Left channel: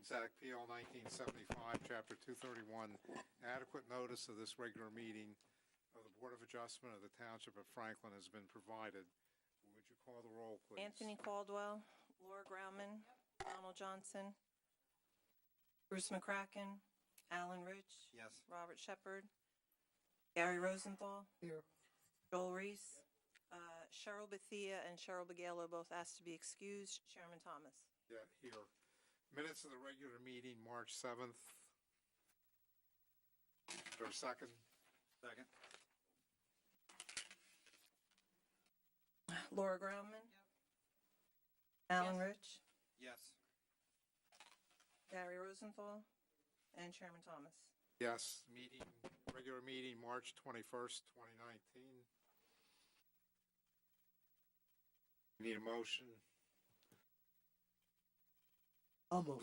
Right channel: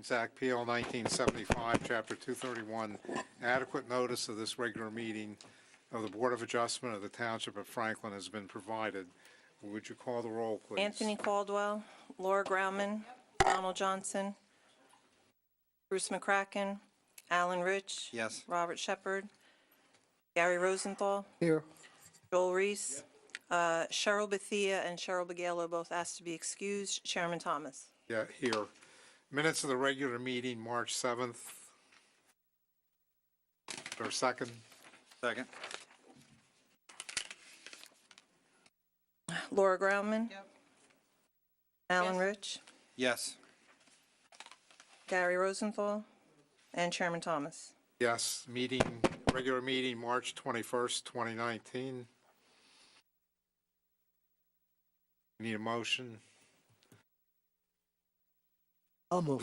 Meetings Act, PL 1975, Chapter 231, adequate notice of this regular meeting of the Board of Adjustment of the Township of Franklin has been provided. Would you call the roll, please? Anthony Caldwell, Laura Grauman, Donald Johnson, Bruce McCracken, Alan Rich. Yes. Robert Shepard, Gary Rosenthal, Here. Joel Reese, Cheryl Bethia and Cheryl Begalo both asked to be excused. Chairman Thomas. Yeah, here. Minutes of the regular meeting, March 7th. Or second? Second. Laura Grauman. Alan Rich, Yes. Gary Rosenthal, and Chairman Thomas. Yes, regular meeting, March 21st, 2019. Need a motion? I'll move.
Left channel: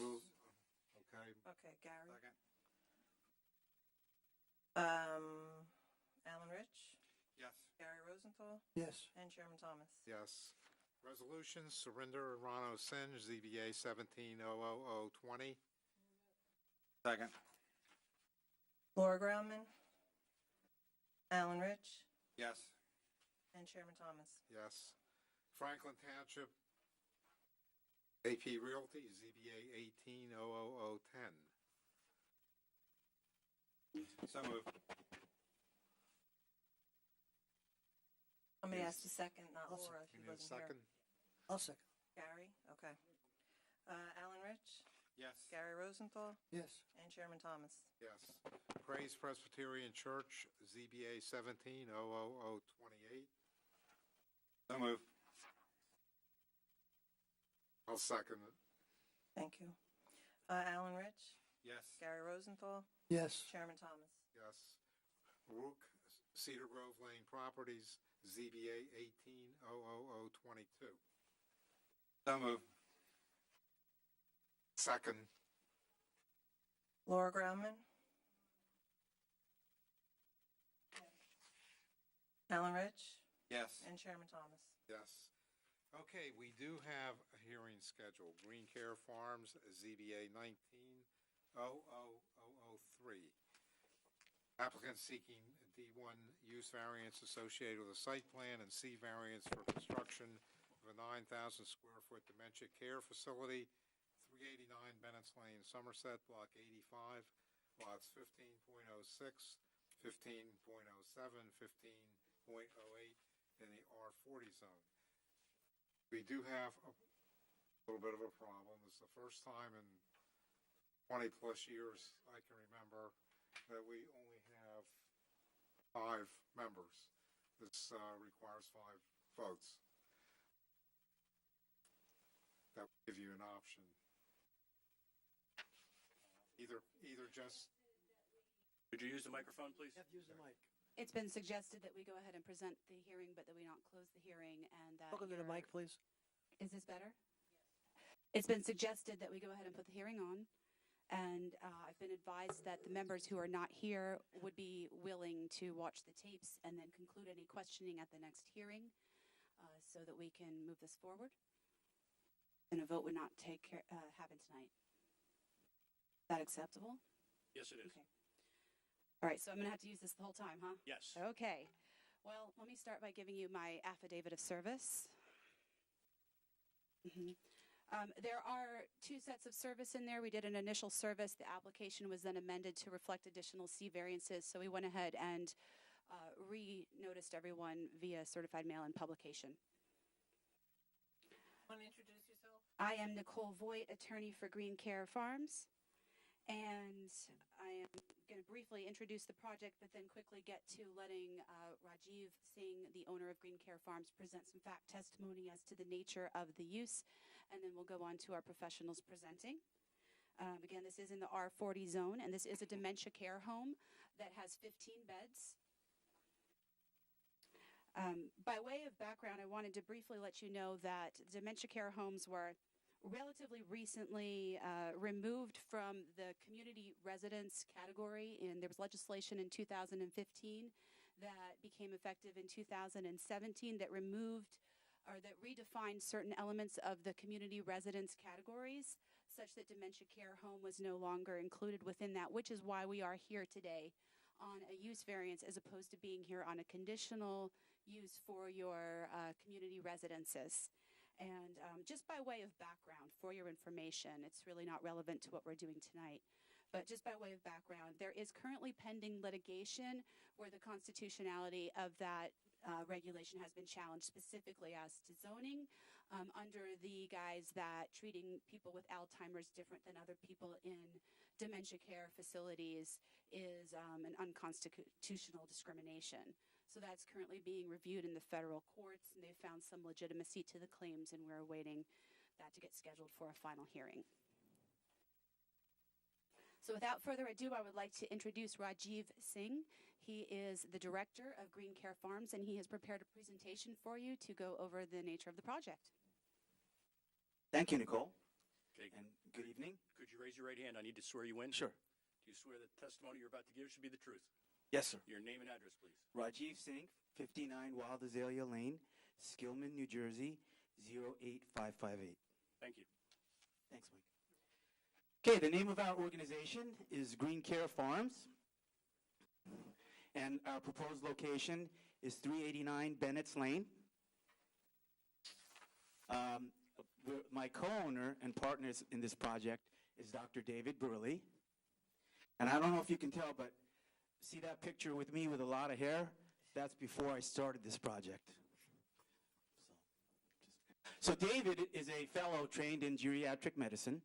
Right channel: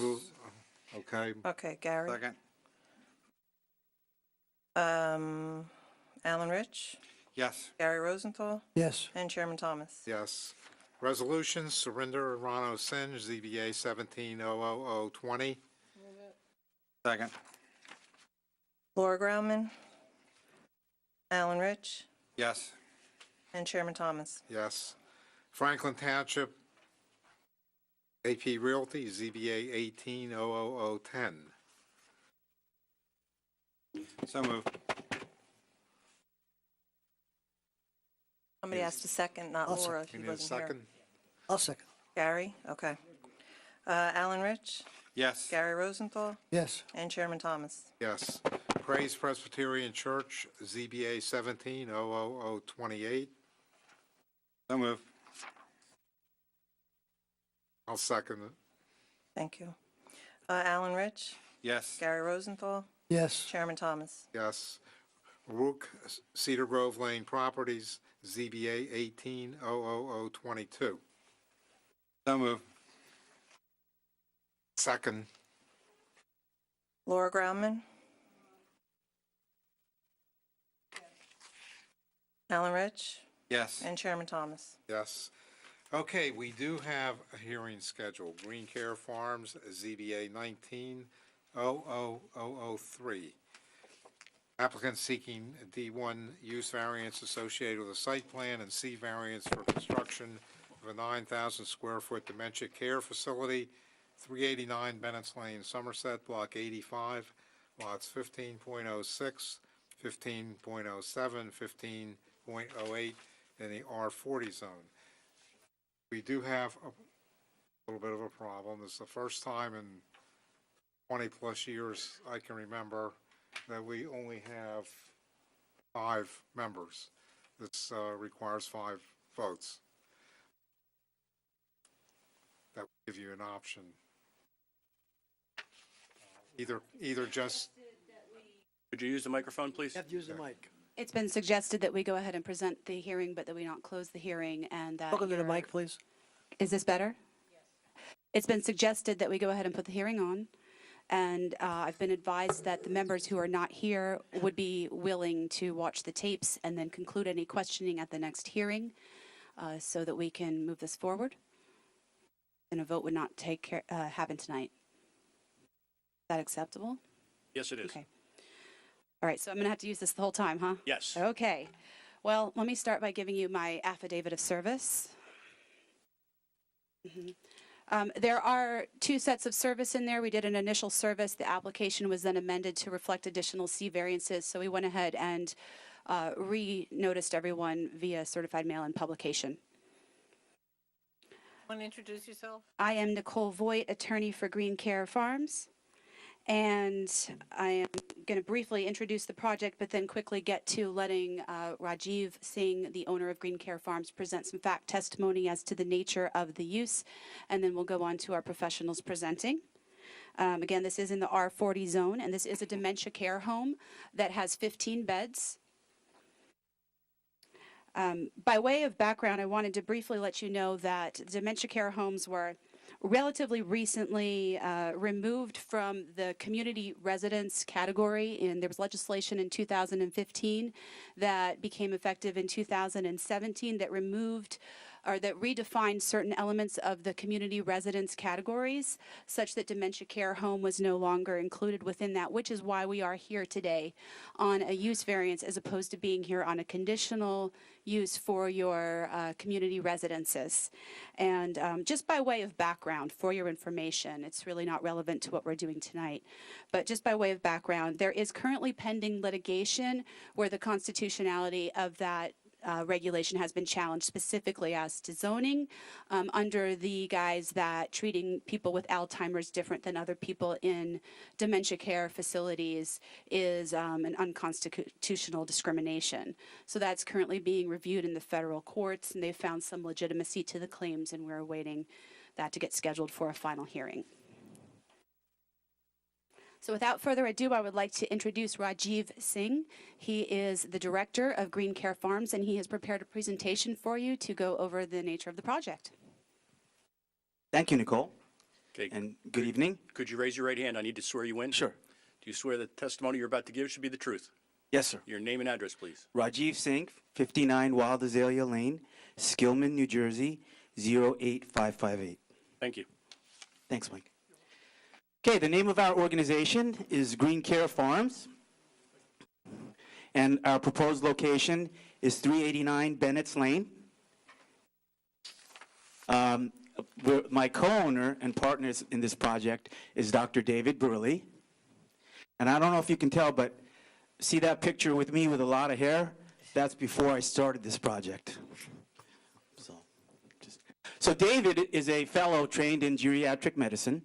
Okay, Okay, Gary. Second. Alan Rich, Yes. Gary Rosenthal, Yes. and Chairman Thomas. yes. Resolutions, Surinder Rano Singe, ZBA 17-00020. Second. Laura Grauman, Alan Rich, Yes. and Chairman Thomas. Yes. Franklin Township, AP Realty, ZBA 18-00010. So moved. Somebody asked a second, not I'll Laura. second. He We need a wasn't here. second? I'll second. Gary, okay. Alan Rich, Yes. Gary Rosenthal, Yes. and Chairman Thomas. Yes. Praise Presbyterian Church, ZBA 17-00028. So moved. I'll second it. Thank you. Alan Rich, Yes. Gary Rosenthal, Yes. Chairman Thomas. Yes. Rook Cedar Grove Lane Properties, ZBA 18-00022. So moved. Second. Laura Grauman. Alan Rich, Yes. and Chairman Thomas. Yes. Okay, we do have a hearing scheduled. Green Care Farms, ZBA 19-00003. Applicant seeking D1 use variance associated with a site plan and C variance for construction of a 9,000 square foot dementia care facility, 389 Bennett's Lane, Somerset, Block 85, lots 15.06, 15.07, 15.08 in the R40 zone. We do have a little bit of a problem. This is the first time in 20-plus years I can remember that we only have 5 members. This requires 5 votes. That would give you an option. Either just... Could you use the microphone, please? You have to use the mic. It's been suggested that we go ahead and present the hearing, but that we not close the hearing, and that... Welcome to the mic, please. Is this better? Yes. It's been suggested that we go ahead and put the hearing on, and I've been advised that the members who are not here would be willing to watch the tapes and then conclude any questioning at the next hearing, so that we can move this forward. And a vote would not happen tonight. Is that acceptable? Yes, it is. Okay. All right, so I'm going to have to use this the whole time, huh? Yes. Okay. Well, let me start by giving you my affidavit of service. There are 2 sets of service in there. We did an initial service. The application was then amended to reflect additional C variances, so we went ahead and re-noticed everyone via certified mail and publication. Want to introduce yourself? I am Nicole Voigt, attorney for Green Care Farms. And I am going to briefly introduce the project, but then quickly get to letting Rajiv Singh, the owner of Green Care Farms, present some fact testimony as to the nature of the use, and then we'll go on to our professionals presenting. Again, this is in the R40 zone, and this is a dementia care home that has 15 beds. By way of background, I wanted to briefly let you know that dementia care homes were relatively recently removed from the community residence category, and there was legislation in 2015 that became effective in 2017 that removed or that redefined certain elements of the community residence categories, such that dementia care home was no longer included within that, which is why we are here today on a use variance as opposed to being here on a conditional use for your community residences. And just by way of background, for your information, it's really not relevant to what we're doing tonight, but just by way of background, there is currently pending litigation where the constitutionality of that regulation has been challenged, specifically as to zoning, under the guise that treating people with Alzheimer's different than other people in dementia care facilities is an unconstitutional discrimination. So that's currently being reviewed in the federal courts, and they've found some legitimacy to the claims, and we're awaiting that to get scheduled for a final hearing. So without further ado, I would like to introduce Rajiv Singh. He is the director of Green Care Farms, and he has prepared a presentation for you to go over the nature of the project. Thank you, Nicole, Okay. and good evening. Could you raise your right hand? I need to swear you in. Sure. Do you swear that the testimony you're about to give should be the truth? Yes, sir. Your name and address, please. Rajiv Singh, 59 Wild Azalea Lane, Skillman, New Jersey, 08558. Thank you. Thanks, Mike. Okay, the name of our organization is Green Care Farms, and our proposed location is 389 Bennett's Lane. My co-owner and partners in this project is Dr. David Burley. And I don't know if you can tell, but see that picture with me with a lot of hair? That's before I started this project. So David is a fellow trained in geriatric medicine.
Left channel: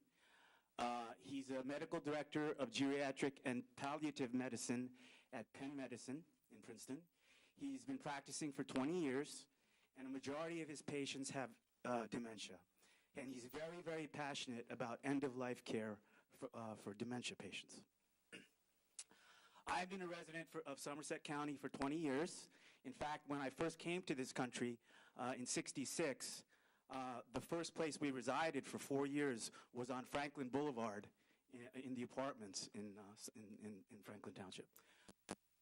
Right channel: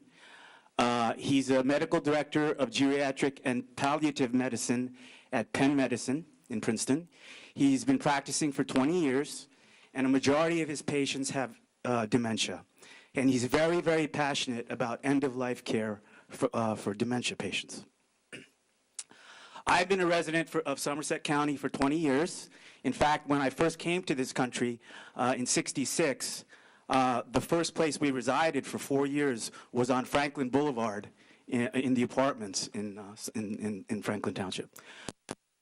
He's a medical director of geriatric and palliative medicine at Penn Medicine in Princeton. He's been practicing for 20 years, and a majority of his patients have dementia. And he's very, very passionate about end-of-life care for dementia patients. I've been a resident of Somerset County for 20 years. In fact, when I first came to this country in '66, the first place we resided for 4 years was on Franklin Boulevard in the apartments in Franklin Township.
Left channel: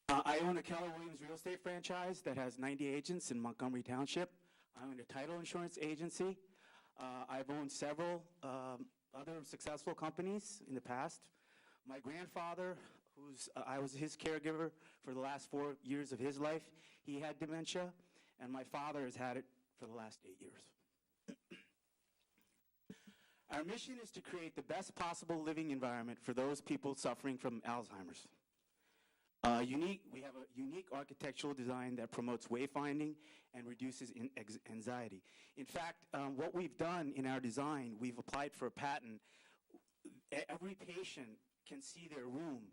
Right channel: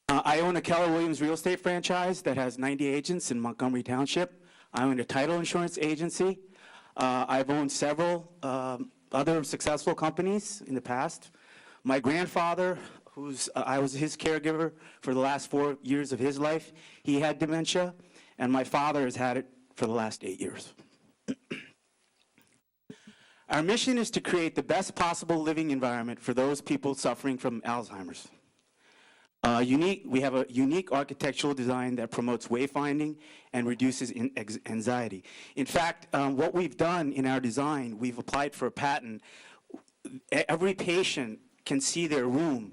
I own a Keller Williams real estate franchise that has 90 agents in Montgomery Township. I own a title insurance agency. I've owned several other successful companies in the past. My grandfather, I was his caregiver for the last 4 years of his life, he had dementia, and my father has had it for the last 8 years. Our mission is to create the best possible living environment for those people suffering from Alzheimer's. We have a unique architectural design that promotes wayfinding and reduces anxiety. In fact, what we've done in our design, we've applied for a patent. Every patient can see their room.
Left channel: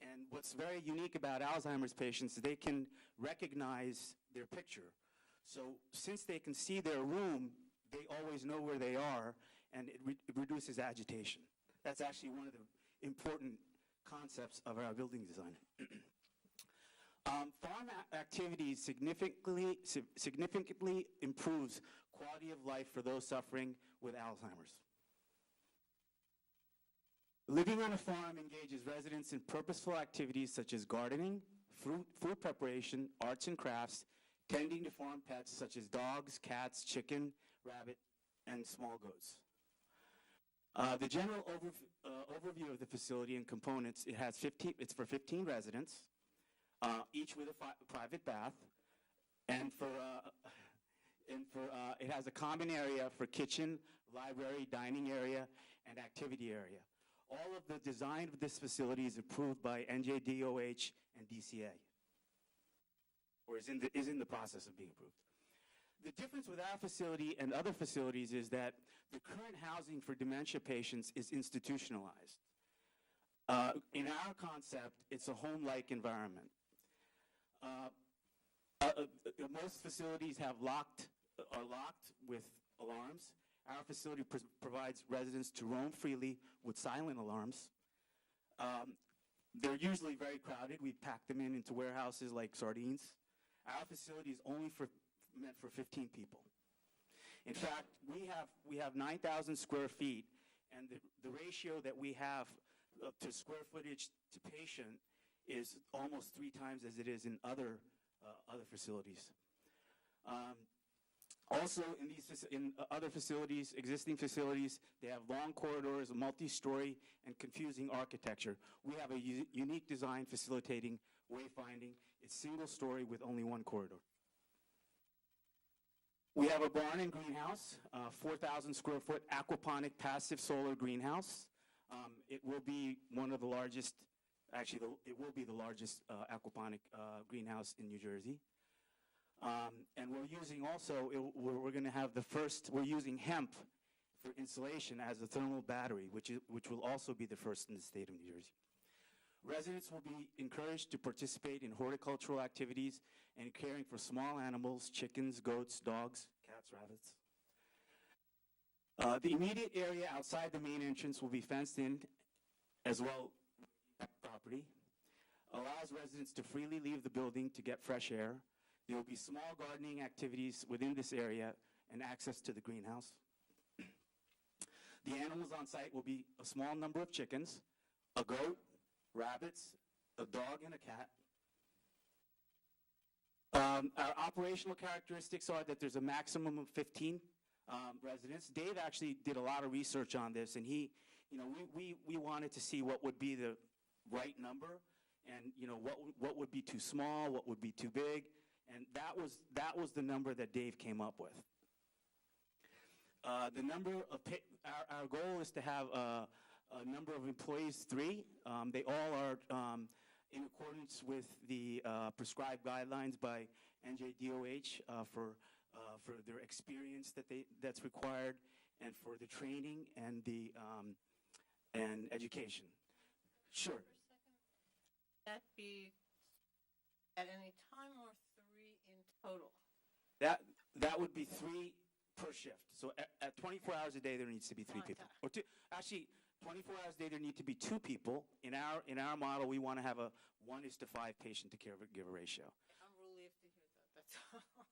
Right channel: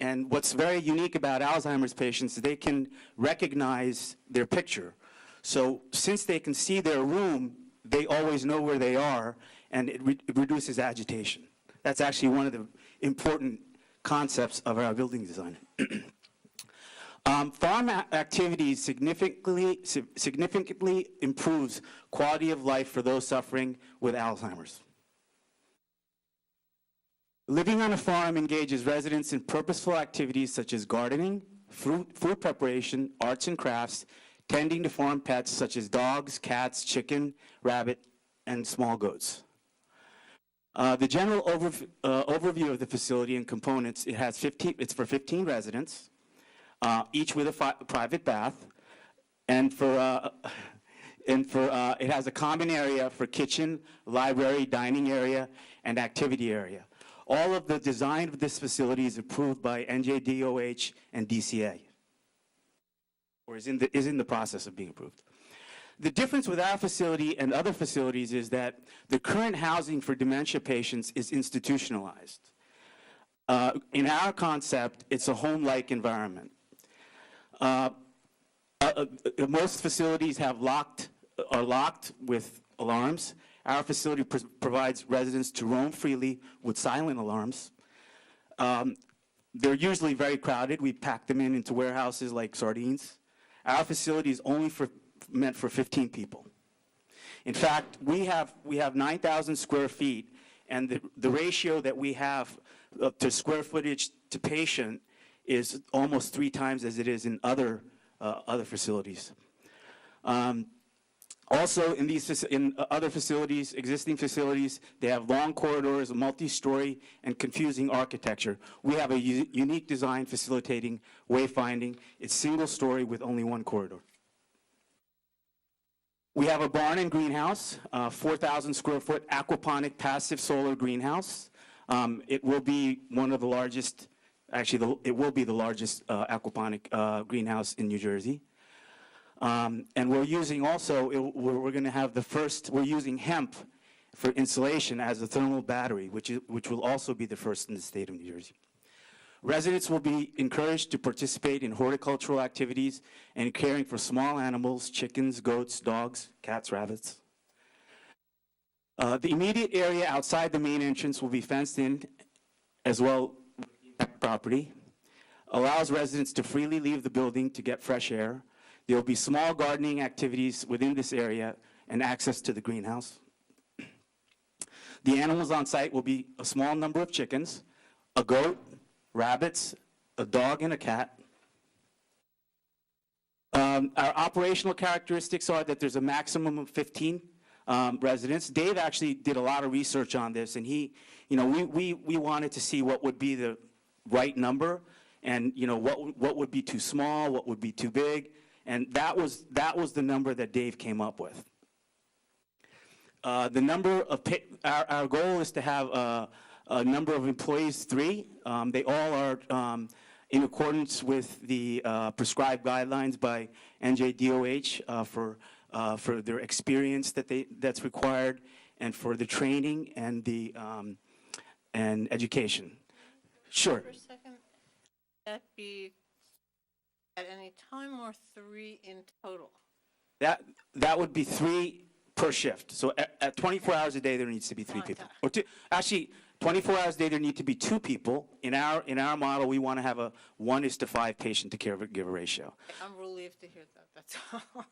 And what's very unique about Alzheimer's patients is they can recognize their picture. So since they can see their room, they always know where they are, and it reduces agitation. That's actually one of the important concepts of our building design. Farm activities significantly improves quality of life for those suffering with Alzheimer's. Living on a farm engages residents in purposeful activities such as gardening, food preparation, arts and crafts, tending to farm pets such as dogs, cats, chicken, rabbit, and small goats. The general overview of the facility and components, it's for 15 residents, each with a private bath, and it has a common area for kitchen, library, dining area, and activity area. All of the design of this facility is approved by NJDOH and DCA, or is in the process of being approved. The difference with our facility and other facilities is that the current housing for dementia patients is institutionalized. In our concept, it's a home-like environment. Most facilities are locked with alarms. Our facility provides residents to roam freely with silent alarms. They're usually very crowded. We pack them into warehouses like sardines. Our facility is only meant for 15 people. In fact, we have 9,000 square feet, and the ratio that we have to square footage to patient is almost 3 times as it is in other facilities. Also, in other facilities, existing facilities, they have long corridors, multi-story, and confusing architecture. We have a unique design facilitating wayfinding. It's single-story with only one corridor. We have a barn and greenhouse, 4,000 square foot aquaponic passive solar greenhouse. It will be one of the largest, actually, it will be the largest aquaponic greenhouse in New Jersey. And we're using also, we're going to have the first, we're using hemp for insulation as a thermal battery, which will also be the first in the state of New Jersey. Residents will be encouraged to participate in horticultural activities and caring for small animals, chickens, goats, dogs, cats, rabbits. The immediate area outside the main entrance will be fenced in as well as property, allows residents to freely leave the building to get fresh air. There will be small gardening activities within this area and access to the greenhouse. The animals on site will be a small number of chickens, a goat, rabbits, a dog, and a cat. Our operational characteristics are that there's a maximum of 15 residents. Dave actually did a lot of research on this, and he, we wanted to see what would be the right number, and what would be too small, what would be too big, and that was the number that Dave came up with. The number of our goal is to have a number of employees, 3. They all are in accordance with the prescribed guidelines by NJDOH for their experience that's required, and for the training and the and education. Sure. For a second, that be at any time or 3 in total? That would be 3 per shift. So at 24 hours a day, there needs to be 3 people. Or 2, actually, 24 hours a day, there need to be 2 people. In our model, we want to have a 1:5 patient to caregiver ratio. I'm relieved to hear that, that's all.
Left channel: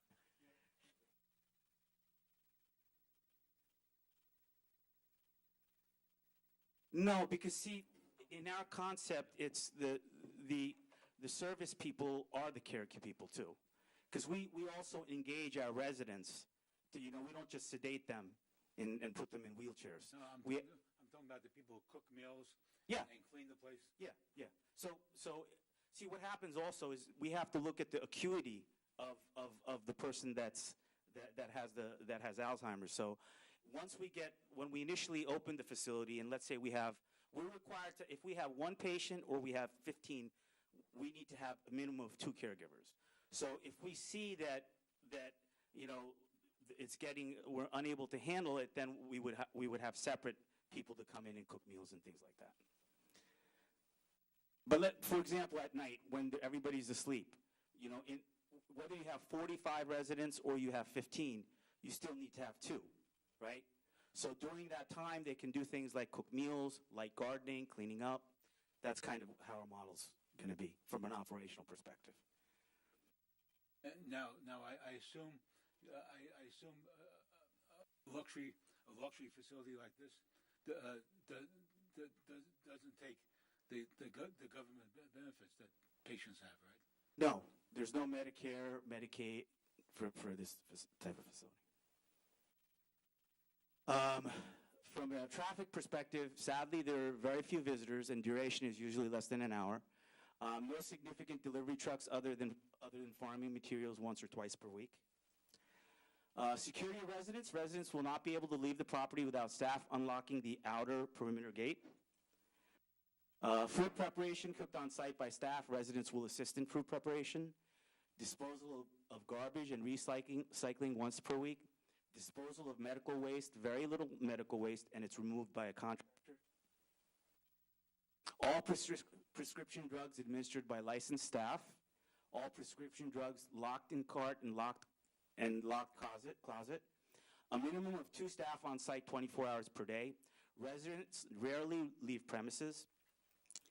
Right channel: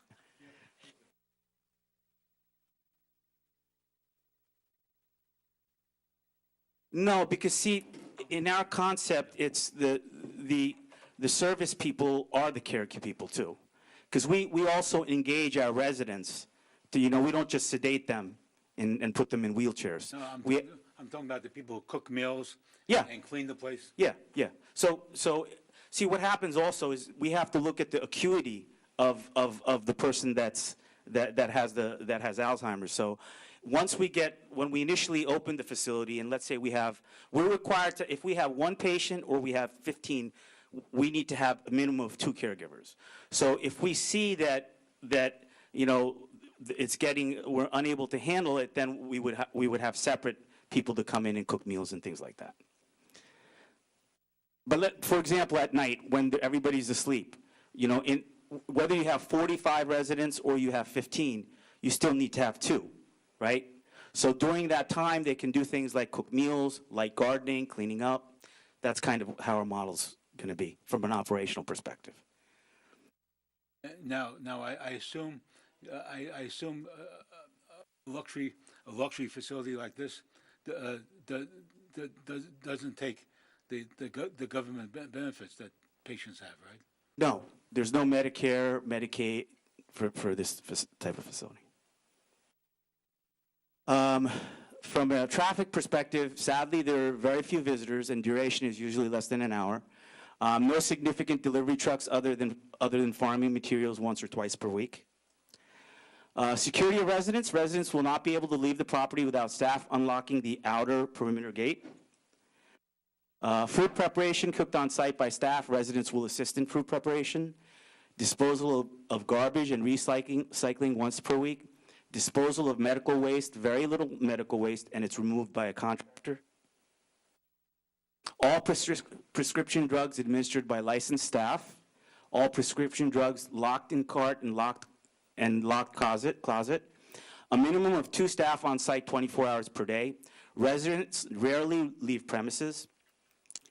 No, because see, in our concept, it's the service people are the care people too. Because we also engage our residents to, we don't just sedate them and put them in wheelchairs. No, I'm talking about the people who cook meals. Yeah. And clean the place. Yeah. So see, what happens also is we have to look at the acuity of the person that has Alzheimer's. So when we initially open the facility, and let's say we're required to, if we have 1 patient or we have 15, we need to have a minimum of 2 caregivers. So if we see that we're unable to handle it, then we would have separate people to come in and cook meals and things like that. But for example, at night when everybody's asleep, whether you have 45 residents or you have 15, you still need to have 2, right? So during that time, they can do things like cook meals, light gardening, cleaning up. That's kind of how our model's going to be from an operational perspective. Now, I assume a luxury facility like this doesn't take the government benefits that patients have, right? No, there's no Medicare, Medicaid for this type of facility. From a traffic perspective, sadly, there are very few visitors, and duration is usually less than an hour. No significant delivery trucks other than farming materials once or twice per week. Security of residents. Residents will not be able to leave the property without staff unlocking the outer perimeter gate. Food preparation cooked on site by staff. Residents will assist in food preparation. Disposal of garbage and recycling once per week. Disposal of medical waste, very little medical waste, and it's removed by a contractor. All prescription drugs administered by licensed staff. All prescription drugs locked in cart and locked closet. A minimum of 2 staff on site 24 hours per day. Residents rarely leave premises.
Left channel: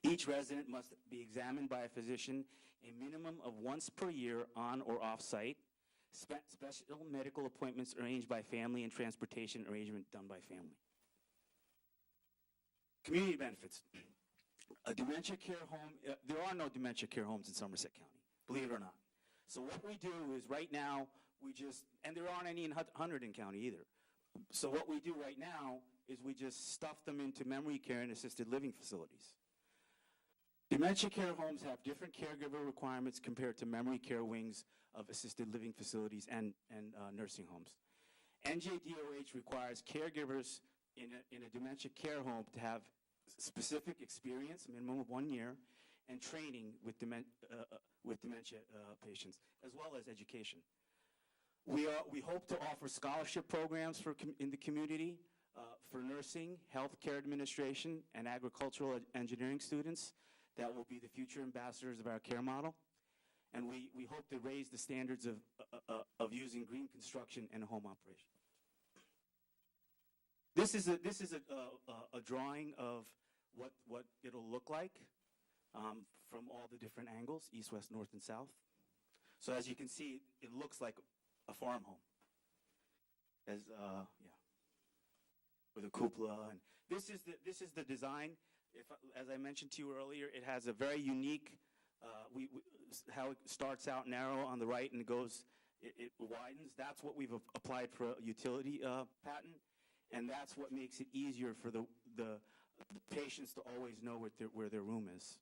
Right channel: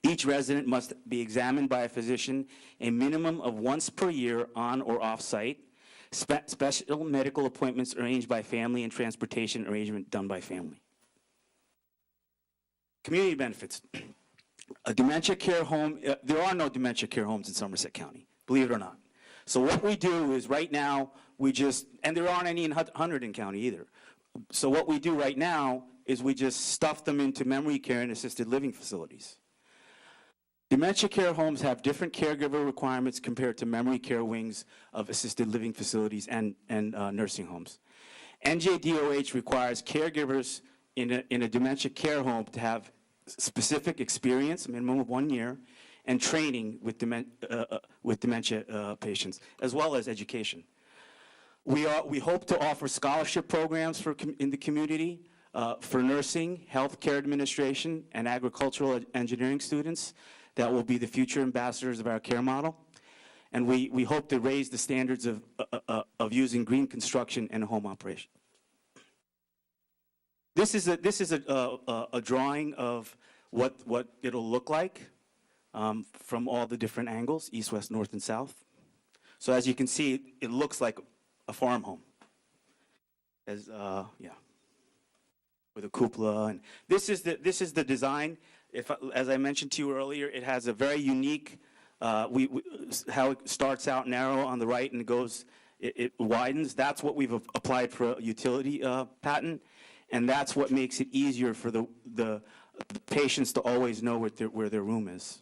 Each resident must be examined by a physician a minimum of once per year on or off site. Special medical appointments arranged by family and transportation arrangement done by family. Community benefits. A dementia care home, there are no dementia care homes in Somerset County, believe it or not. So what we do is right now, and there aren't any in Hunterdon County either. So what we do right now is we just stuff them into memory care and assisted living facilities. Dementia care homes have different caregiver requirements compared to memory care wings of assisted living facilities and nursing homes. NJDOH requires caregivers in a dementia care home to have specific experience, a minimum of 1 year, and training with dementia patients, as well as education. We hope to offer scholarship programs in the community for nursing, healthcare administration, and agricultural engineering students that will be the future ambassadors of our care model. And we hope to raise the standards of using green construction in a home operation. This is a drawing of what it'll look like from all the different angles, east, west, north, and south. So as you can see, it looks like a farm home. With a cupola, and this is the design. As I mentioned to you earlier, it has a very unique, how it starts out narrow on the right and it widens. That's what we've applied for a utility patent, and that's what makes it easier for the patients to always know where their room is.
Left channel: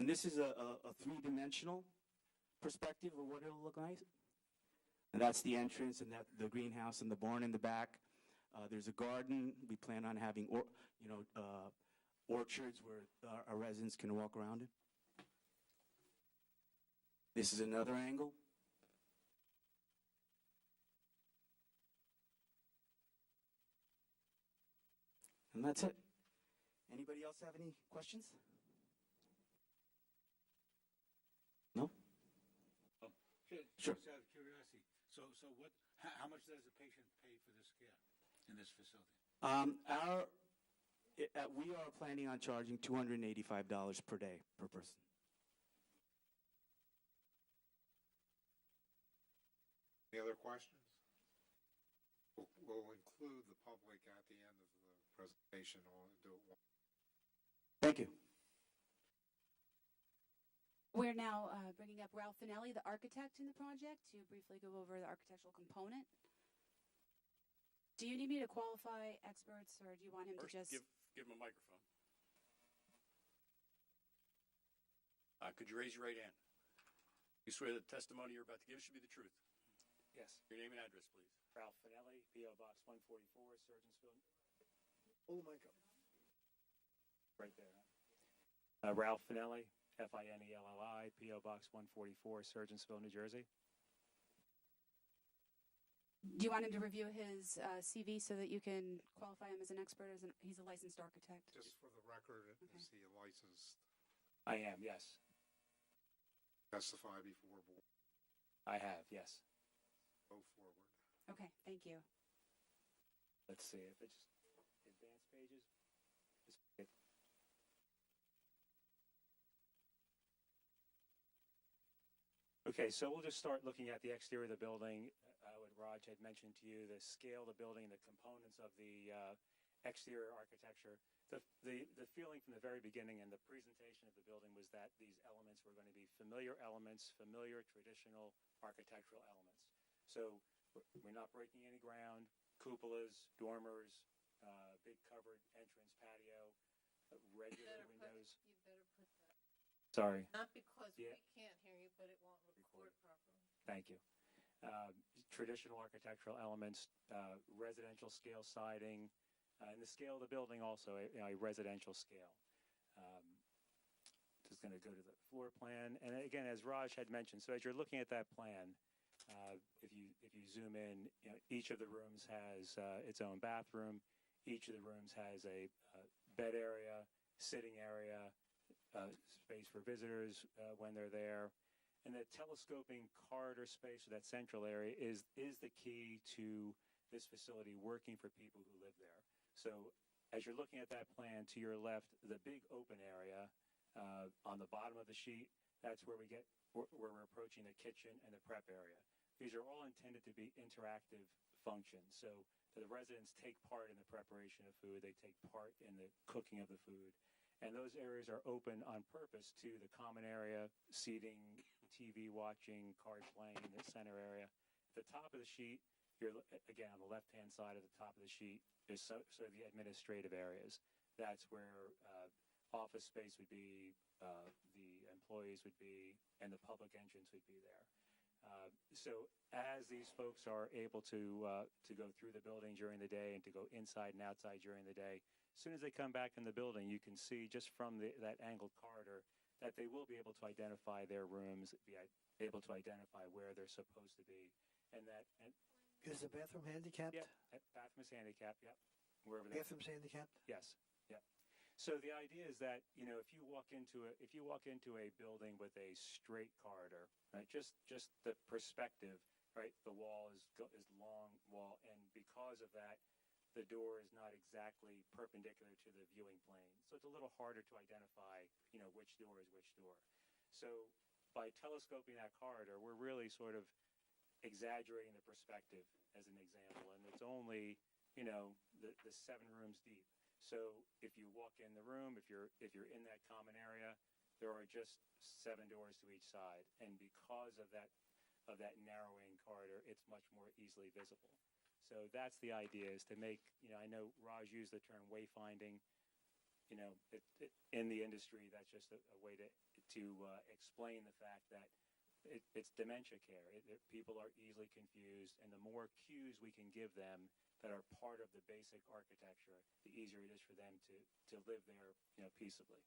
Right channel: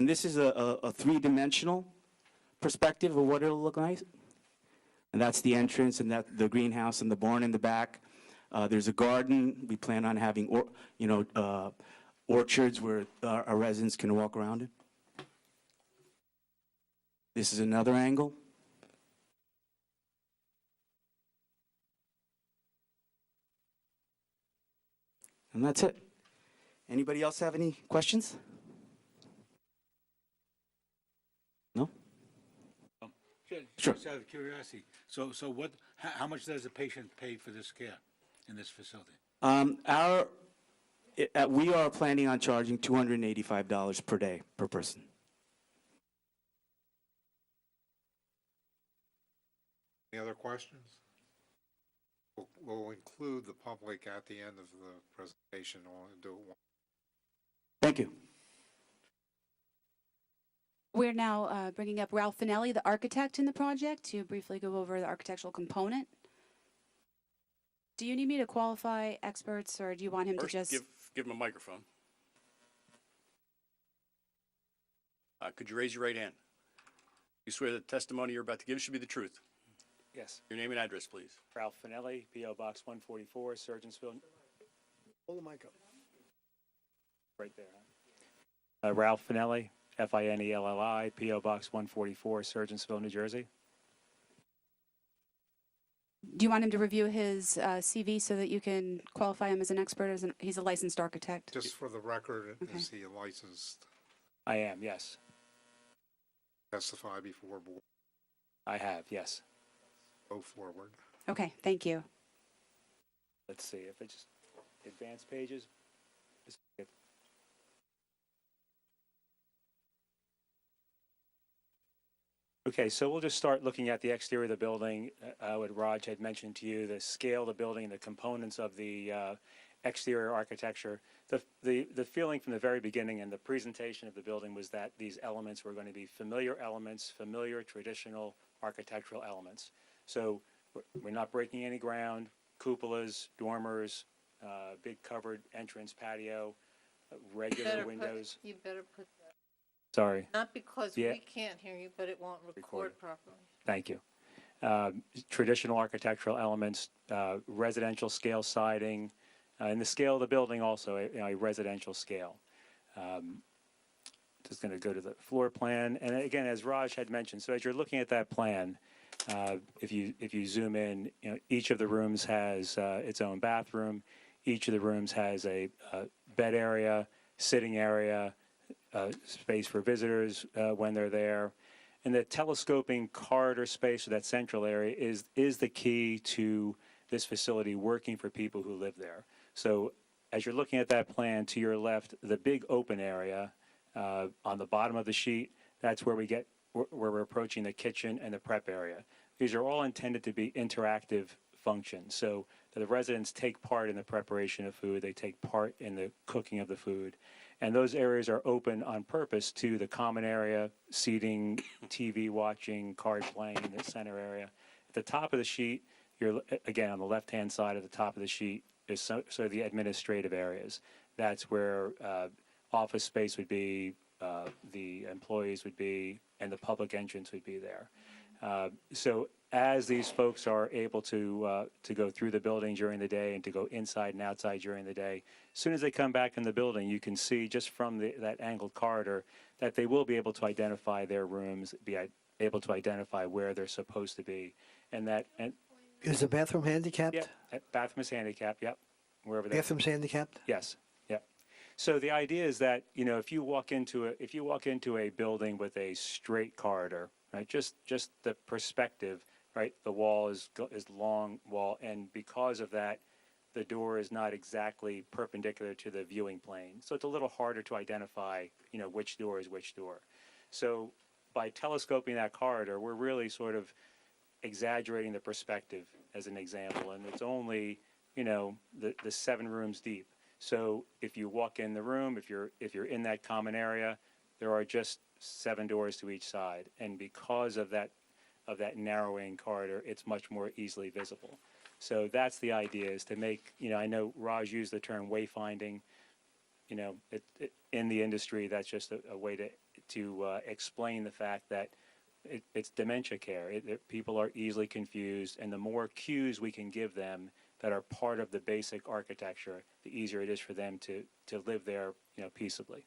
And this is a three-dimensional perspective of what it'll look like. And that's the entrance, and the greenhouse and the barn in the back. There's a garden. We plan on having, orchards where our residents can walk around it. This is another angle. And that's it. Anybody else have any questions? No? Sure. Just out of curiosity, so how much does a patient pay for this care in this facility? We are planning on charging $285 per day per person. Any other questions? We'll include the public at the end of the presentation. I'll do it once. Thank you. We're now bringing up Ralph Finelli, the architect in the project, to briefly go over the architectural component. Do you need me to qualify experts, or do you want him First, to just... give him a microphone. Could you raise your right hand? You swear that the testimony you're about to give should be the truth? Yes. Your name and address, please. Ralph Finelli, P.O. Box 144, Surgeonsville. Hold the mic up. Right there, huh? Ralph Finelli, Finelli, P.O. Box 144, Surgeonsville, New Jersey. Do you want him to review his CV so that you can qualify him as an expert? He's a licensed architect. Just for the record, Okay. is he licensed I am, yes. to testify before board? I have, yes. Go forward. Okay, thank you. Let's see if it's advanced pages. Okay, so we'll just start looking at the exterior of the building. What Raj had mentioned to you, the scale of the building, the components of the exterior architecture. The feeling from the very beginning and the presentation of the building was that these elements were going to be familiar elements, familiar traditional architectural elements. So we're not breaking any ground, cupolas, dormers, big covered entrance patio, regular windows. You better put that, Sorry. not because Yeah. we can't hear you, but it won't record Recorded. properly. Thank you. Traditional architectural elements, residential scale siding, and the scale of the building also, a residential scale. Just going to go to the floor plan. And again, as Raj had mentioned, so as you're looking at that plan, if you zoom in, each of the rooms has its own bathroom. Each of the rooms has a bed area, sitting area, space for visitors when they're there. And the telescoping corridor space, or that central area, is the key to this facility working for people who live there. So as you're looking at that plan, to your left, the big open area on the bottom of the sheet, that's where we're approaching the kitchen and the prep area. These are all intended to be interactive functions. So the residents take part in the preparation of food, they take part in the cooking of the food. And those areas are open on purpose to the common area, seating, TV watching, card playing in the center area. At the top of the sheet, you're, again, on the left-hand side of the top of the sheet is sort of the administrative areas. That's where office space would be, the employees would be, and the public entrance would be there. So as these folks are able to go through the building during the day and to go inside and outside during the day, as soon as they come back in the building, you can see just from that angled corridor that they will be able to identify their rooms, be able to identify where they're supposed to be. And Is the bathroom handicapped? yeah, bathroom is handicapped, yep, wherever that. Bathroom's handicapped? Yes, yep. So the idea is that, you know, if you walk into a building with a straight corridor, right, just the perspective, right, the wall is long wall, and because of that, the door is not exactly perpendicular to the viewing plane. So it's a little harder to identify, you know, which door is which door. So by telescoping that corridor, we're really sort of exaggerating the perspective as an example, and it's only, you know, the 7 rooms deep. So if you walk in the room, if you're in that common area, there are just 7 doors to each side, and because of that narrowing corridor, it's much more easily visible. So that's the idea, is to make, you know, I know Raj used the term wayfinding. You know, in the industry, that's just a way to explain the fact that it's dementia care. People are easily confused, and the more cues we can give them that are part of the basic architecture, the easier it is for them to live there, you know, peaceably.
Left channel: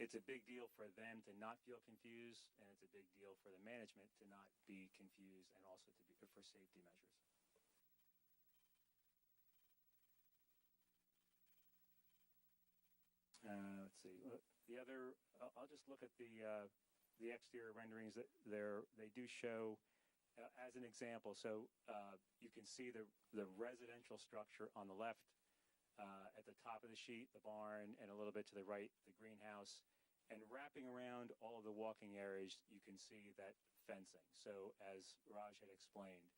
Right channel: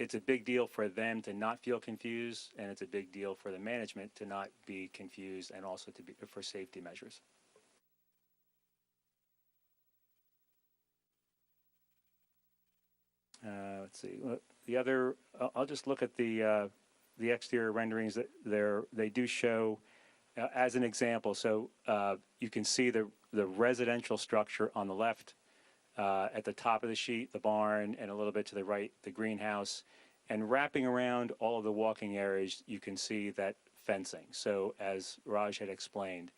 It's a big deal for them to not feel confused, and it's a big deal for the management to not be confused, and also for safety measures. Let's see. The other, I'll just look at the exterior renderings that they do show as an example. So you can see the residential structure on the left. At the top of the sheet, the barn, and a little bit to the right, the greenhouse. And wrapping around all of the walking areas, you can see that fencing. So as Raj had explained,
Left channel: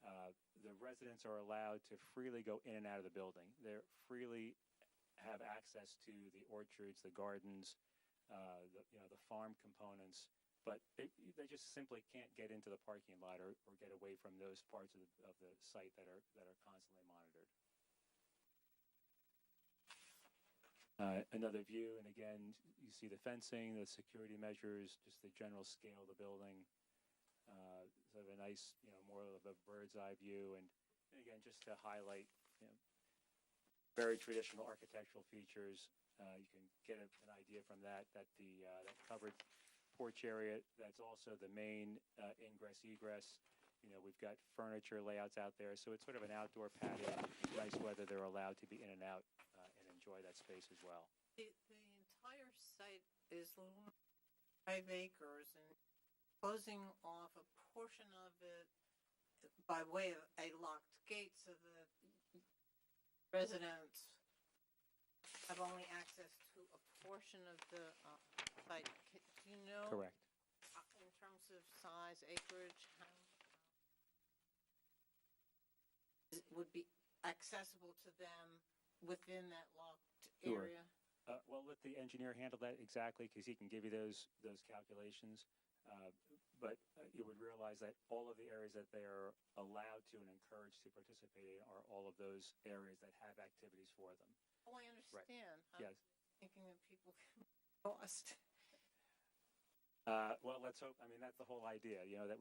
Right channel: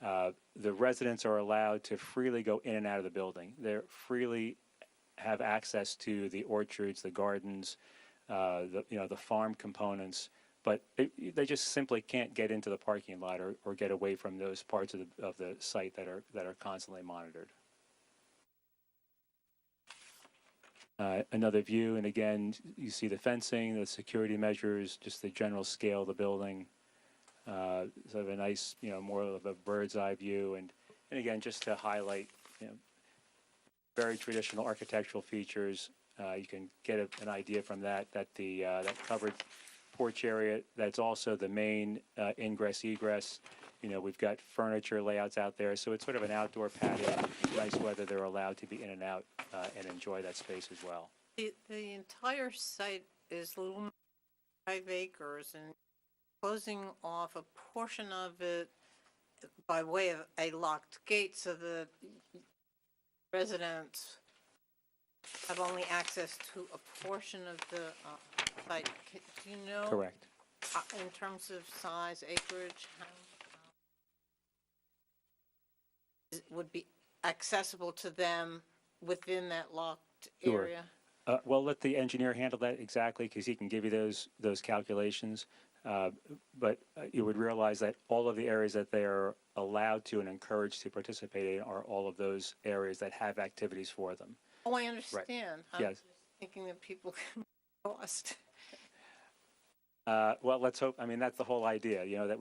the residents are allowed to freely go in and out of the building. They're freely have access to the orchards, the gardens, the farm components, but they just simply can't get into the parking lot or get away from those parts of the site that are constantly monitored. Another view, and again, you see the fencing, the security measures, just the general scale of the building. Sort of a nice, you know, more of a bird's eye view, and again, just to highlight, you know, very traditional architectural features. You can get an idea from that that covered porch area, that's also the main ingress egress. You know, we've got furniture layouts out there, so it's sort of an outdoor patio. Nice weather, they're allowed to be in and out and enjoy that space as well. The entire site is a little 5 acres, and closing off a portion of it by way of a locked gate so the residents have only access to a portion of the site. Do you know? Correct. In terms of size, acreage, how it would be accessible to them within that locked Sure. area? Well, let the engineer handle that exactly, because he can give you those calculations. But you would realize that all of the areas that they are allowed to and encouraged to participate in are all of those areas that have activities for them. Oh, I understand. I'm Yes. just thinking that people can be lost. Well, let's hope. I mean, that's the whole idea, you know, that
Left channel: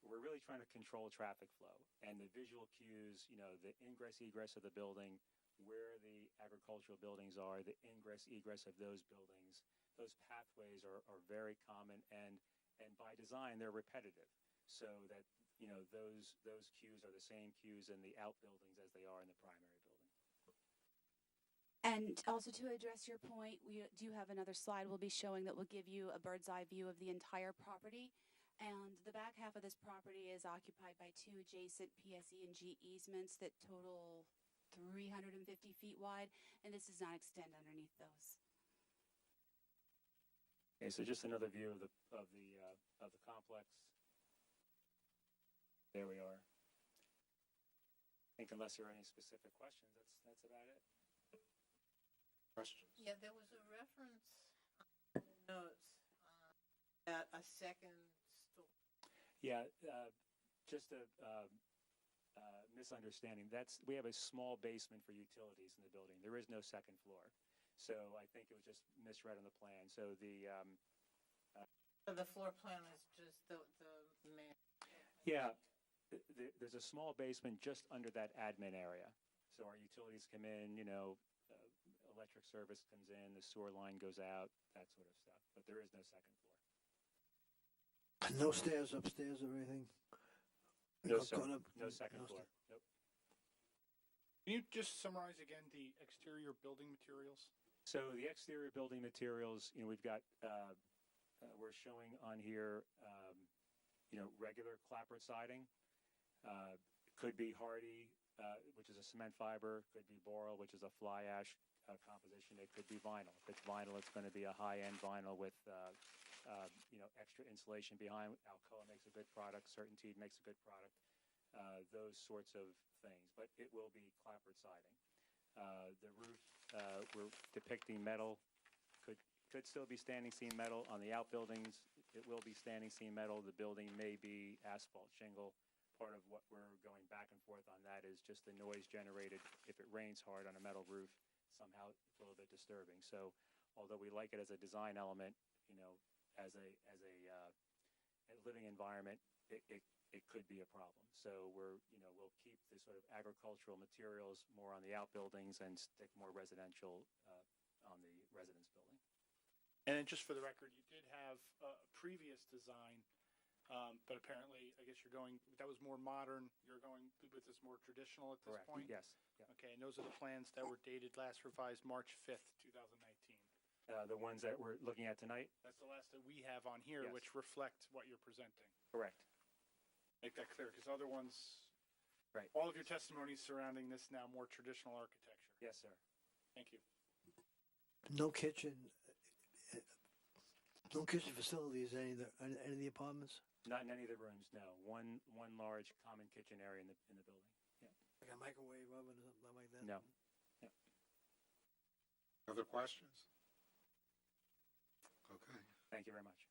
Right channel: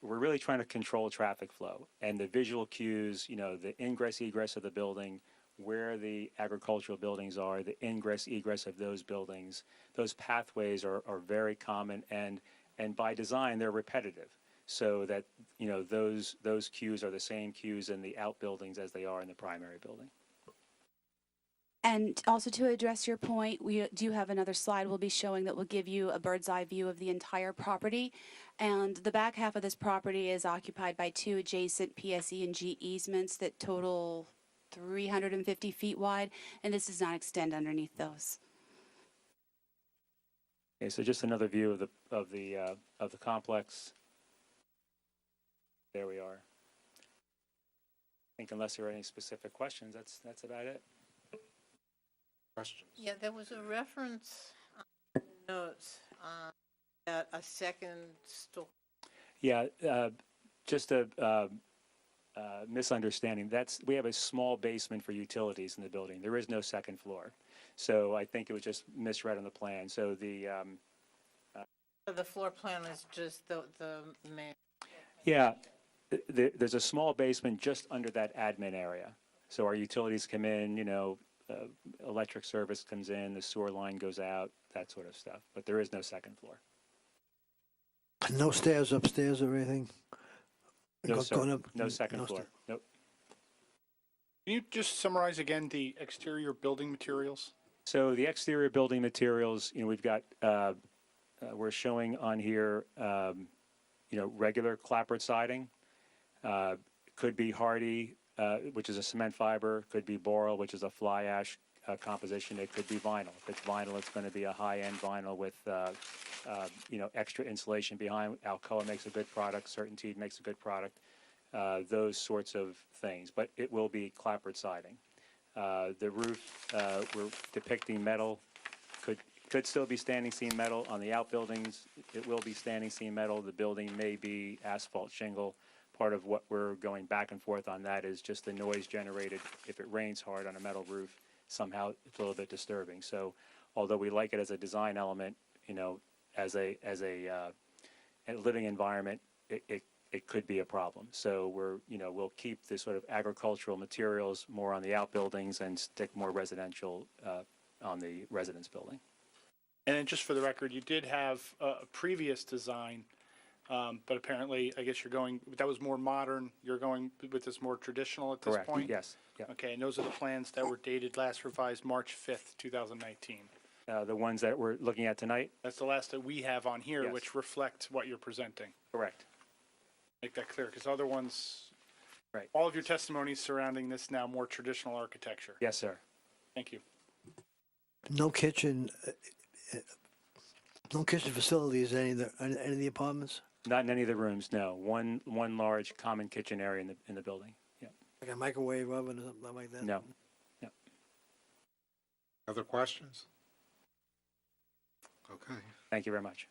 we're really trying to control traffic flow and the visual cues, you know, the ingress, egress of the building, where the agricultural buildings are, the ingress, egress of those buildings. Those pathways are very common, and by design, they're repetitive, so that, you know, those cues are the same cues in the outbuildings as they are in the primary building. And also to address your point, we do have another slide we'll be showing that will give you a bird's eye view of the entire property. And the back half of this property is occupied by 2 adjacent PSE and G easements that total 350 feet wide, and this does not extend underneath those. Okay, so just another view of the complex. there we are. I think unless there are any specific questions, that's about it. Questions? Yeah, there was a reference on the notes that a second story. Yeah, just a misunderstanding. We have a small basement for utilities in the building. There is no second floor. So I think it was just misread on the plan. So The floor plan is just the main. yeah, there's a small basement just under that admin area. So our utilities come in, electric service comes in, the sewer line goes out, that sort of stuff. But there is no second floor. No stairs upstairs or anything? No, sir. Going up- No second no floor. Nope. Can you just summarize again the exterior building materials? So the exterior building materials, we've got, we're showing on here, regular clapboard siding. Could be hardy, which is a cement fiber. Could be boral, which is a fly ash composition. It could be vinyl. If it's vinyl, it's going to be a high-end vinyl with, extra insulation behind. Alcoa makes a good product. Certainty makes a good product. Those sorts of things. But it will be clapboard siding. The roof, we're depicting metal. Could still be standing seam metal on the outbuildings. It will be standing seam metal. The building may be asphalt shingle. Part of what we're going back and forth on that is just the noise generated if it rains hard on a metal roof. Somehow it's a little bit disturbing. So although we like it as a design element, as a living environment, it could be a problem. So we'll keep the sort of agricultural materials more on the outbuildings and stick more residential on the residence building. And then just for the record, you did have a previous design, but apparently, I guess that was more modern. You're going with this more traditional at this Correct. point? Yes. Yep. Okay, and those are the plans that were dated last revised March 5th, 2019. The ones that we're looking at tonight? That's the last that we have on here, Yes. which reflect what you're presenting. Correct. Make that clear, because other ones, Right. all of your testimonies surrounding this now more traditional architecture. Yes, sir. Thank you. No kitchen, no kitchen facilities in any of the apartments? Not in any of the rooms, no. One large common kitchen area in the building. Yeah. Like a microwave oven or something like that? No. No. Other questions? Okay. Thank you very much.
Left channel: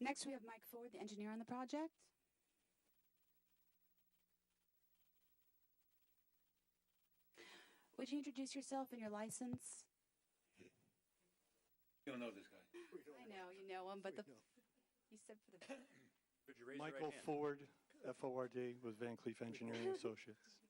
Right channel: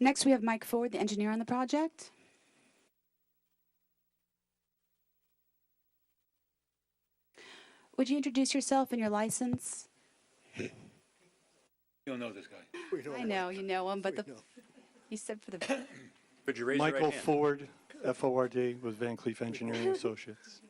Next, we have Mike Ford, the engineer on the project. Would you introduce yourself and your license? You don't know this guy. I know, you know him, but he said for the... Could you raise your right Michael hand? Ford, F-O-R-D, with Van Cleef Engineering Associates.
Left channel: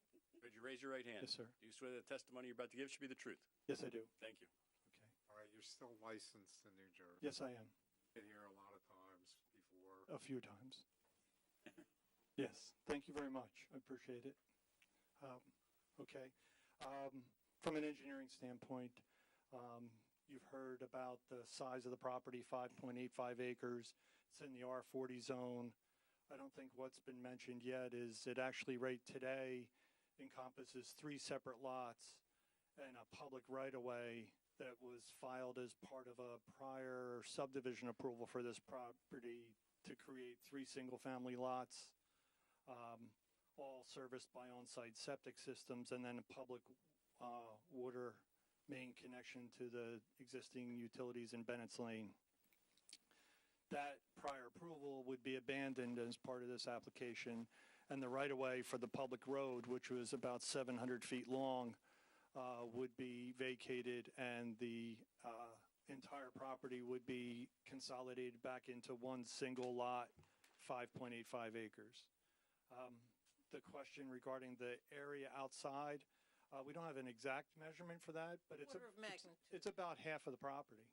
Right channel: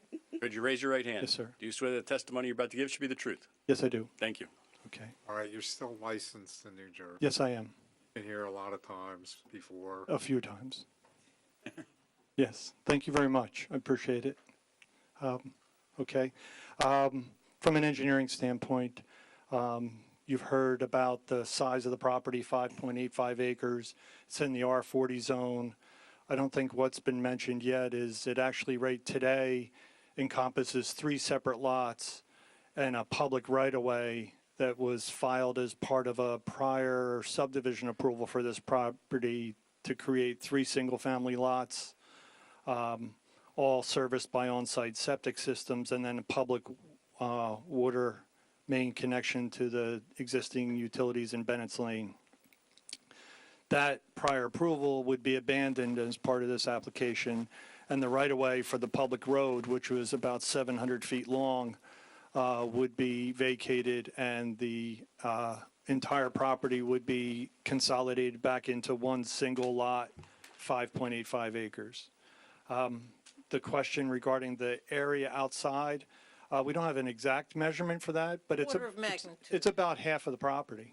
Could you raise your right hand? Yes, sir. Do you swear that the testimony you're about to give should be the truth? Yes, I do. Thank you. Okay. All right, you're still licensed in New Jersey. Yes, I am. Been here a lot of times before. A few times. Yes. Thank you very much. I appreciate it. Okay. From an engineering standpoint, you've heard about the size of the property, 5.85 acres. It's in the R40 zone. I don't think what's been mentioned yet is it actually right today encompasses 3 separate lots and a public right-of-way that was filed as part of a prior subdivision approval for this property to create 3 single-family lots, all serviced by on-site septic systems, and then a public water main connection to the existing utilities in Bennett's Lane. That prior approval would be abandoned as part of this application, and the right-of-way for the public road, which was about 700 feet long, would be vacated, and the entire property would be consolidated back into one single lot, 5.85 acres. The question regarding the area outside, we don't have an exact measurement for that, but Order of magnitude. it's about half of the property.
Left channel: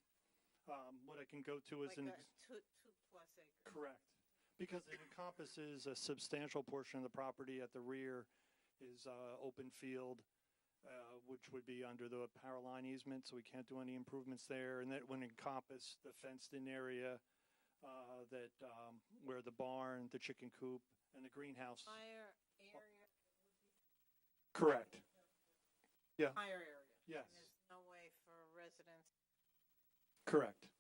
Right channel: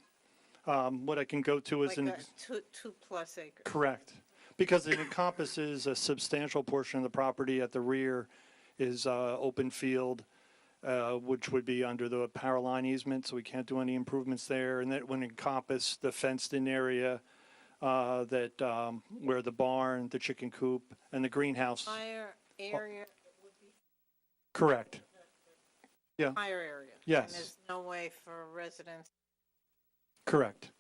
What I can go to is Like two plus acres. correct, because it encompasses a substantial portion of the property. At the rear is open field, which would be under the power line easement, so we can't do any improvements there. And that would encompass the fenced-in area where the barn, the chicken coop, and the greenhouse. Higher area would be Correct. Yeah. higher area. Yes. And there's no way for residents. Correct.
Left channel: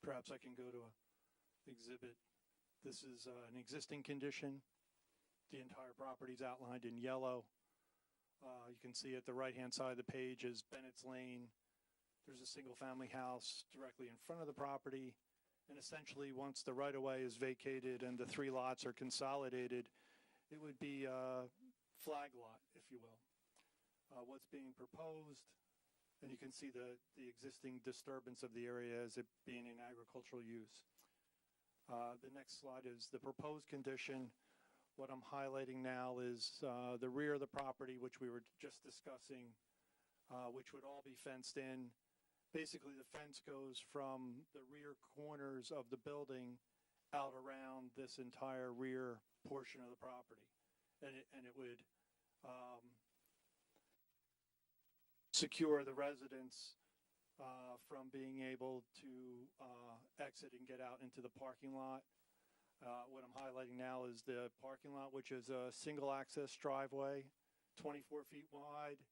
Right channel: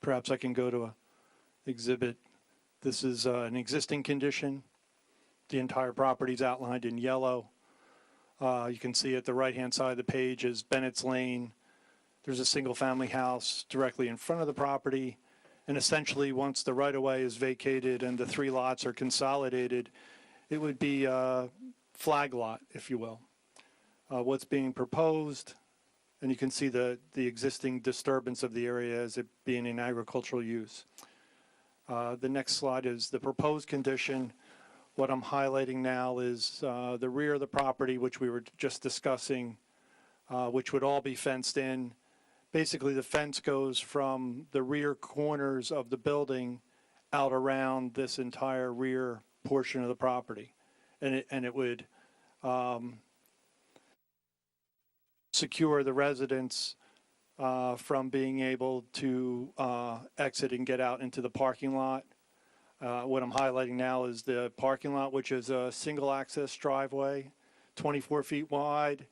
Perhaps I can go to Exhibit This is an existing condition. The entire property is outlined in yellow. You can see at the right-hand side of the page is Bennett's Lane. There's a single-family house directly in front of the property. And essentially, once the right-of-way is vacated and the 3 lots are consolidated, it would be a flag lot, if you will. What's being proposed, and you can see the existing disturbance of the area as it being in agricultural use. The next slide is the proposed condition. What I'm highlighting now is the rear of the property, which we were just discussing, which would all be fenced in. Basically, the fence goes from the rear corners of the building out around this entire rear portion of the property. And it would secure the residents from being able to exit and get out into the parking lot. What I'm highlighting now is the parking lot, which is a single access driveway, 24 feet wide,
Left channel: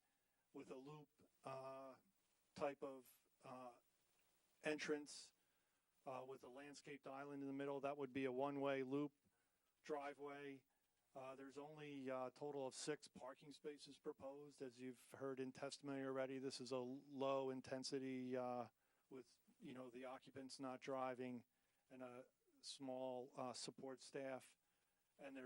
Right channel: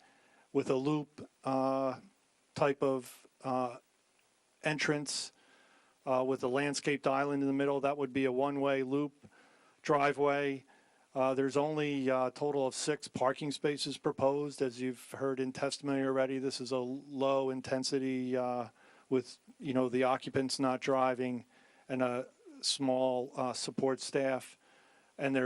with a loop type of entrance with a landscaped island in the middle. That would be a one-way loop driveway. There's only a total of 6 parking spaces proposed. As you've heard in testimony already, this is a low intensity with, the occupants not driving and a small support staff. And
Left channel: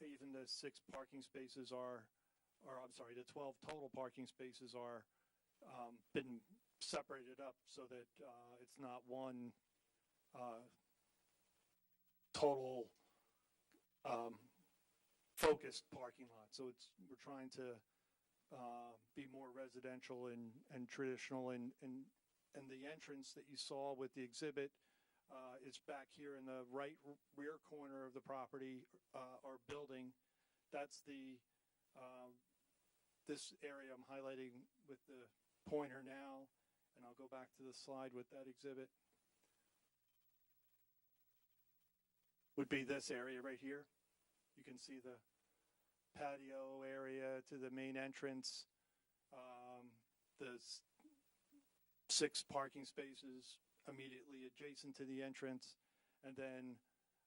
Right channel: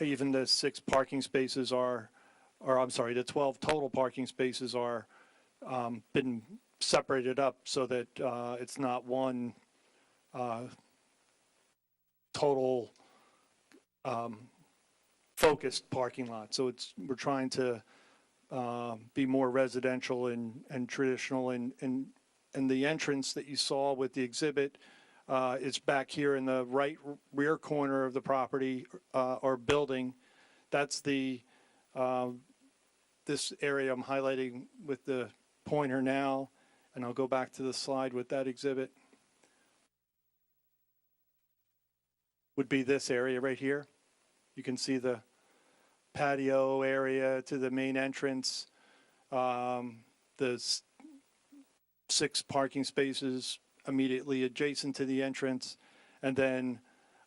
even the 6 parking spaces the 12 total parking spaces are been separated up so that it's not one total focused parking lot. So we're trying to be more residential and traditional, and the entrance that you saw with the exhibit is back here in the right rear corner of the property or building. That's this area I'm highlighting with the pointer now, and I'll go back to the slide with that exhibit. Would be this area right here. You can see the patio area to the main entrance, the 6 parking spaces immediately adjacent to the entrance, and then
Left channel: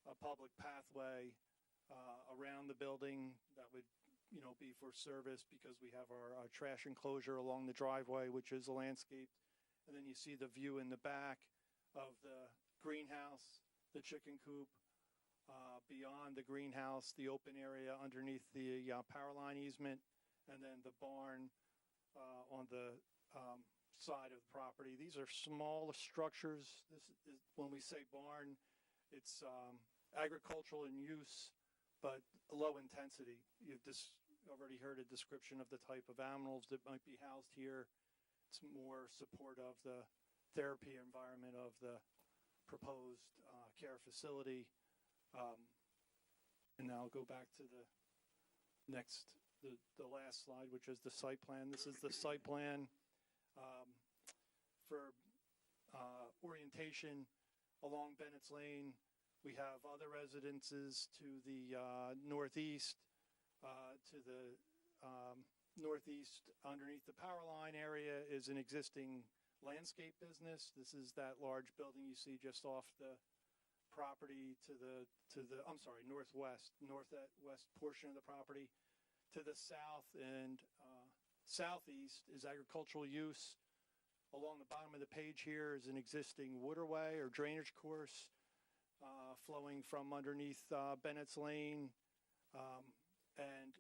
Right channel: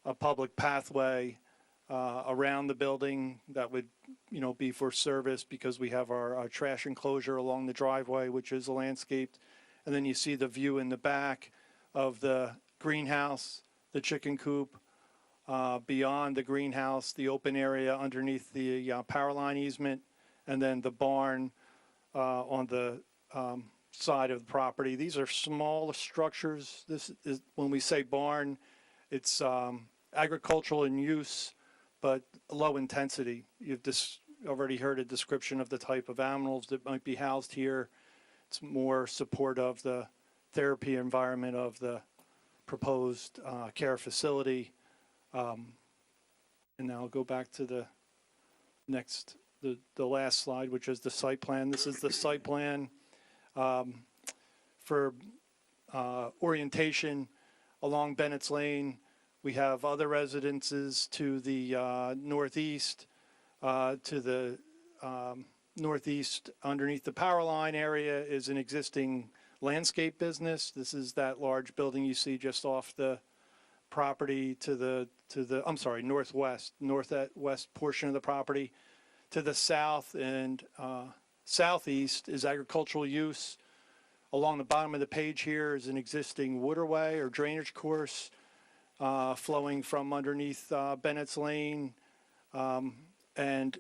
a public pathway around the building that would be for service, because we have our trash enclosure along the driveway, which is landscaped. And then you see the view in the back of the greenhouse, the chicken coop, beyond the greenhouse, the open area underneath the power line easement, and then the barn on the side of the property. These are small structures. This is, when we say barn, it's agricultural in use, but low intensity. You've already heard a description of the type of animals that might be housed here. It's more support of the therapy environment of the proposed care facility. And now I'll go back to the last slide, which is the site plan. This is the site plan for orientation along Bennett's Lane. We have other residences to the northeast. To the northeast, underneath the power line area, is an existing landscape business. This is that large building you see just off the property to the northwest portion of the property. To the south and southeast is agricultural use. Along the bottom of the page here is an existing waterway or drainage course flowing from underneath Bennett's Lane, and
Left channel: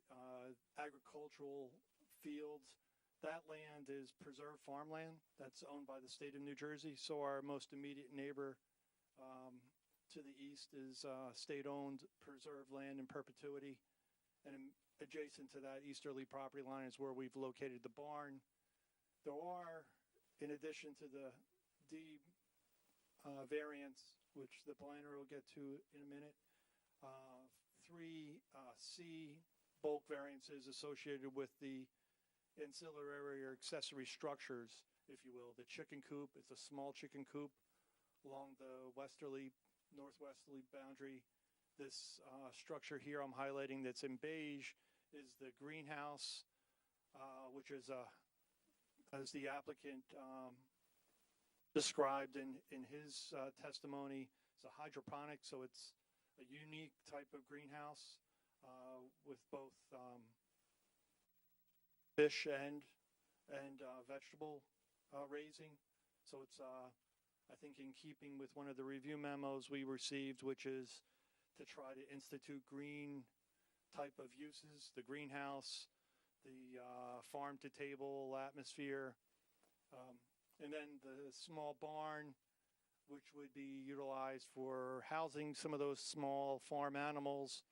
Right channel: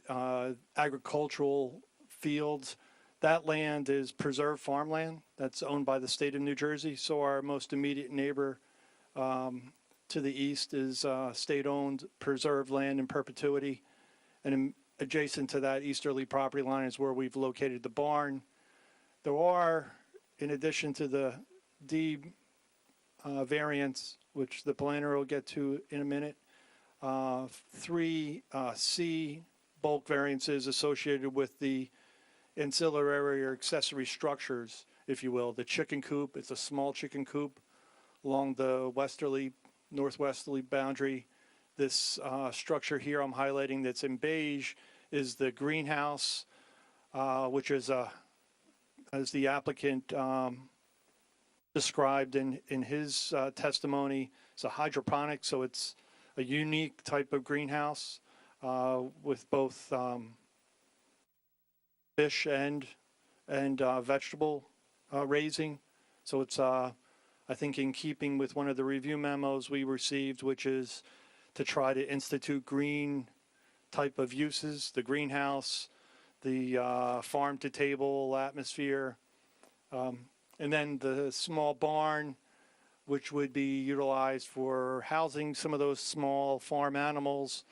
agricultural fields. That land is preserved farmland that's owned by the state of New Jersey. So our most immediate neighbor to the east is state-owned preserved land in perpetuity. And adjacent to that easterly property line is where we've located the barn. There are, in addition to the D variance, which the planner will get to in a minute, 3 C bulk variances associated with the ancillary or accessory structures, if you will. The chicken coop, it's a small chicken coop along the northwesterly boundary. This structure here I'm highlighting that's in beige is the greenhouse, which is, as the applicant described in his testimony, it's a hydroponic, so it's a unique type of greenhouse with both fish and vegetable raising. So it's, I think, in keeping with one of the review memos we received, which is to try to institute green type of uses, the greenhouse, the farm-to-table atmosphere, and then the small barn, which would be utilized for housing some of those small farm animals,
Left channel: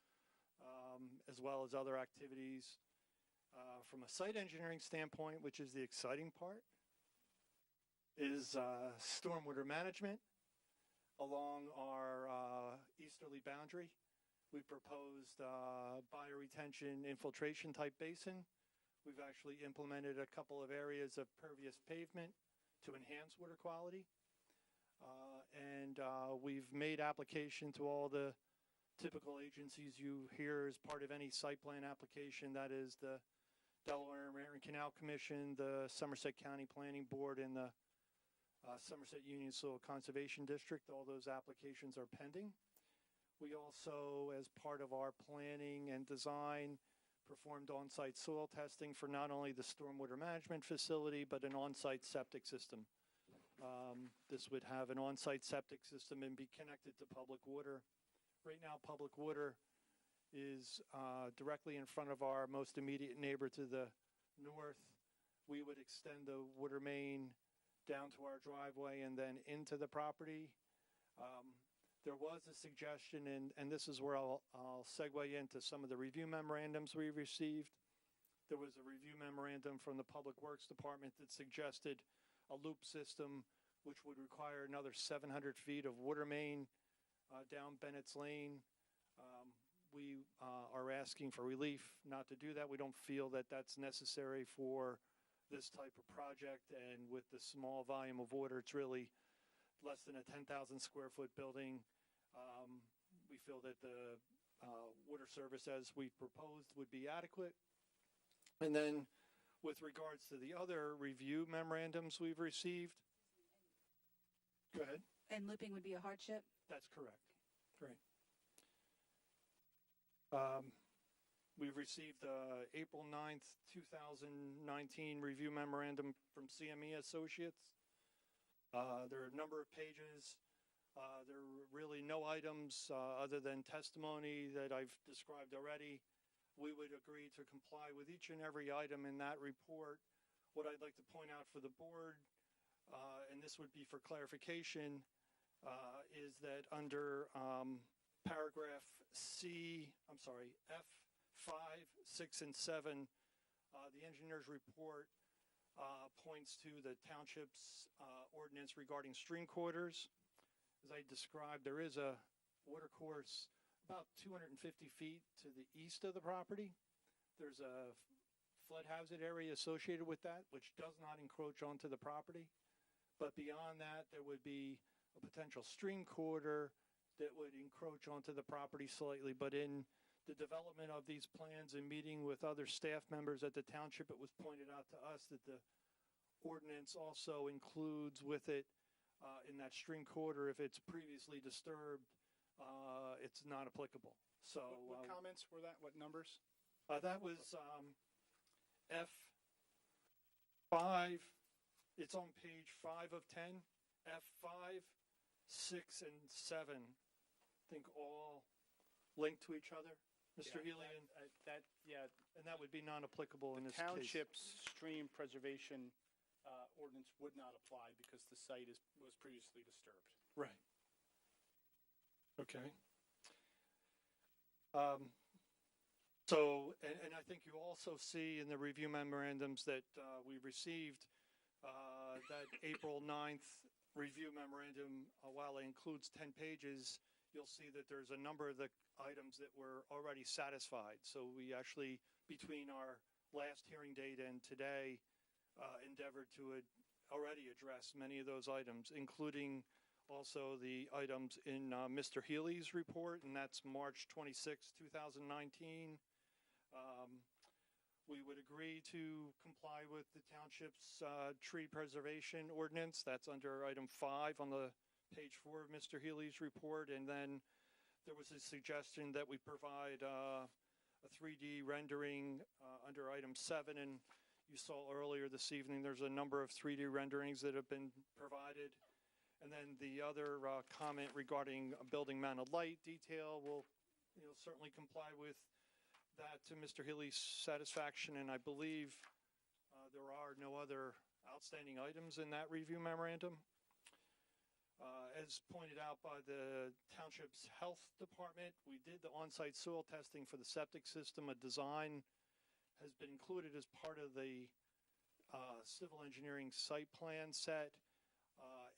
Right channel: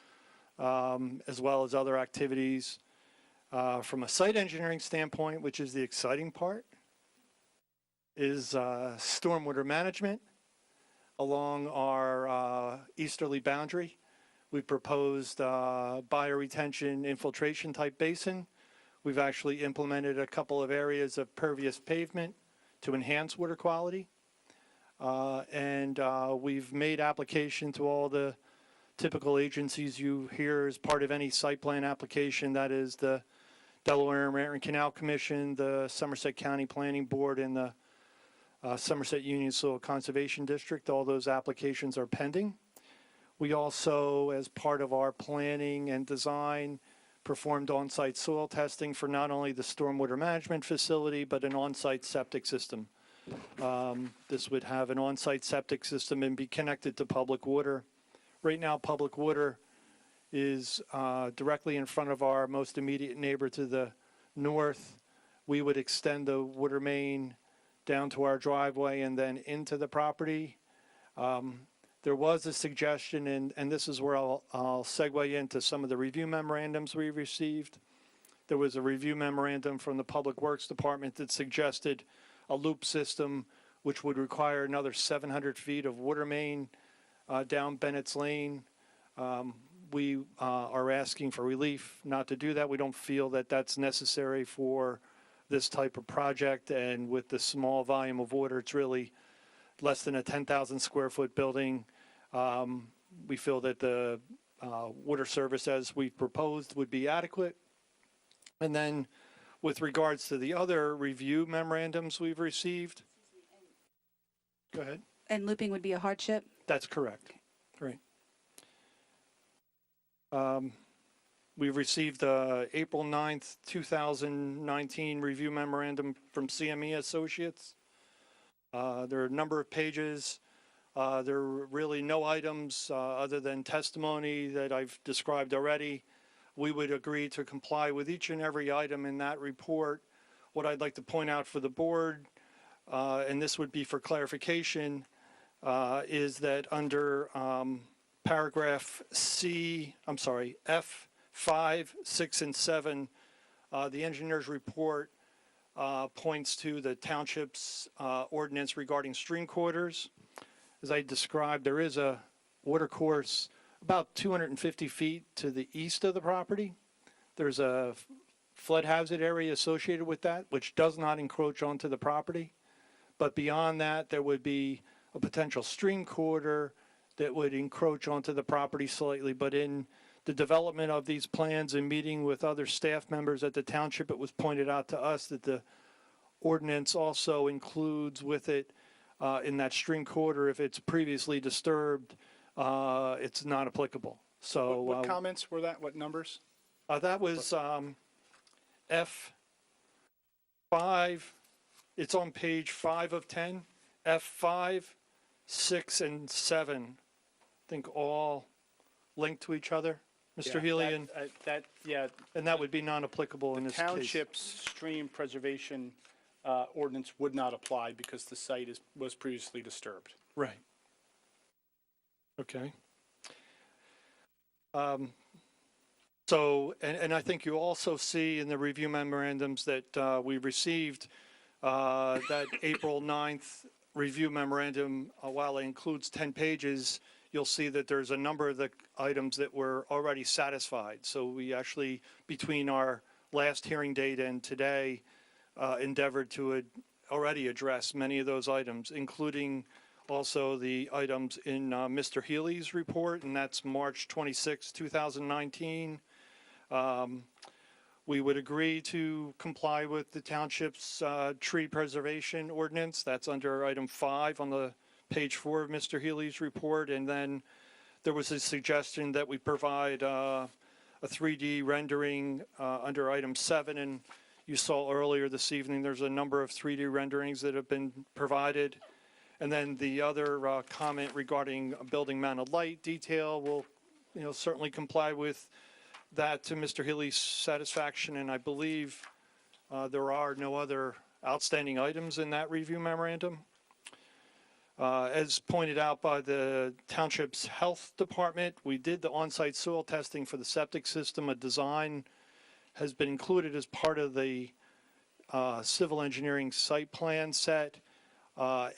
as well as other activities. From a site engineering standpoint, which is the exciting part, is stormwater management along our easterly boundary. We proposed bioretention infiltration type basin. We've actually implemented a couple of areas of pervious pavement to enhance water quality. And we've made application to all the typical agencies you hear as part of any site plan application. That is the Delaware and Raritan Canal Commission, the Somerset County Planning Board, and the Somerset Union Soil Conservation District. All those applications are pending. We also, as part of our planning and design, performed on-site soil testing for not only the stormwater management facility, but an on-site septic system. This would have an on-site septic system and be connected to public water. Right now, public water is directly in front of our most immediate neighbor to the north. We would extend the water main down to our driveway and then into the property. There was a suggestion, and this is where I'll segue into some of the review memorandums we received. There was a review memorandum from the Public Works Department that suggested a loop system, which would require another 700 feet of water main down Bennett's Lane. We are asking for relief not to do that. We don't feel that that's necessary for this type of project, and with the small volume of water, it's really less than a 10,000 square foot building. We feel that the water service as we've proposed would be adequate. And then with regards to the other review memorandums we've received. Go ahead. And looping would be a hardship? That's correct. Right. We've received April 9th, 2019 review memorandum from CME Associates. There are a number of pages. There are really no items other than testimony that I've described already. We would agree to comply with each and every item in that report. What I'd like to point out for the board, and this would be for clarification, is that under paragraph F5, 6, and 7, the engineer's report points to the township's ordinance regarding stream corridors. As I described, there is a water course about 250 feet to the east of the property. There's a flood hazard area associated with that, which does not encroach onto the property. But beyond that, there would be a potential stream corridor that would encroach onto the property slightly. But in the development of these plans and meeting with other staff members at the township, it was pointed out to us that the ordinance also includes with it in that stream corridor, if it's previously disturbed, it's not applicable. So What comments were that? What numbers? that was F5. It's on page 5 of 10. F5, 6, and 7. I think all linked to each other, Mr. Healy, and that would be non-applicable in this case. The township's stream preservation ordinance would not apply because the site was previously disturbed. Right. Okay. So, and I think you also see in the review memorandums that we received that April 9th review memorandum, while it includes 10 pages, you'll see that there's a number of the items that were already satisfied. So we actually, between our last hearing date and today, endeavored to already address many of those items, including also the items in Mr. Healy's report, and that's March 26, 2019. We would agree to comply with the township's tree preservation ordinance. That's under item 5 on the page 4 of Mr. Healy's report. And then There was a suggestion that we provide a 3D rendering under item 7, and you saw earlier this evening, there's a number of 3D renderings that have been provided. And then the other comment regarding building mounted light detail will, certainly comply with that to Mr. Healy's satisfaction, and I believe there are no other outstanding items in that review memorandum. As pointed out by the Township's Health Department, we did the on-site soil testing for the septic system. A design has been included as part of the civil engineering site plan set,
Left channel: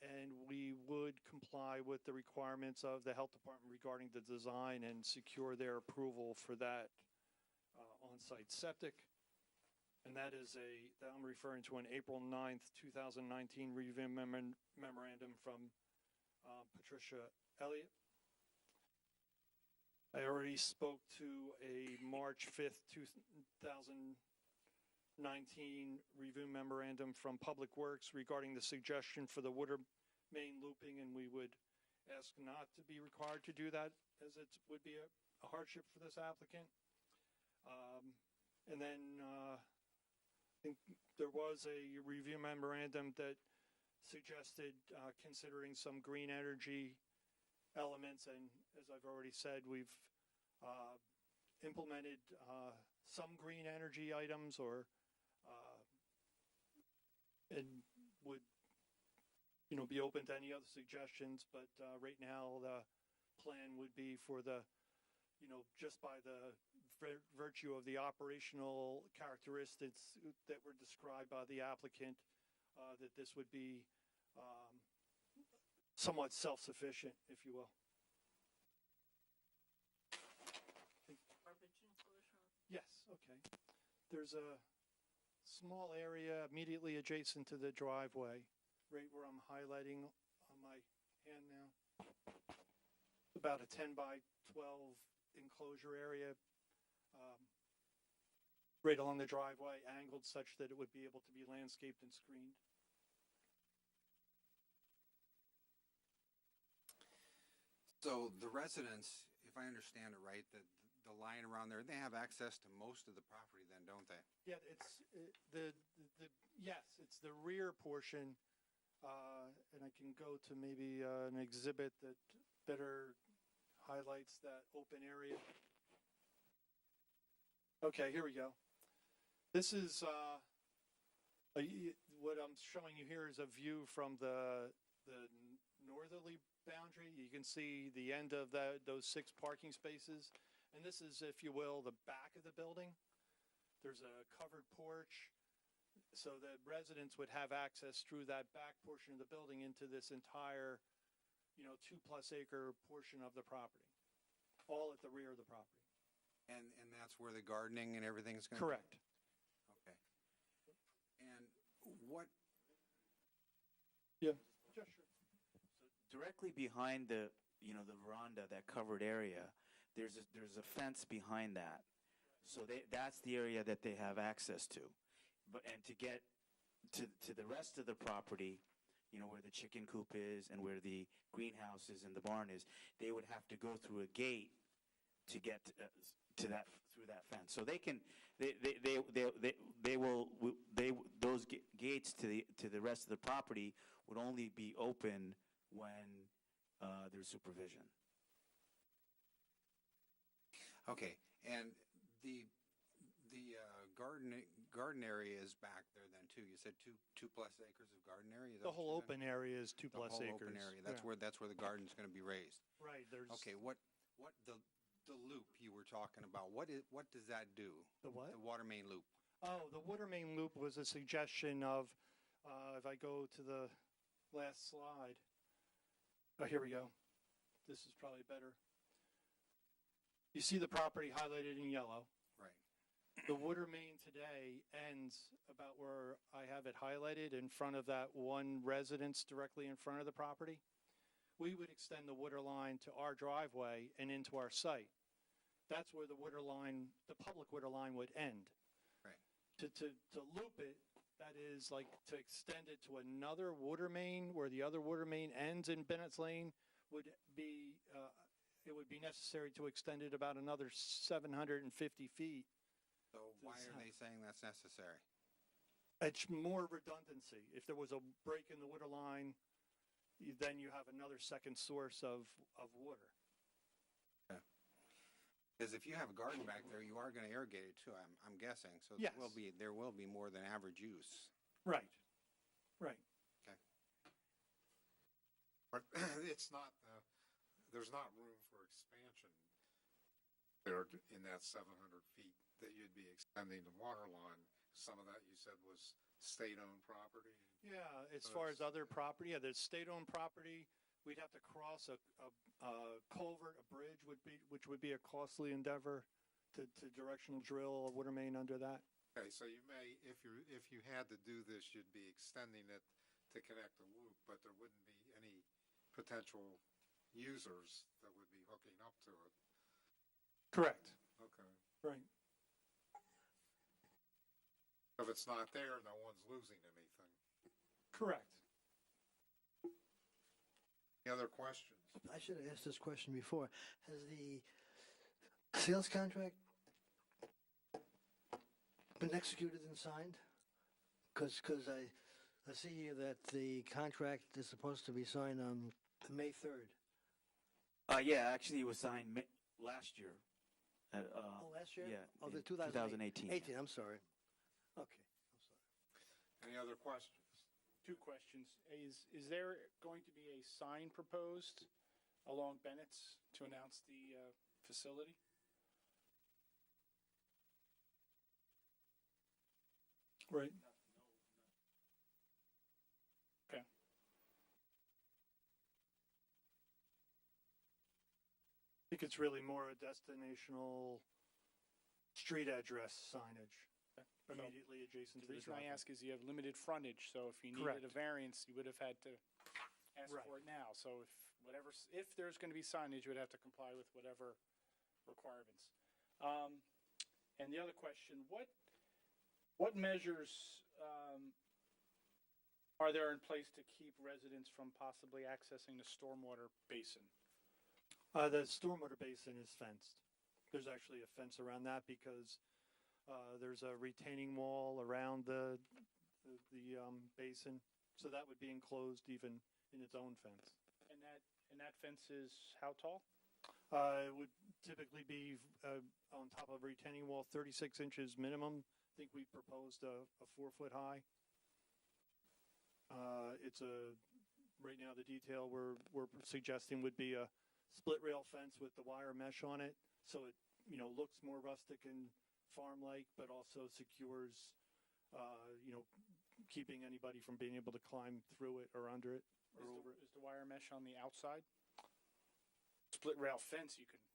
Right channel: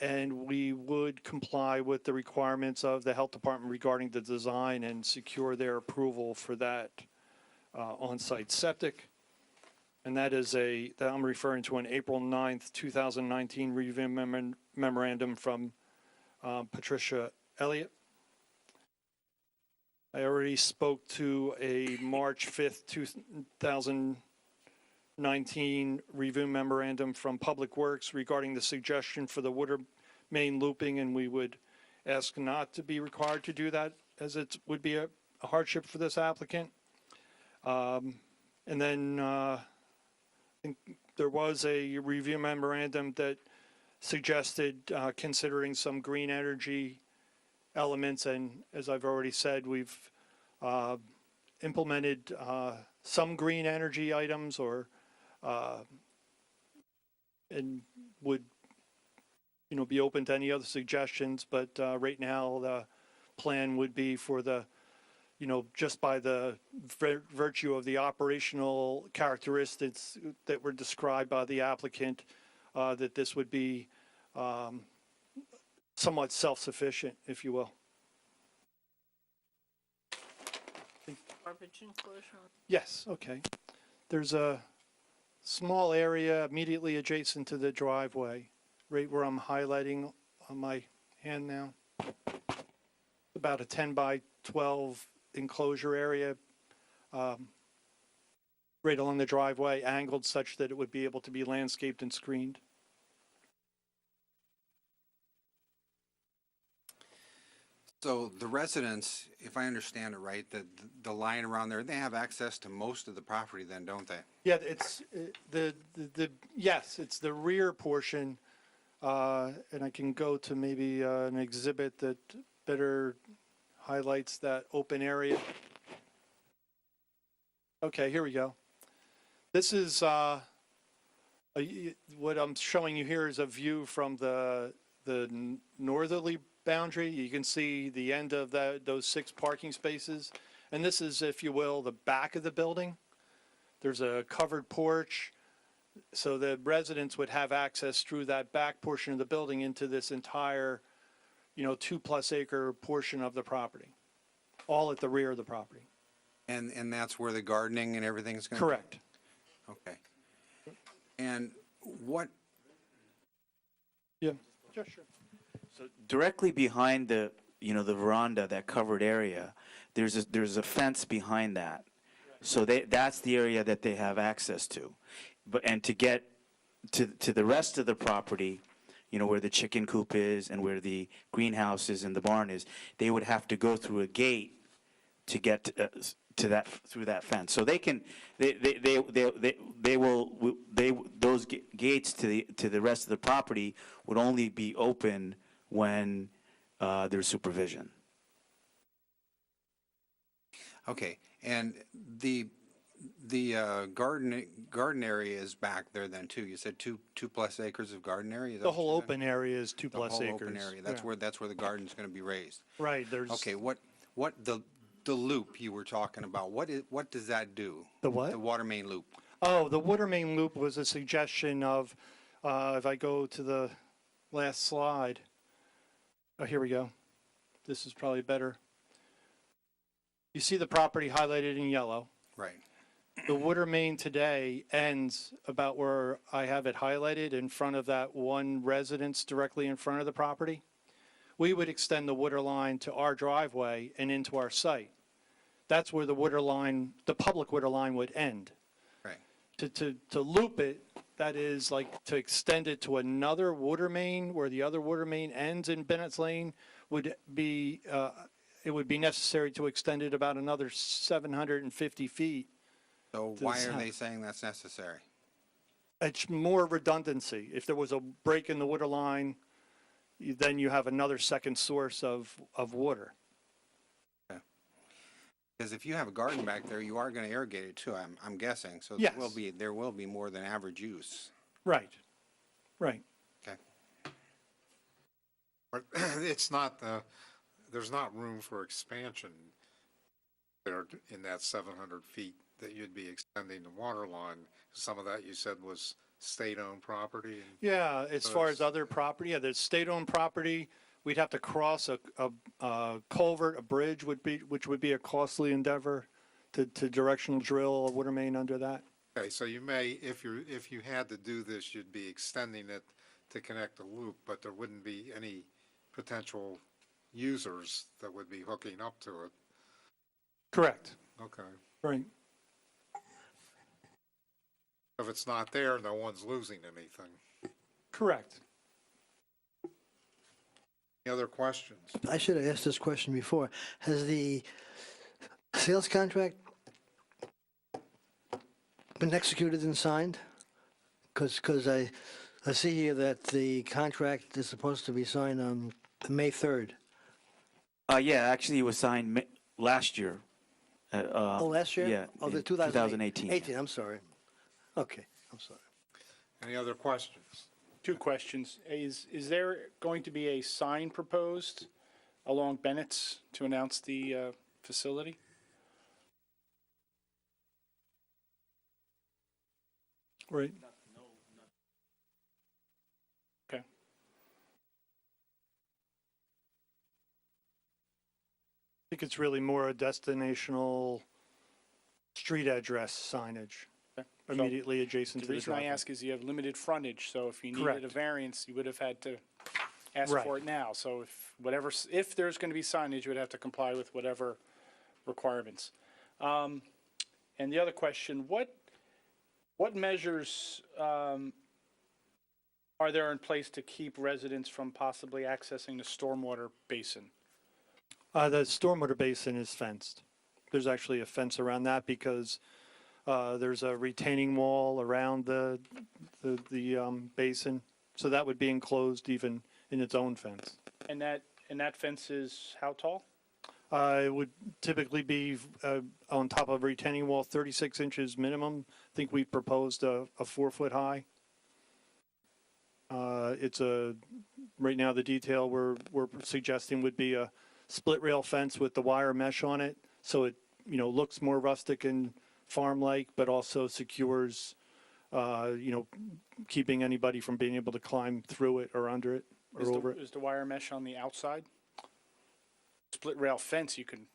and we would comply with the requirements of the Health Department regarding the design and secure their approval for that on-site septic. And that is that I'm referring to an April 9th, 2019 review memorandum from Patricia Elliott. I already spoke to a March 5th, 2019 review memorandum from Public Works regarding the suggestion for the water main looping, and we would ask not to be required to do that, as it would be a hardship for this applicant. And then I think there was a review memorandum that suggested considering some green energy elements, and as I've already said, we've implemented some green energy items, or and would be open to any other suggestions, but right now the plan would be for the just by the virtue of the operational characteristics that were described by the applicant, that this would be somewhat self-sufficient, if you will. Garbage enclosure? Yes, okay. There's a small area immediately adjacent to the driveway, right where I'm highlighting on my hand now. About a 10 by 12 enclosure area right along the driveway, angled such that it would be able to be landscaped and screened. So the residents, if I understand it right, the line around there, they have access to most of the property then, don't they? Yeah, it's yes, it's the rear portion, and I can go to maybe an exhibit that better highlights that open area. Okay, here we go. This is what I'm showing you here is a view from the northerly boundary. You can see the end of those 6 parking spaces, and this is, if you will, the back of the building. There's a covered porch, so the residents would have access through that back portion of the building into this entire 2+ acre portion of the property, all at the rear of the property. And that's where the gardening and everything's going to Correct. be? Okay. And what? Yeah. Sure. So directly behind the veranda, that covered area, there's a fence behind that. So that's the area that they have access to. And to get to the rest of the property, where the chicken coop is and where the greenhouse is and the barn is, they would have to go through a gate to get to that, through that fence. So they will those gates to the rest of the property would only be open when there's supervision. Okay, and the garden area is back there then too. You said 2+ acres of garden area. Is that The what whole you said? open area is 2+ The whole acres. open area. That's where the garden's going to be raised. Right. There's Okay. What the loop you were talking about? What does that do? The what? The water main loop. Oh, the water main loop was a suggestion of, if I go to the last slide. Oh, here we go. This is probably better. You see the property highlighted in yellow. Right. The water main today ends about where I have it highlighted in front of that one residence directly in front of the property. We would extend the water line to our driveway and into our site. That's where the water line, the public water line, would end. Right. To loop it, that is like to extend it to another water main where the other water main ends in Bennett's Lane, would be it would be necessary to extend it about another 750 feet. So why Does are that- they saying that's necessary? It's more redundancy. If there was a break in the water line, then you have another second source of water. Because if you have a garden back there, you are going to irrigate it too, I'm guessing. So Yes. there will be more than average use. Right, right. Okay. But it's not, there's not room for expansion there in that 700 feet that you'd be extending the water line. Some of that you said was state-owned property. And Yeah, as so far it's- as other property, yeah, there's state-owned property. We'd have to cross a culvert, a bridge which would be a costly endeavor to directional drill a water main under that. Okay, so you may, if you had to do this, you'd be extending it to connect the loop, but there wouldn't be any potential users that would be hooking up to it. Correct, Okay. right. If it's not there, no one's losing anything. Correct. Any other questions? I should have asked this question before. Has the sales contract been executed and signed? Because I see here that the contract is supposed to be signed on May 3rd. Yeah, actually, it was signed last year. Oh, last year? Yeah. Oh, the in 2018. 2018. I'm sorry. Okay, I'm sorry. Any other questions? Two questions. Is there going to be a sign proposed along Bennett's to announce the facility? Right. Okay. I think it's really more a destinational street address signage Okay. immediately adjacent The to the reason I driveway. ask is you have limited frontage, so if you needed Correct. a variance, you would have had to ask Right. for it now. So if there's going to be signage, you would have to comply with whatever requirements. And the other question, what measures are there in place to keep residents from possibly accessing the stormwater basin? The stormwater basin is fenced. There's actually a fence around that because there's a retaining wall around the basin. So that would be enclosed even in its own fence. And that fence is how tall? It would typically be on top of a retaining wall, 36 inches minimum. I think we proposed a 4-foot high. Right now the detail we're suggesting would be a split rail fence with the wire mesh on it. So it, looks more rustic and farm-like, but also secures, keeping anybody from being able to climb through it or under it or over it. Is the wire mesh on the outside? Split rail fence, you can,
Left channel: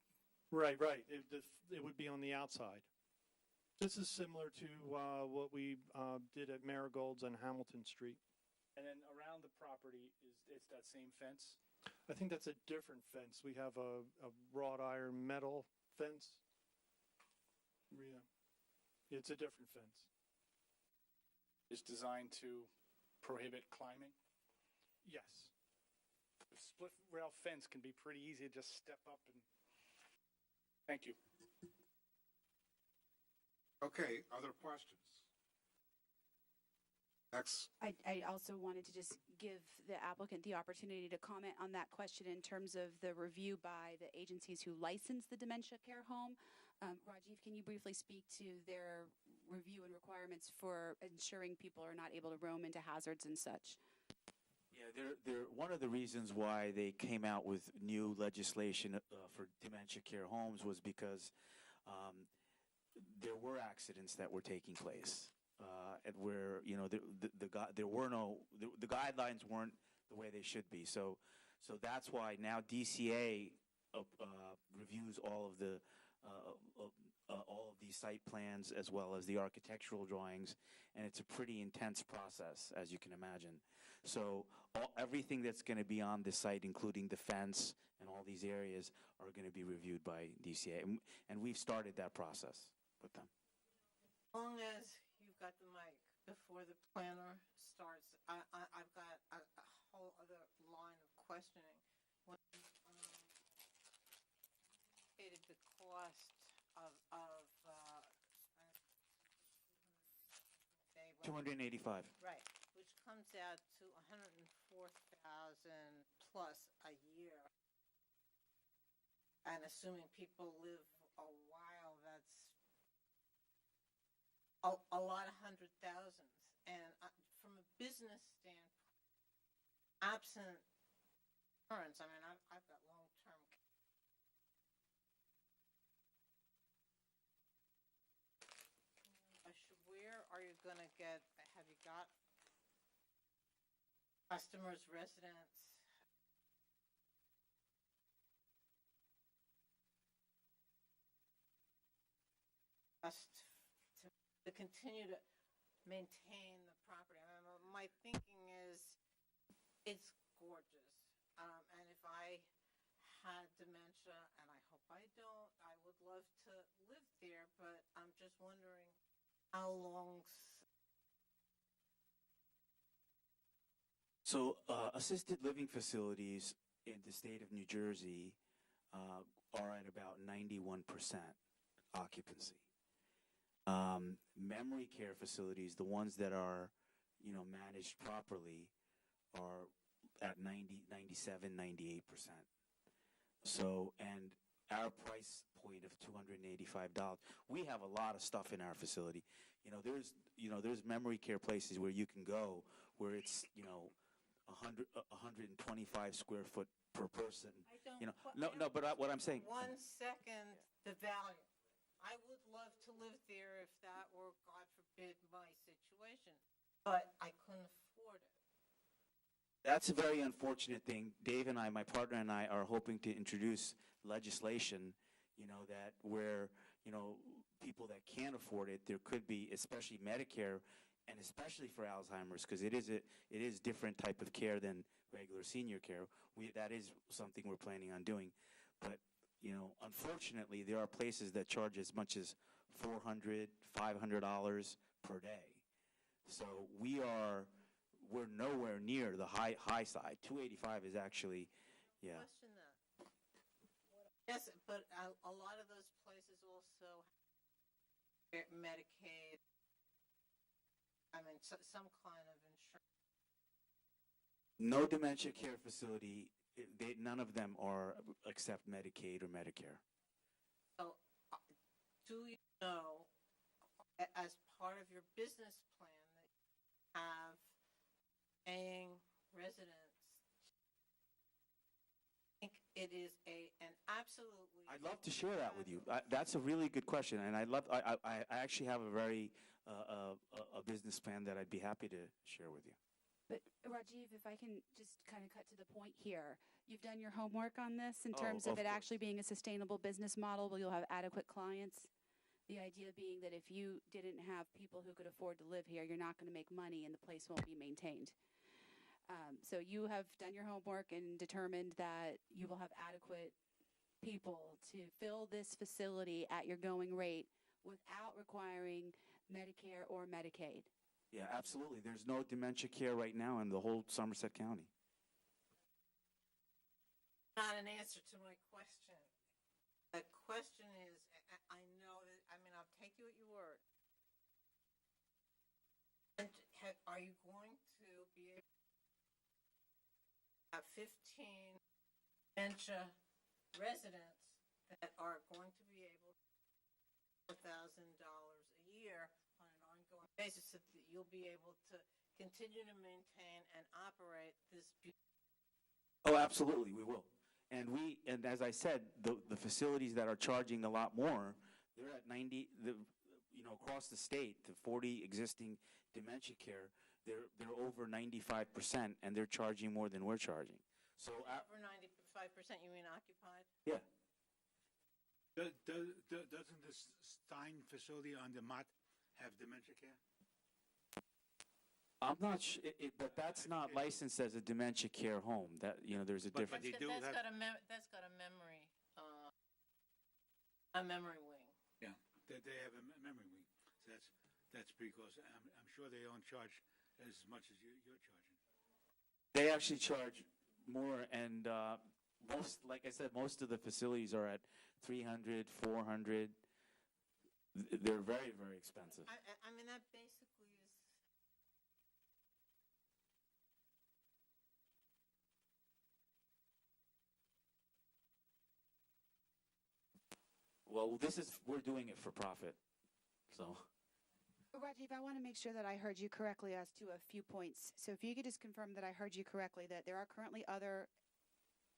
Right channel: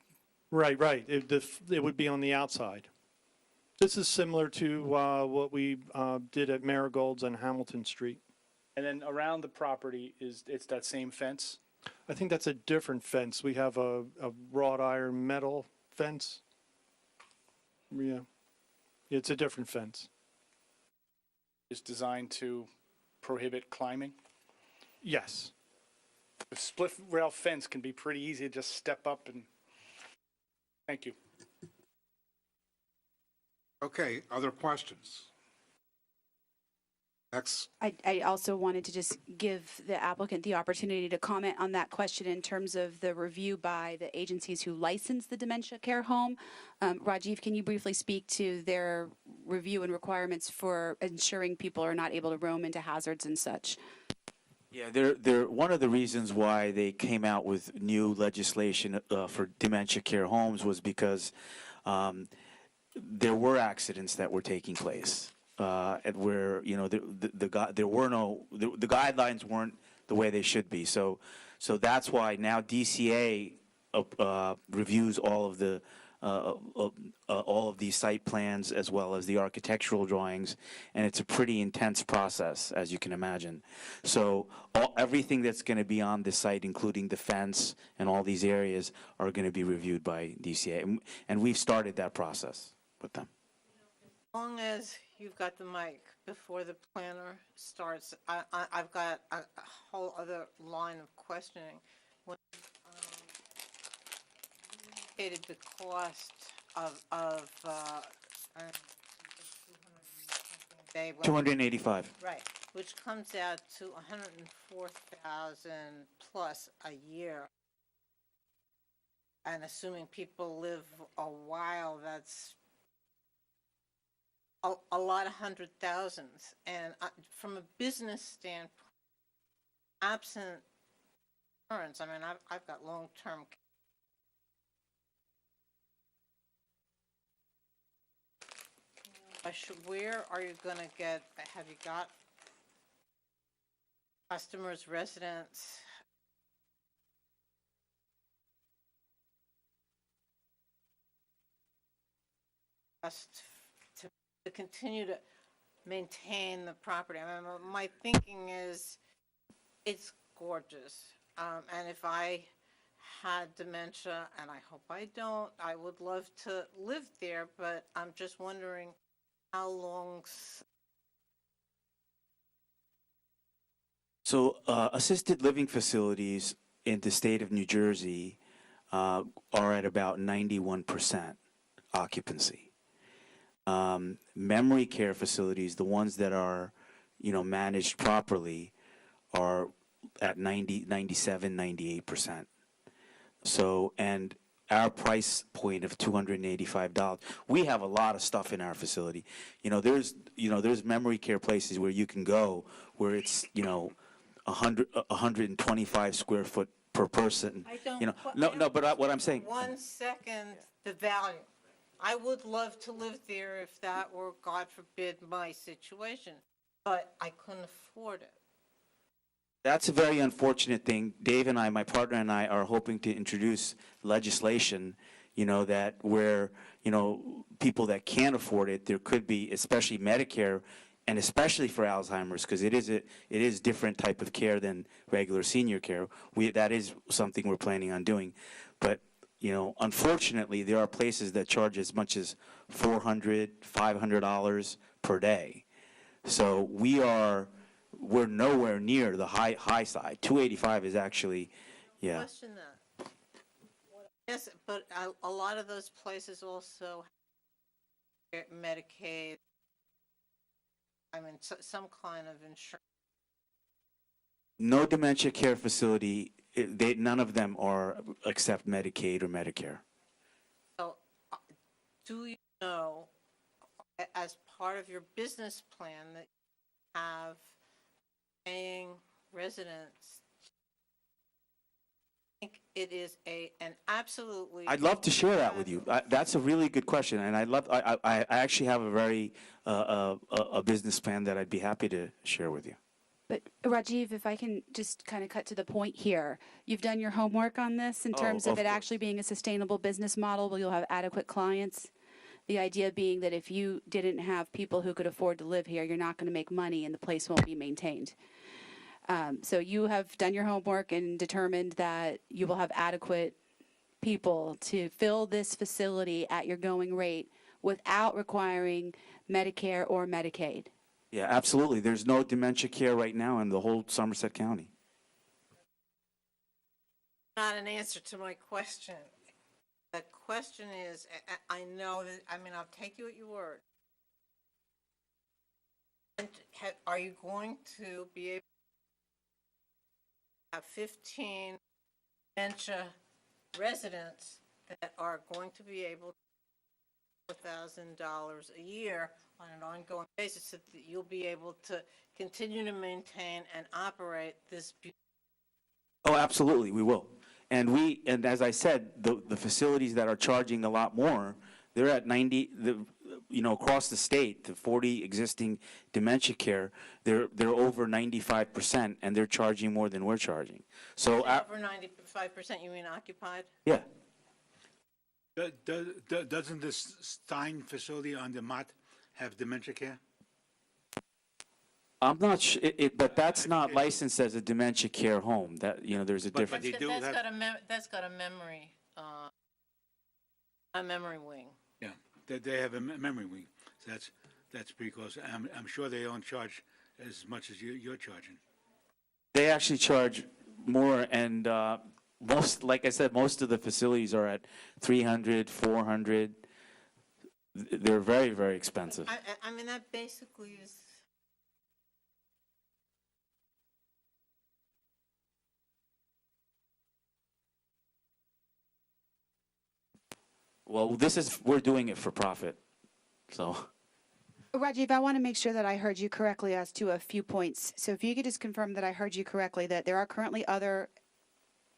Right. It would be on the outside. This is similar to what we did at Marigold's on Hamilton Street. and then around the property it's that same fence? I think that's a different fence. We have a wrought iron metal fence. Yeah. It's a different fence. Is designed to prohibit climbing? Yes. The split rail fence can be pretty easy to just step up and, thank you. Okay, other questions? Next. I also wanted to just give the applicant the opportunity to comment on that question in terms of the review by the agencies who license the dementia care home. Rajiv, can you briefly speak to their review and requirements for ensuring people are not able to roam into hazards and such? Yeah, they're one of the reasons why they came out with new legislation for dementia care homes was because there were accidents that were taking place. And where the guidelines weren't the way they should be. So that's why now DCA reviews all of these site plans as well as the architectural drawings, and it's a pretty intense process, as you can imagine. So everything that's going to be on this site, including the fence and all these areas, are going to be reviewed by DCA, and we've started that process with them. As long as you've got the mic before the planner starts, I've got a whole other line of questioning. When indicated the cost of, Dave, what- 285. right, which comes out to 104,000 plus a year. And assuming people live a while, that's a lot of hundred thousands. And from a business standpoint, absent insurance, I mean, I've got long-term. Where are you gonna get, have you got customers, residents? Just to continue to maintain the property. I mean, my thinking is, it's gorgeous. And if I had dementia, and I hope I don't, I would love to live there, but I'm just wondering how long. So assisted living facilities in the state of New Jersey are at about 91% occupancy. Memory care facilities, the ones that are, managed properly, are at 90, 97, 98%. So, and our price point of $285, we have a lot of stuff in our facility. There's memory care places where you can go where it's, 125 square foot per person. I don't. But what I'm saying. 1 second, the value. I would love to live there if that were, God forbid, my situation, but I couldn't afford it. That's a very unfortunate thing. Dave and I, my partner and I, are hoping to introduce legislation, that where, people that can't afford it, there could be, especially Medicare, and especially for Alzheimer's, because it is different type of care than regular senior care. That is something we're planning on doing. But, unfortunately, there are places that charge as much as $400, $500 per day. So we're nowhere near the high side. 285 is actually, yeah. Question that. Yes, but a lot of those places also have Medicaid. I mean, some kind of insurance. No dementia care facility, none of them are accept Medicaid or Medicare. So, do you know, as part of your business plan, that you have paying residents? I think it is an absolutely. I'd love to share that with you. That's a really good question, and I actually have a very a business plan that I'd be happy to share with you. But Rajiv, if I can just kind of cut to the point here, you've done your homework on this in terms of it actually being a sustainable business model where you'll have adequate clients. The idea being that if you didn't have people who could afford to live here, you're not going to make money and the place won't be maintained. So you have done your homework and determined that you will have adequate people to fill this facility at your going rate without requiring Medicare or Medicaid. Yeah, absolutely. There's no dementia care right now in the whole Somerset County. Not an answer to my question. The question is, I know that, I mean, I'll take you at your word. And are you going to be able to have 15 dementia residents that are going to be able to pay $4,000 a year on an ongoing basis so that you'll be able to continue to maintain and operate this beautiful? Oh, absolutely, we will. And as I said, the facilities that are charging a lot more, they're at 90, across the state, the 40 existing dementia care, they're over 95%, and they're charging more than we're charging. So over 95%, you mean occupied? Yeah. Doesn't this Stein facility on the Mott have dementia care? I'm not sure, but that's not licensed as a dementia care home. That there's a difference. That's got a memory wing. Yeah, they have a memory wing. So that's pretty close. I'm sure they don't charge as much as you're charging. They actually charge more, and like I said, most of the facilities are at 300, 400. They're very, very expensive. I mean, that basically is, Well, we're doing it for profit, so. Rajiv, I want to make sure that I heard you correctly as to a few points. So if you could just confirm that I heard you correctly, that there are currently other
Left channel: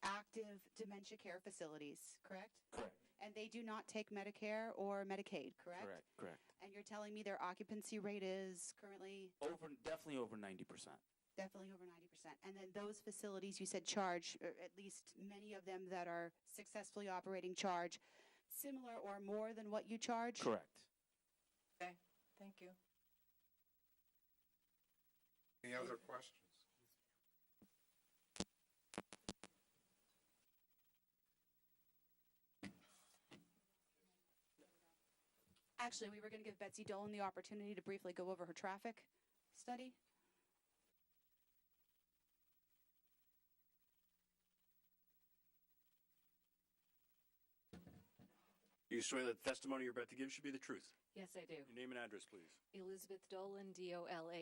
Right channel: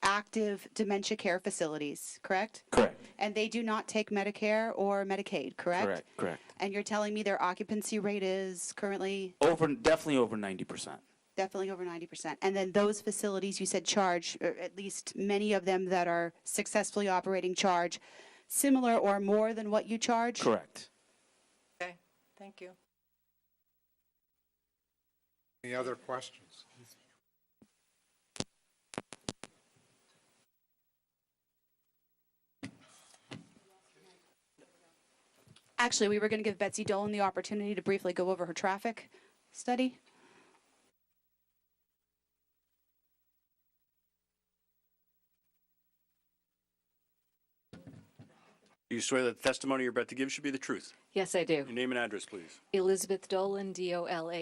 active dementia care facilities, correct? Correct. And they do not take Medicare or Medicaid, correct? Correct, correct. And you're telling me their occupancy rate is currently Definitely over 90%. definitely over 90%. And then those facilities you said charge, or at least many of them that are successfully operating charge, similar or more than what you charge? Correct. Okay, thank you. Any other questions? Actually, we were going to give Betsy Dolan the opportunity to briefly go over her traffic study. Do you swear that the testimony you're about to give should be the truth? Yes, I do. Your name and address, please. Elizabeth Dolan, Dolan.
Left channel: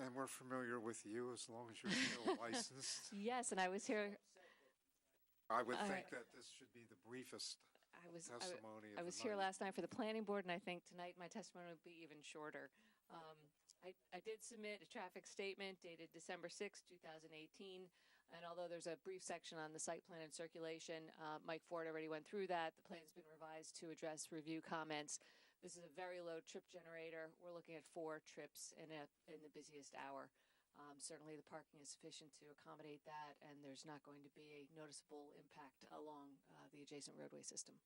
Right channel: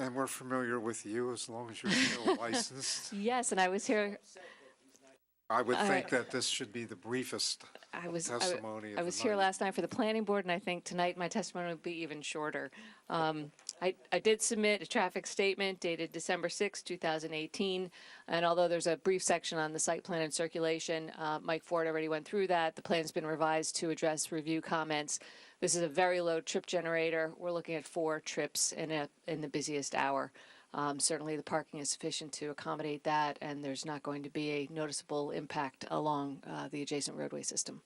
And we're familiar with you as long as you're still licensed. Yes, and I was here. I would think that this should be the briefest I was testimony of I the was here night. last night for the planning board, and I think tonight my testimony will be even shorter. I did submit a traffic statement dated December 6, 2018, and although there's a brief section on the site plan and circulation, Mike Ford already went through that. The plan's been revised to address review comments. This is a very low trip generator. We're looking at 4 trips in the busiest hour. Certainly the parking is sufficient to accommodate that, and there's not going to be a noticeable impact along the adjacent roadway system.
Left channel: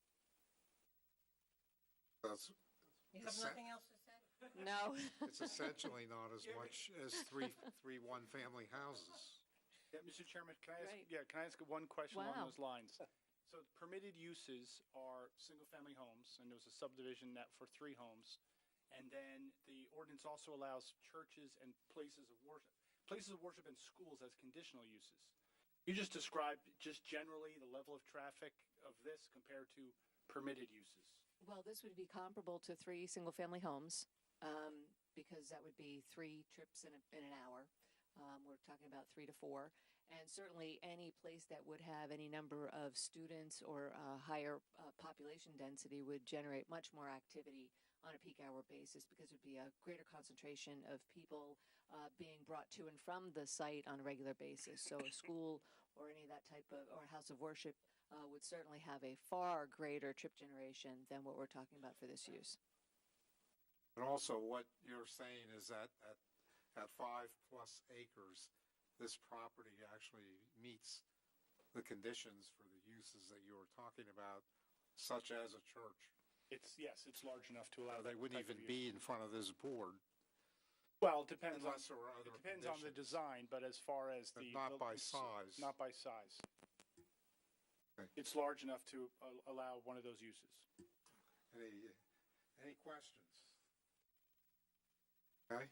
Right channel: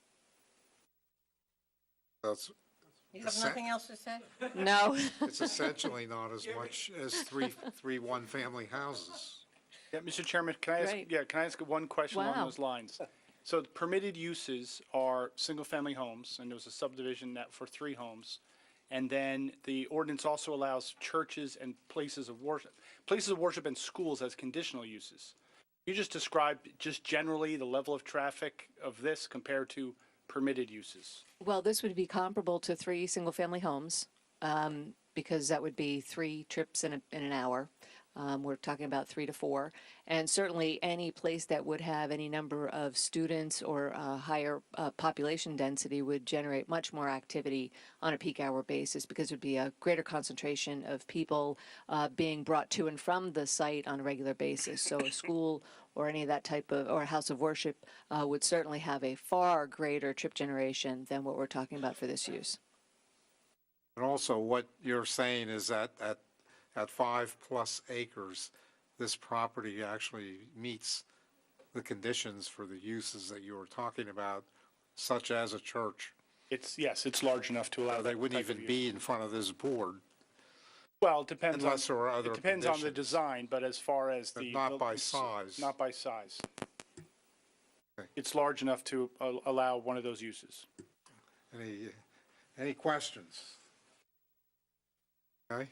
That's, you have nothing else to say? No. it's essentially not as much as three one-family houses. Yeah, Mr. Chairman, can I ask, Right. can I ask one question along Wow. those lines? So the permitted uses are single-family homes, and there was a subdivision that for 3 homes. And then the ordinance also allows churches and places of worship and schools as conditional uses. You just described just generally the level of traffic of this compared to permitted uses. Well, this would be comparable to 3 single-family homes, because that would be 3 trips in an hour. We're talking about 3 to 4. And certainly any place that would have any number of students or higher population density would generate much more activity on a peak hour basis, because it would be a greater concentration of people being brought to and from the site on a regular basis. So a school or any of that type of, or a house of worship would certainly have a far greater trip generation than what we're talking about for this use. And also what you're saying is that at 5+ acres, this property actually meets the conditions for the uses that you were talking about, such as a church. Yes, it's large enough to allow They that wouldn't type of even use. be in front of this board. Well, it depends on, Unless there are other it depends on the conditions. design, but as far as But the. not by size. Not by size. Okay. It's large enough to allow one of those uses. Any questions? Okay.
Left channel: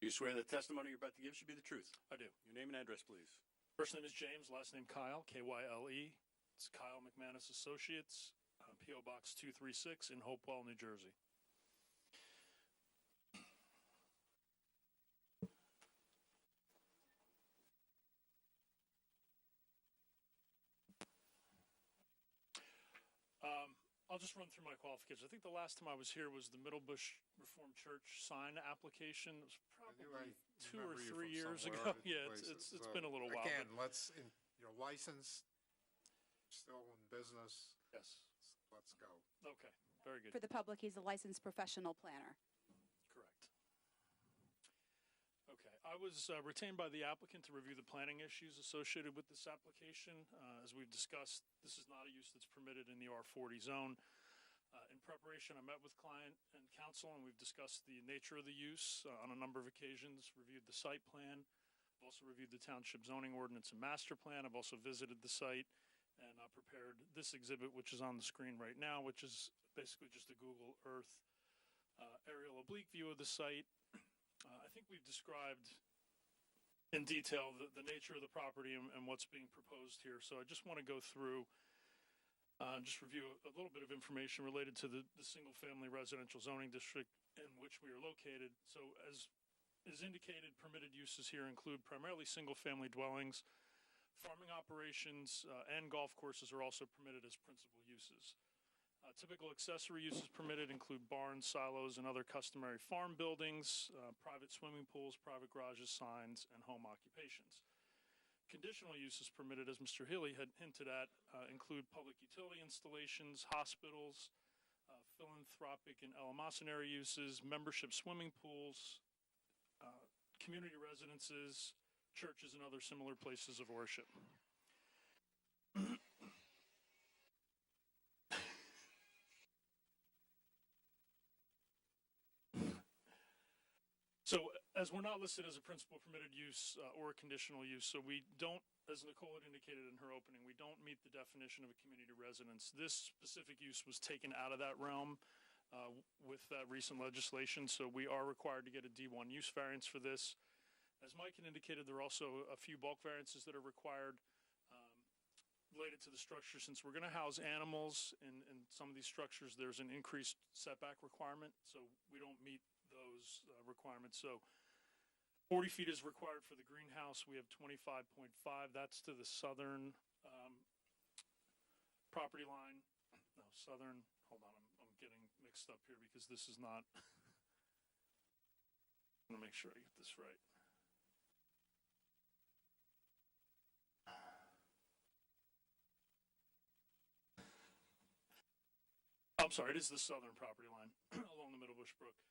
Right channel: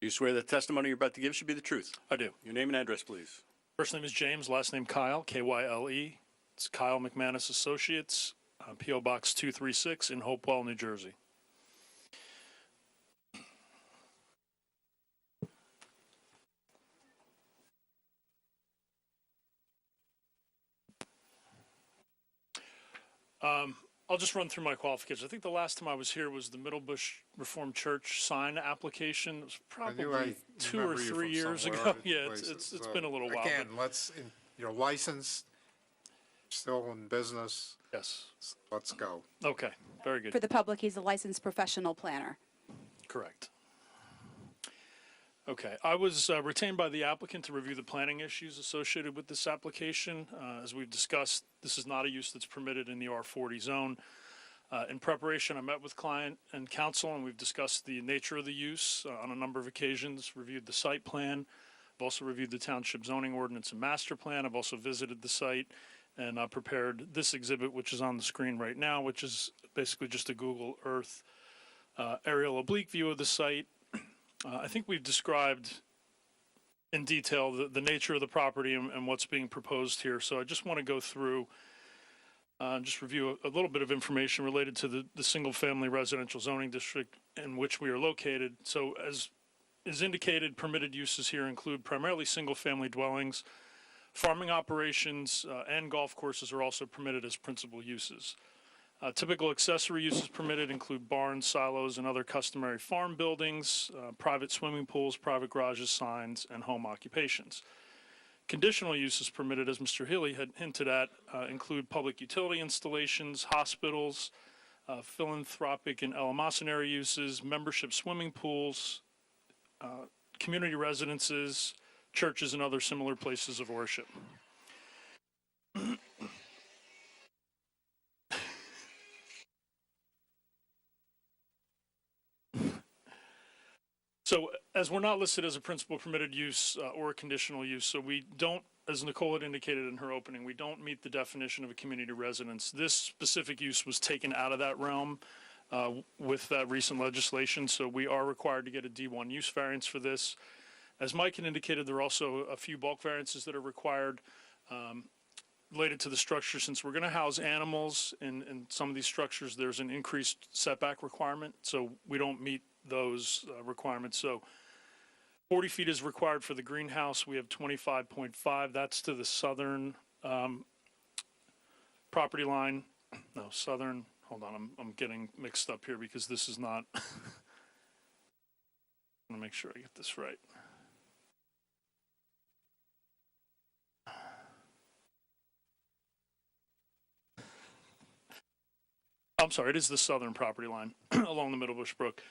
Do you swear that the testimony you're about to give should be the truth? I do. Your name and address, please. First name is James, last name Kyle, Kyle. It's Kyle McManus Associates, P.O. Box 236 in Hopewell, New Jersey. I'll just run through my qualifications. I think the last time I was here was the Middlebush Reformed Church sign application. It was probably 2 or 3 years ago. Yeah, it's been a little while. Again, you're licensed, still in business. Yes. Let's go. Okay, very good. For the public, he's a licensed professional planner. Correct. Okay, I was retained by the applicant to review the planning issues associated with this application. As we've discussed, this is not a use that's permitted in the R40 zone. In preparation, I met with client and counsel, and we've discussed the nature of the use on a number of occasions, reviewed the site plan. I've also reviewed the township zoning ordinance and master plan. I've also visited the site and prepared this exhibit, which is on the screen right now, which is basically just a Google Earth aerial oblique view of the site. I think we've described in detail the nature of the property and what's being proposed here. So I just want to go through just review a little bit of information related to the single-family residential zoning district in which we are located. So as is indicated, permitted uses here include primarily single-family dwellings. Farming operations and golf courses are also permitted as principal uses. Typical accessory uses permitted include barns, silos, and other customary farm buildings, private swimming pools, private garages, signs, and home occupations. Conditional uses permitted, as Mr. Healy had hinted at, include public utility installations, hospitals, philanthropic and eleemosynary uses, membership swimming pools, community residences, churches, and other similar places of worship. So as we're not listed as a principal permitted use or a conditional use, so we don't, as Nicole had indicated in her opening, we don't meet the definition of a community residence. This specific use was taken out of that realm with that recent legislation, so we are required to get a D1 use variance for this. As Mike had indicated, there are also a few bulk variances that are required related to the structure. Since we're going to house animals in some of these structures, there's an increased setback requirement, so we don't meet those requirements. So 40 feet is required for the greenhouse. We have 25.5. That's to the southern property line. No, southern. Hold on, I'm getting mixed up here because this is not. I want to make sure I get this right. I'm sorry, it is the southern property line along the Middlebush Brook.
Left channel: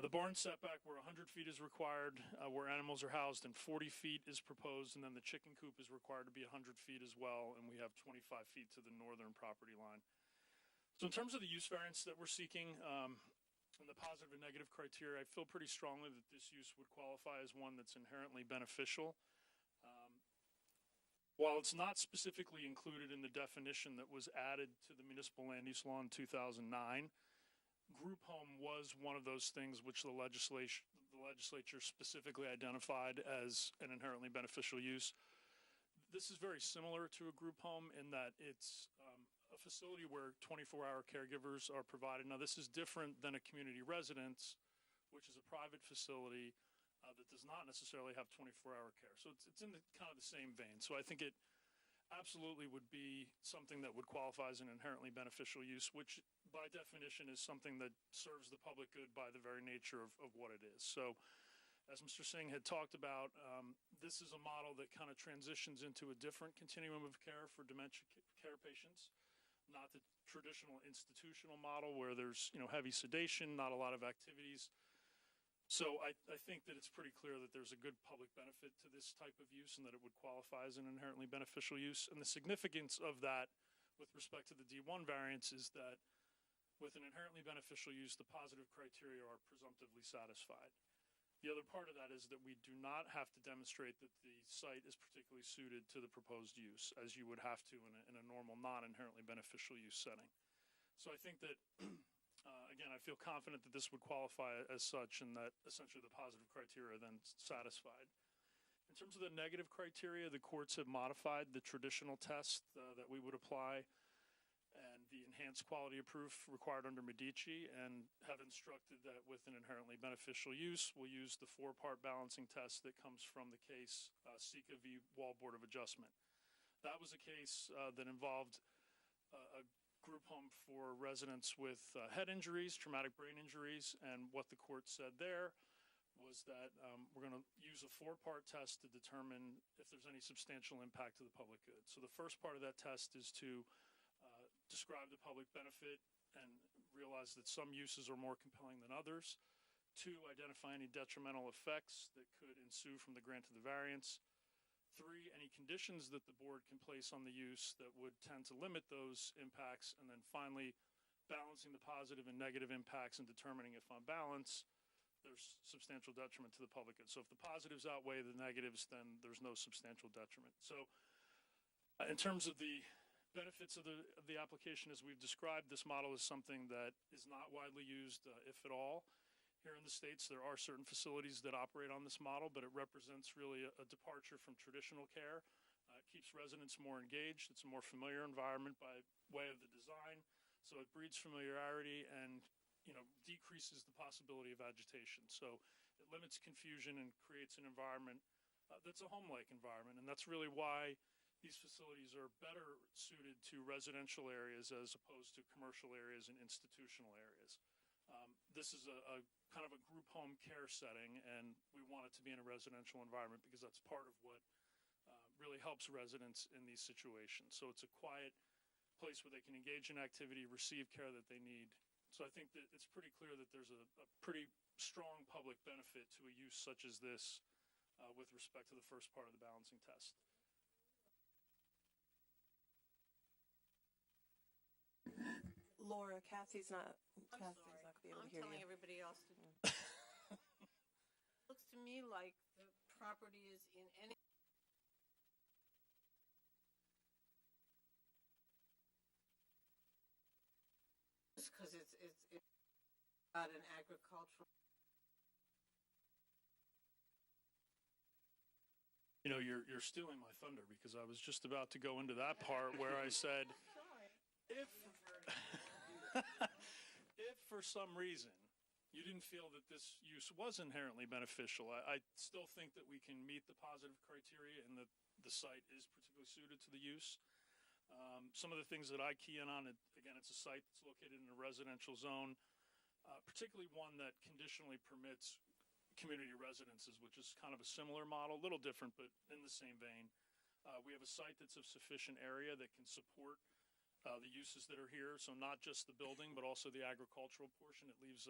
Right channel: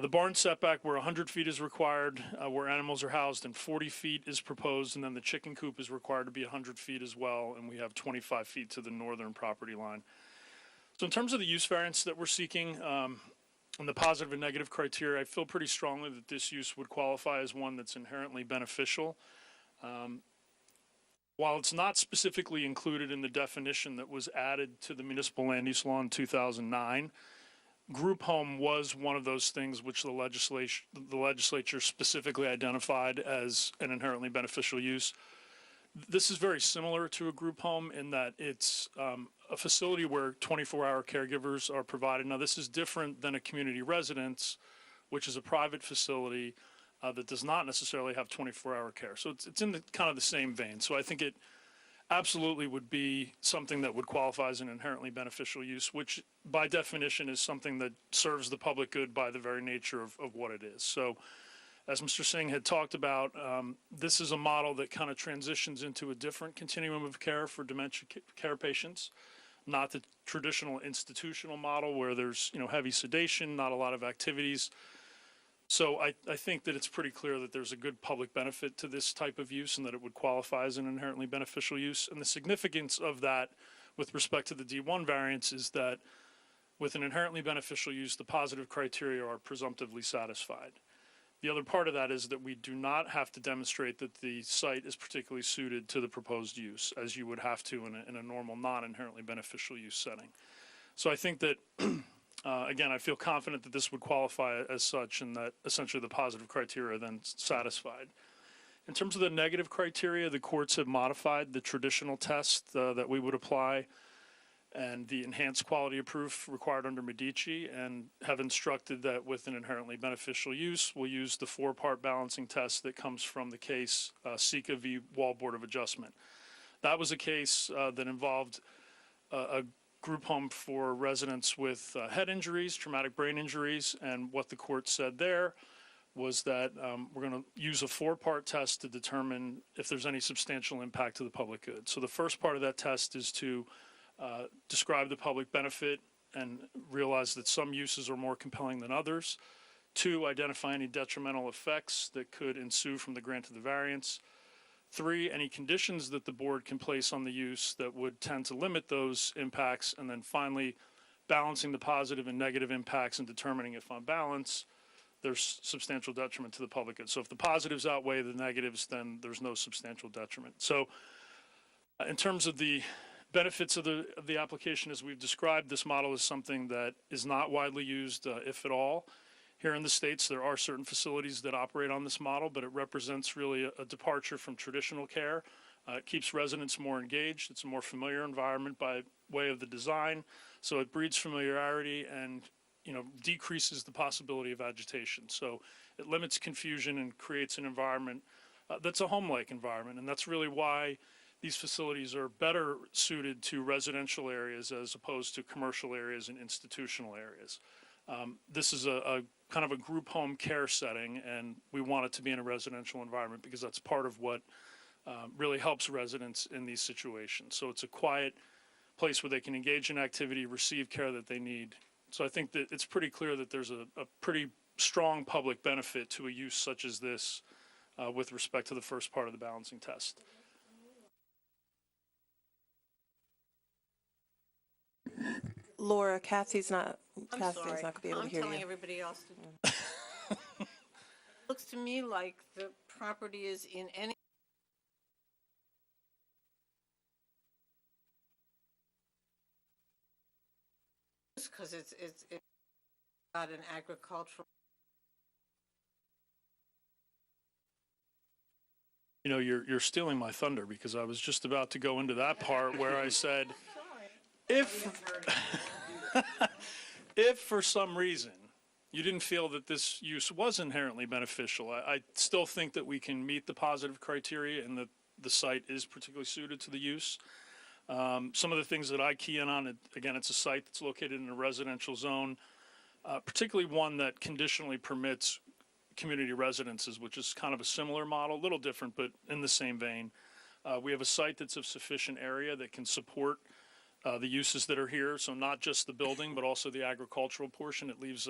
The barn setback where 100 feet is required, where animals are housed, and 40 feet is proposed, and then the chicken coop is required to be 100 feet as well, and we have 25 feet to the northern property line. So in terms of the use variance that we're seeking, and the positive and negative criteria, I feel pretty strongly that this use would qualify as one that's inherently beneficial. While it's not specifically included in the definition that was added to the municipal land use law in 2009, group home was one of those things which the legislature specifically identified as an inherently beneficial use. This is very similar to a group home in that it's a facility where 24-hour caregivers are provided. Now, this is different than a community residence, which is a private facility that does not necessarily have 24-hour care. So it's in the kind of the same vein. So I think it absolutely would be something that would qualify as an inherently beneficial use, which by definition is something that serves the public good by the very nature of what it is. So as Mr. Singh had talked about, this is a model that kind of transitions into a different continuum of care for dementia care patients, not the traditional institutional model where there's heavy sedation, not a lot of activities. So I think that it's pretty clear that there's a good public benefit to this type of use and that it would qualify as an inherently beneficial use. And the significance of that with respect to the D1 variance is that with an inherently beneficial use, the positive criteria are presumptively satisfied. The other part of that is that we do not have to demonstrate that the site is particularly suited to the proposed use, as you would have to in a normal non-inherently beneficial use setting. So I think that again, I feel confident that this would qualify as such and that essentially the positive criteria are then satisfied. In terms of the negative criteria, the courts have modified the traditional test that we would apply and the enhanced quality of proof required under Medici, and have instructed that with an inherently beneficial use, we'll use the 4-part balancing test that comes from the case Sika v. Wall Board of Adjustment. That was a case that involved a group home for residents with head injuries, traumatic brain injuries, and what the court said there was that we're going to use a 4-part test to determine if there's any substantial impact to the public good. So the first part of that test is to describe the public benefit and realize that some uses are more compelling than others. 2, identify any detrimental effects that could ensue from the grant of the variance. 3, any conditions that the board can place on the use that would tend to limit those impacts. And then finally, balancing the positive and negative impacts and determining if on balance there's substantial detriment to the public good. So if the positives outweigh the negatives, then there's no substantial detriment. So In terms of the benefits of the application as we've described, this model is something that is not widely used, if at all. Here in the States, there are certain facilities that operate on this model, but it represents really a departure from traditional care. It keeps residents more engaged. It's a more familiar environment by way of the design, so it breeds familiarity and decreases the possibility of agitation. So it limits confusion and creates an environment that's a home-like environment, and that's really why these facilities are better suited to residential areas as opposed to commercial areas and institutional areas. This is a kind of a group home care setting, and we want it to be in a residential environment because that's part of what really helps residents in these situations. So it's a quiet place where they can engage in activity, receive care that they need. So I think that it's pretty clear that there's a pretty strong public benefit to a use such as this with respect to the first part of the balancing test. Laura, Kathy's not I'm going sorry. to be able to hear I'm telling you. everybody else to. Looks to me like the property is in any. Because it's got an agricultural. You're stealing my thunder because I was just about to go into that part where I said, if for some reason you didn't feel that this use was inherently beneficial, I still think that we can meet the positive criteria and that the site is particularly suited to the use. Some of the things that I key in on, again, it's a site that's located in a residential zone, particularly one that conditionally permits community residences, which is kind of a similar model, a little different, but in the same vein. We have a site that's of sufficient area that can support the uses that are here, so not just the building, but also the agricultural portion. It leaves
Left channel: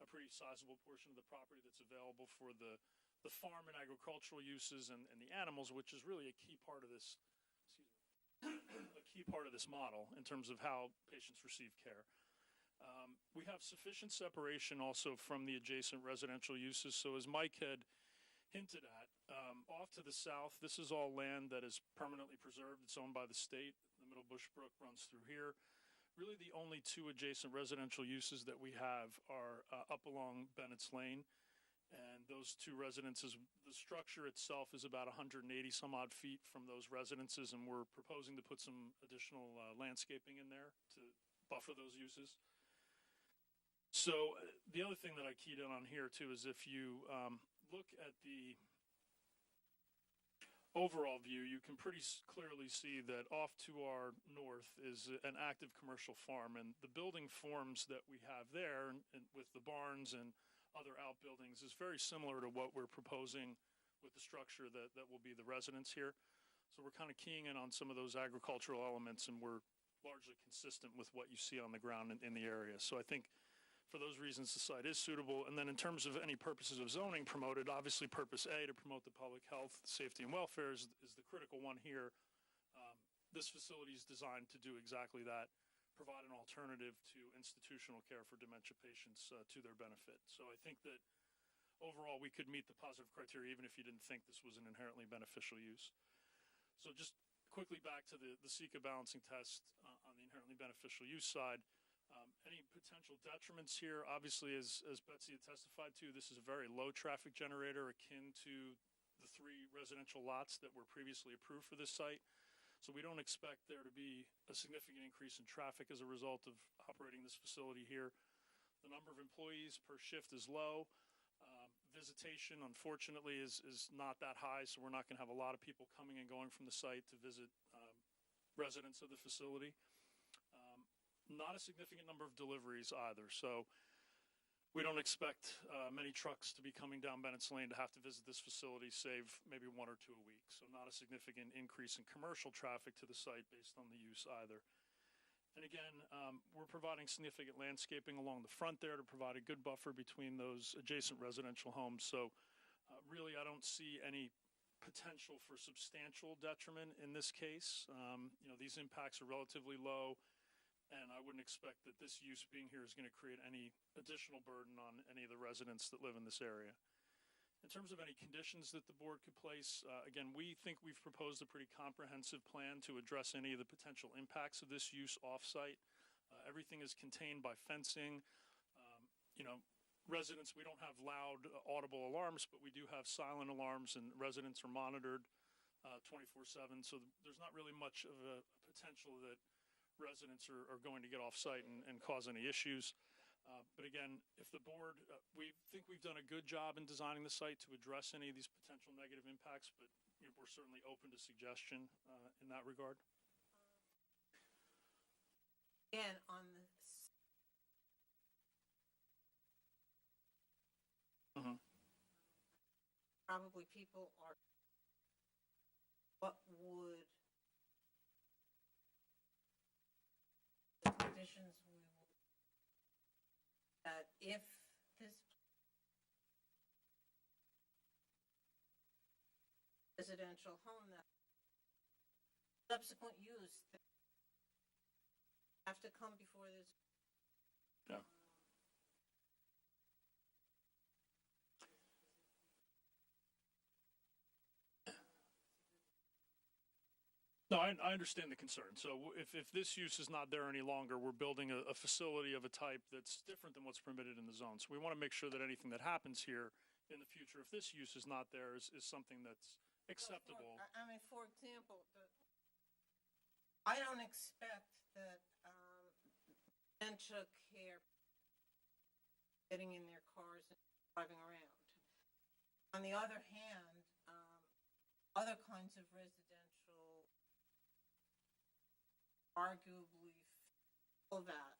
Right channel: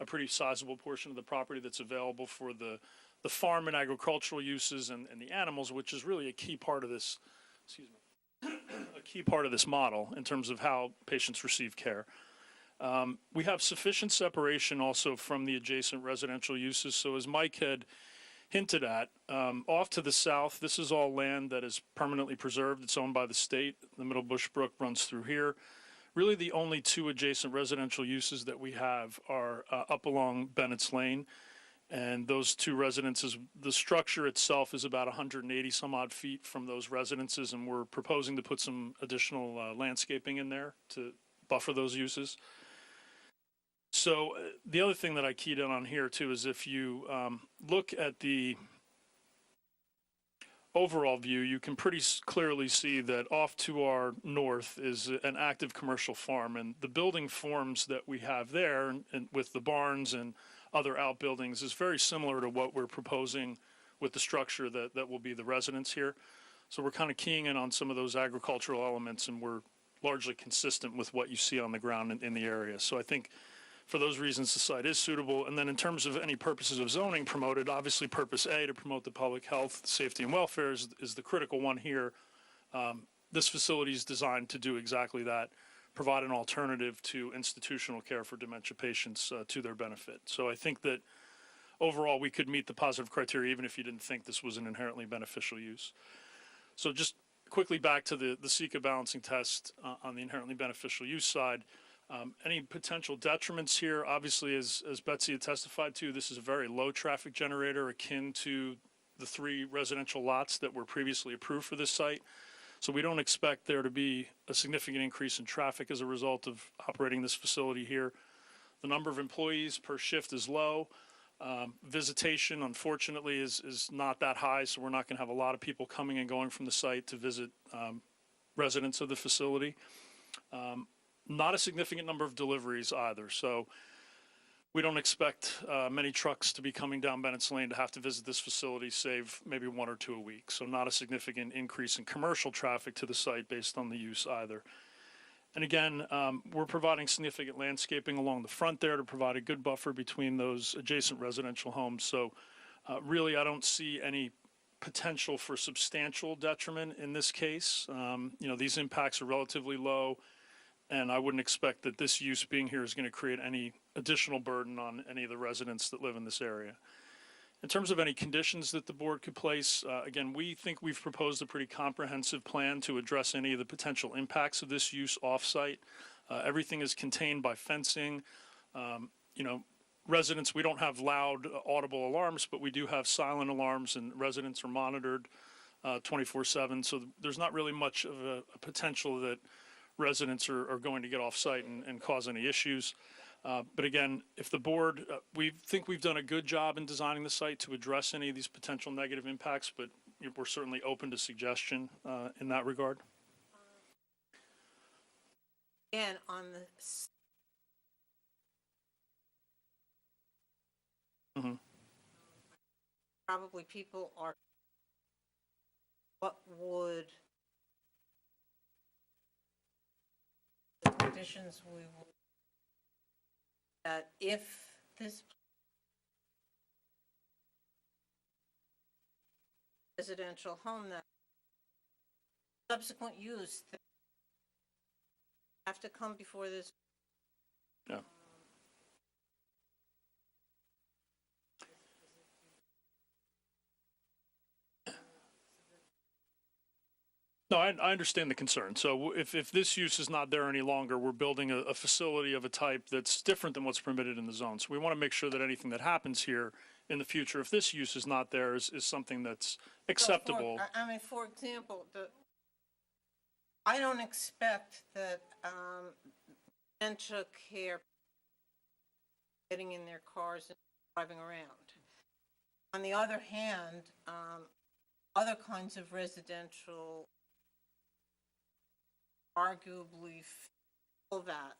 a pretty sizable portion of the property that's available for the farm and agricultural uses and the animals, which is really a key part of this, a key part of this model in terms of how patients receive care. We have sufficient separation also from the adjacent residential uses. So as Mike had hinted at, off to the south, this is all land that is permanently preserved. It's owned by the state. The Middle Bush Brook runs through here. Really the only two adjacent residential uses that we have are up along Bennett's Lane. And those two residences, the structure itself is about 180 some odd feet from those residences, and we're proposing to put some additional landscaping in there to buffer those uses. So the other thing that I keyed in on here too is if you look at the overall view, you can pretty clearly see that off to our north is an active commercial farm, and the building forms that we have there and with the barns and other outbuildings is very similar to what we're proposing with the structure that will be the residence here. So we're kind of keying in on some of those agricultural elements, and we're largely consistent with what you see on the ground in the area. So I think for those reasons, the site is suitable. And then in terms of any purposes of zoning promoted, obviously purpose A, to promote the public health, safety, and welfare is the critical one here. This facility is designed to do exactly that, provide an alternative to institutional care for dementia patients to their benefit. So I think that overall we could meet the positive criteria even if you didn't think this was an inherently beneficial use. So just quickly back to the SECA balancing test on the inherently beneficial use side. Any potential detriments here, obviously, as Betsy had testified to, this is a very low traffic generator akin to the 3 residential lots that were previously approved for this site. So we don't expect there to be a significant increase in traffic as a result of operating this facility here. The number of employees per shift is low. Visitation, unfortunately, is not that high, so we're not going to have a lot of people coming and going from the site to visit residents of the facility. Not a significant number of deliveries either, so we don't expect many trucks to be coming down Bennett's Lane to have to visit this facility, save maybe 1 or 2 a week. So not a significant increase in commercial traffic to the site based on the use either. And again, we're providing significant landscaping along the front there to provide a good buffer between those adjacent residential homes. So really, I don't see any potential for substantial detriment in this case. These impacts are relatively low, and I wouldn't expect that this use being here is going to create any additional burden on any of the residents that live in this area. In terms of any conditions that the board could place, again, we think we've proposed a pretty comprehensive plan to address any of the potential impacts of this use off-site. Everything is contained by fencing. You know, residents, we don't have loud audible alarms, but we do have silent alarms, and residents are monitored 24/7. So there's not really much of a potential that residents are going to get off-site and cause any issues. But again, if the board, we think we've done a good job in designing the site to address any of these potential negative impacts, but we're certainly open to suggestion in that regard. Again, on the probably people are, what would the conditions we would, that if this residential home, that subsequent use that have to come before this. Yeah. No, I understand the concern. So if this use is not there any longer, we're building a facility of a type that's different than what's permitted in the zone. So we want to make sure that anything that happens here in the future, if this use is not there, is something that's acceptable. So for example, I don't expect that dementia care getting in their cars and driving around. On the other hand, other kinds of residential arguably fill that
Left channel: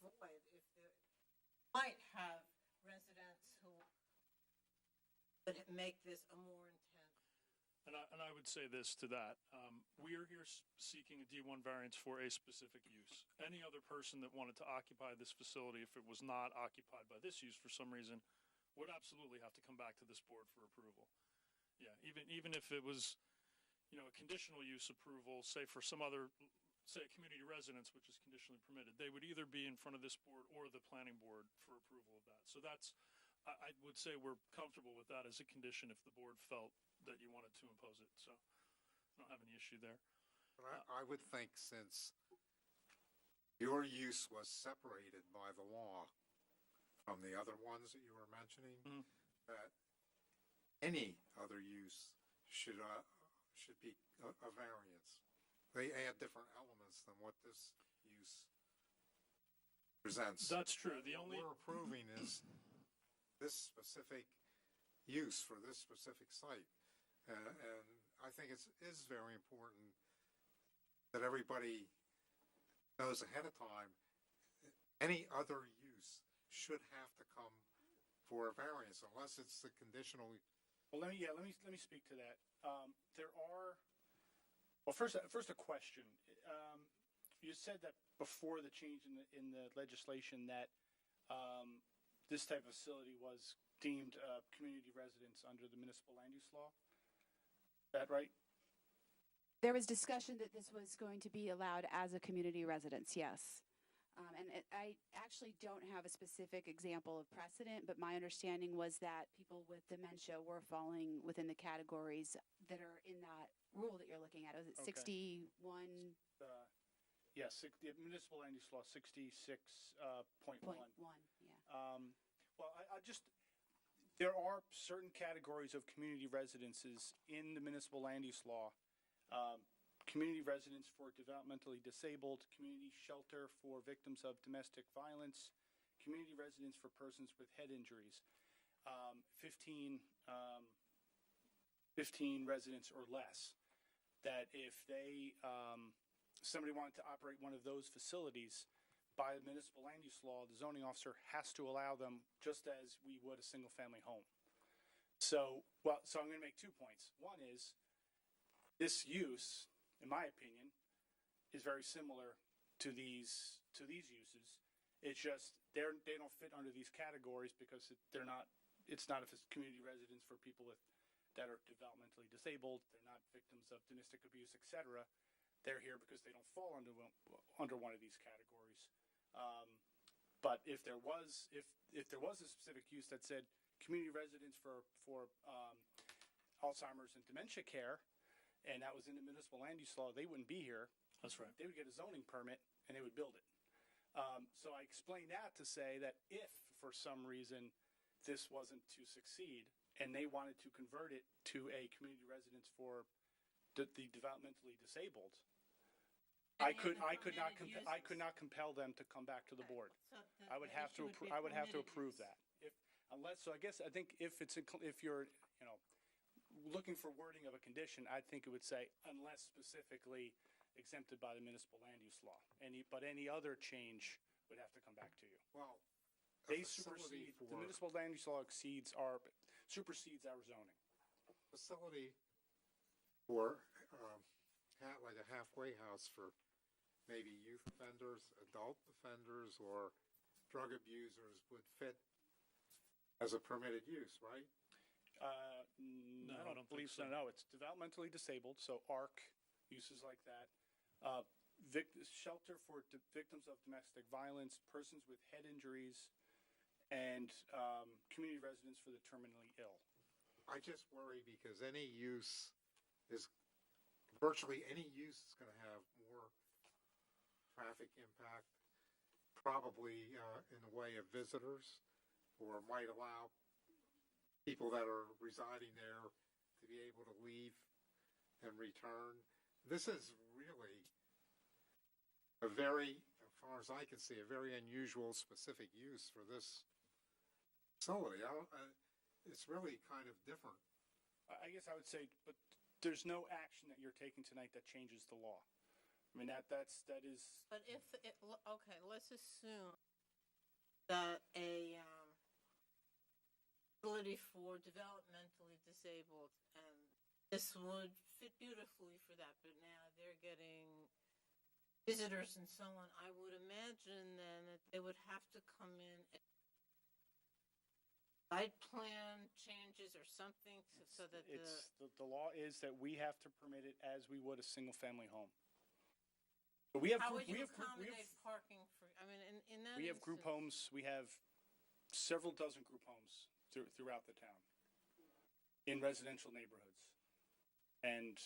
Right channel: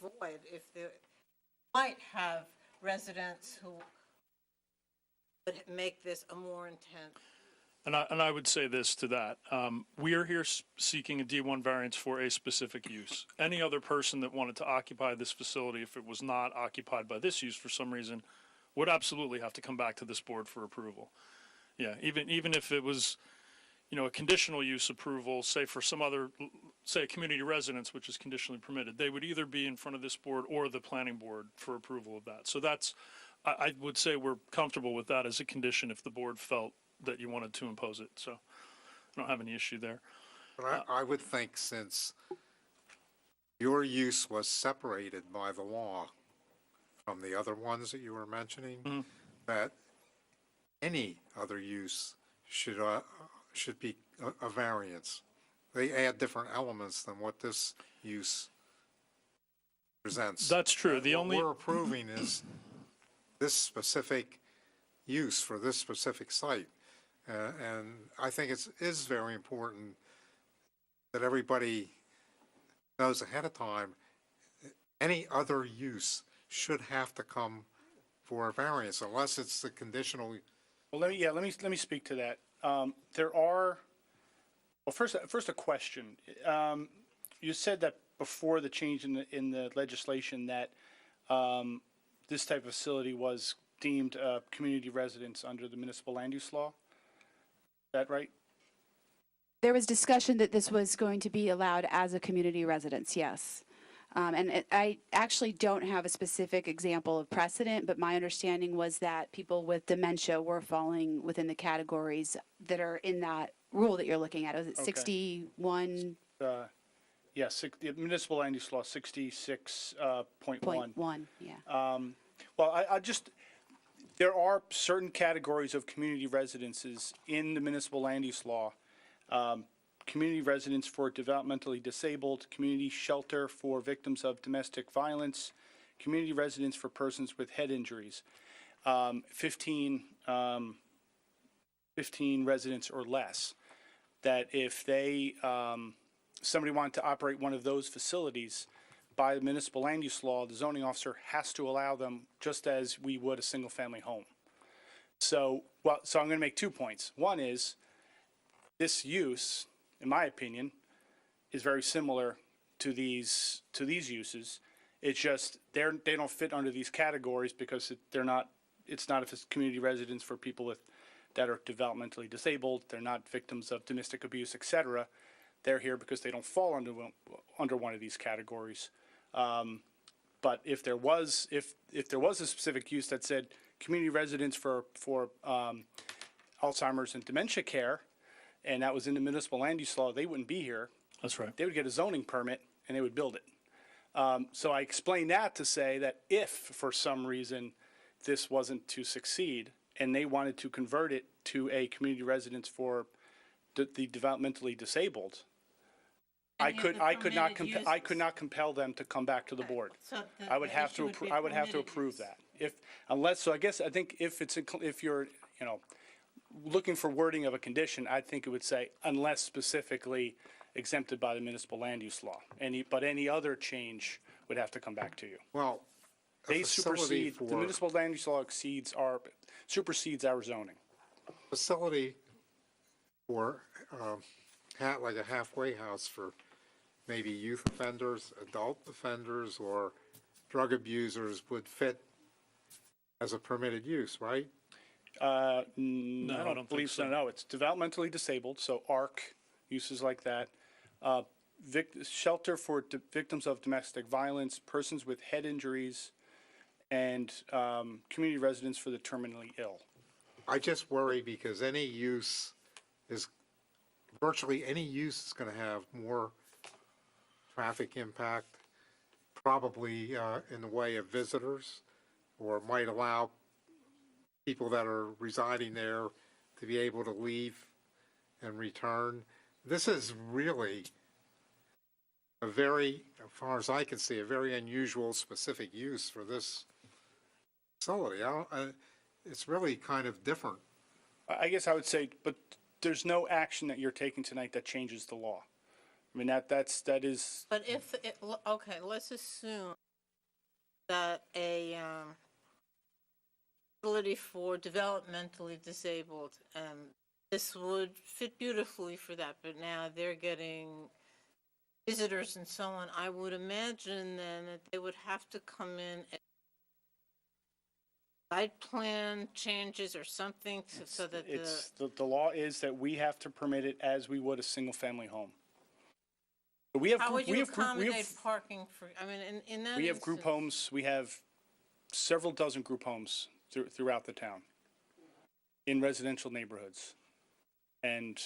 void if they might have residents who would make this a more intense. And I would say this to that. We are here seeking a D1 variance for a specific use. Any other person that wanted to occupy this facility, if it was not occupied by this use for some reason, would absolutely have to come back to this board for approval. Yeah, even if it was, you know, a conditional use approval, say for some other, say a community residence, which is conditionally permitted, they would either be in front of this board or the planning board for approval of that. So that's, I would say we're comfortable with that as a condition if the board felt that you wanted to impose it. So I don't have any issue there. But I would think since your use was separated by the law from the other ones that you were mentioning, that any other use should be a variance. They add different elements than what this use presents. That's true. The what only we're approving is this specific use for this specific site. And I think it is very important that everybody knows ahead of time, any other use should have to come for a variance unless it's the conditional. Well, let me speak to that. There are, well, first a question. You said that before the change in the legislation that this type of facility was deemed community residence under the municipal land use law. Is that right? There was discussion that this was going to be allowed as a community residence, yes. I actually don't have a specific example of precedent, but my understanding was that people with dementia were falling within the categories that are in that rule that you're looking at. Was it 61? Yes, the municipal land use law 66.1. Yeah. Well, I just, there are certain categories of community residences in the municipal land use law. Community residence for developmentally disabled, community shelter for victims of domestic violence, community residence for persons with head injuries. 15 residents or less. That if they, somebody wanted to operate one of those facilities, by the municipal land use law, the zoning officer has to allow them just as we would a single family home. So, so I'm going to make 2 points. One is this use, in my opinion, is very similar to these uses. It's just they don't fit under these categories because it's not a community residence for people that are developmentally disabled. They're not victims of domestic abuse, etc. They're here because they don't fall under one of these categories. But if there was a specific use that said community residence for Alzheimer's and dementia care, and that was in the municipal land use law, they wouldn't be here. That's right. They would get a zoning permit and they would build it. So I explained that to say that if for some reason this wasn't to succeed and they wanted to convert it to a community residence for the developmentally disabled, I could not compel them to come back to the board. So I would have to approve that. I think if you're, looking for wording of a condition, I think it would say unless specifically exempted by the municipal land use law. But any other change would have to come back to you. Well, They supersede, the municipal land use law supersedes our zoning. facility for, like a halfway house for maybe youth offenders, adult offenders, or drug abusers would fit as a permitted use, right? I I don't don't believe think so. so. No, it's developmentally disabled, so ARC, uses like that. Shelter for victims of domestic violence, persons with head injuries, and community residence for the terminally ill. I just worry because virtually any use is going to have more traffic impact, probably in the way of visitors, or might allow people that are residing there to be able to leave and return. This is really a very, as far as I can see, a very unusual specific use for this facility. It's really kind of different. I guess I would say, but there's no action that you're taking tonight that changes the law. I mean, that is. But okay, let's assume that a facility for developmentally disabled, this would fit beautifully for that, but now they're getting visitors and so on. I would imagine then that they would have to come in and site plan changes or something so that The law is that we have to permit it as we would a single-family home. But we have how group- would we you have group- we have- accommodate parking for, I mean, in that We have group instance- homes, we have several dozen group homes throughout the town in residential neighborhoods. And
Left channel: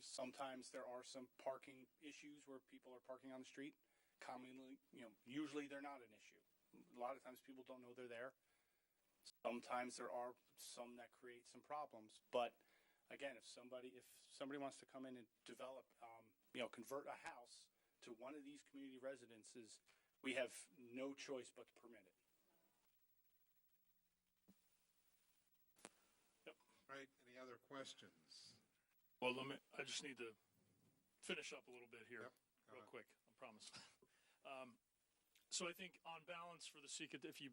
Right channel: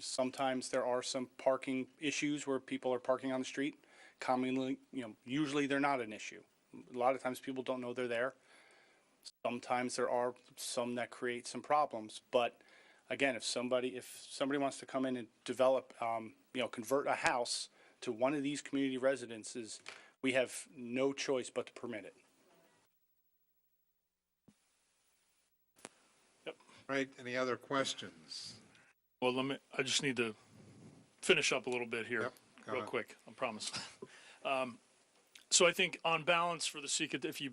sometimes there are some parking issues where people are parking on the street. Commonly, usually they're not an issue. A lot of times people don't know they're there. Sometimes there are some that create some problems. But again, if somebody wants to come in and develop, convert a house to one of these community residences, we have no choice but to permit it. Right, any other questions? Well, I just need to finish up a little bit here, Yep, go real ahead. quick, I promise. So I think on balance for the SECA, if you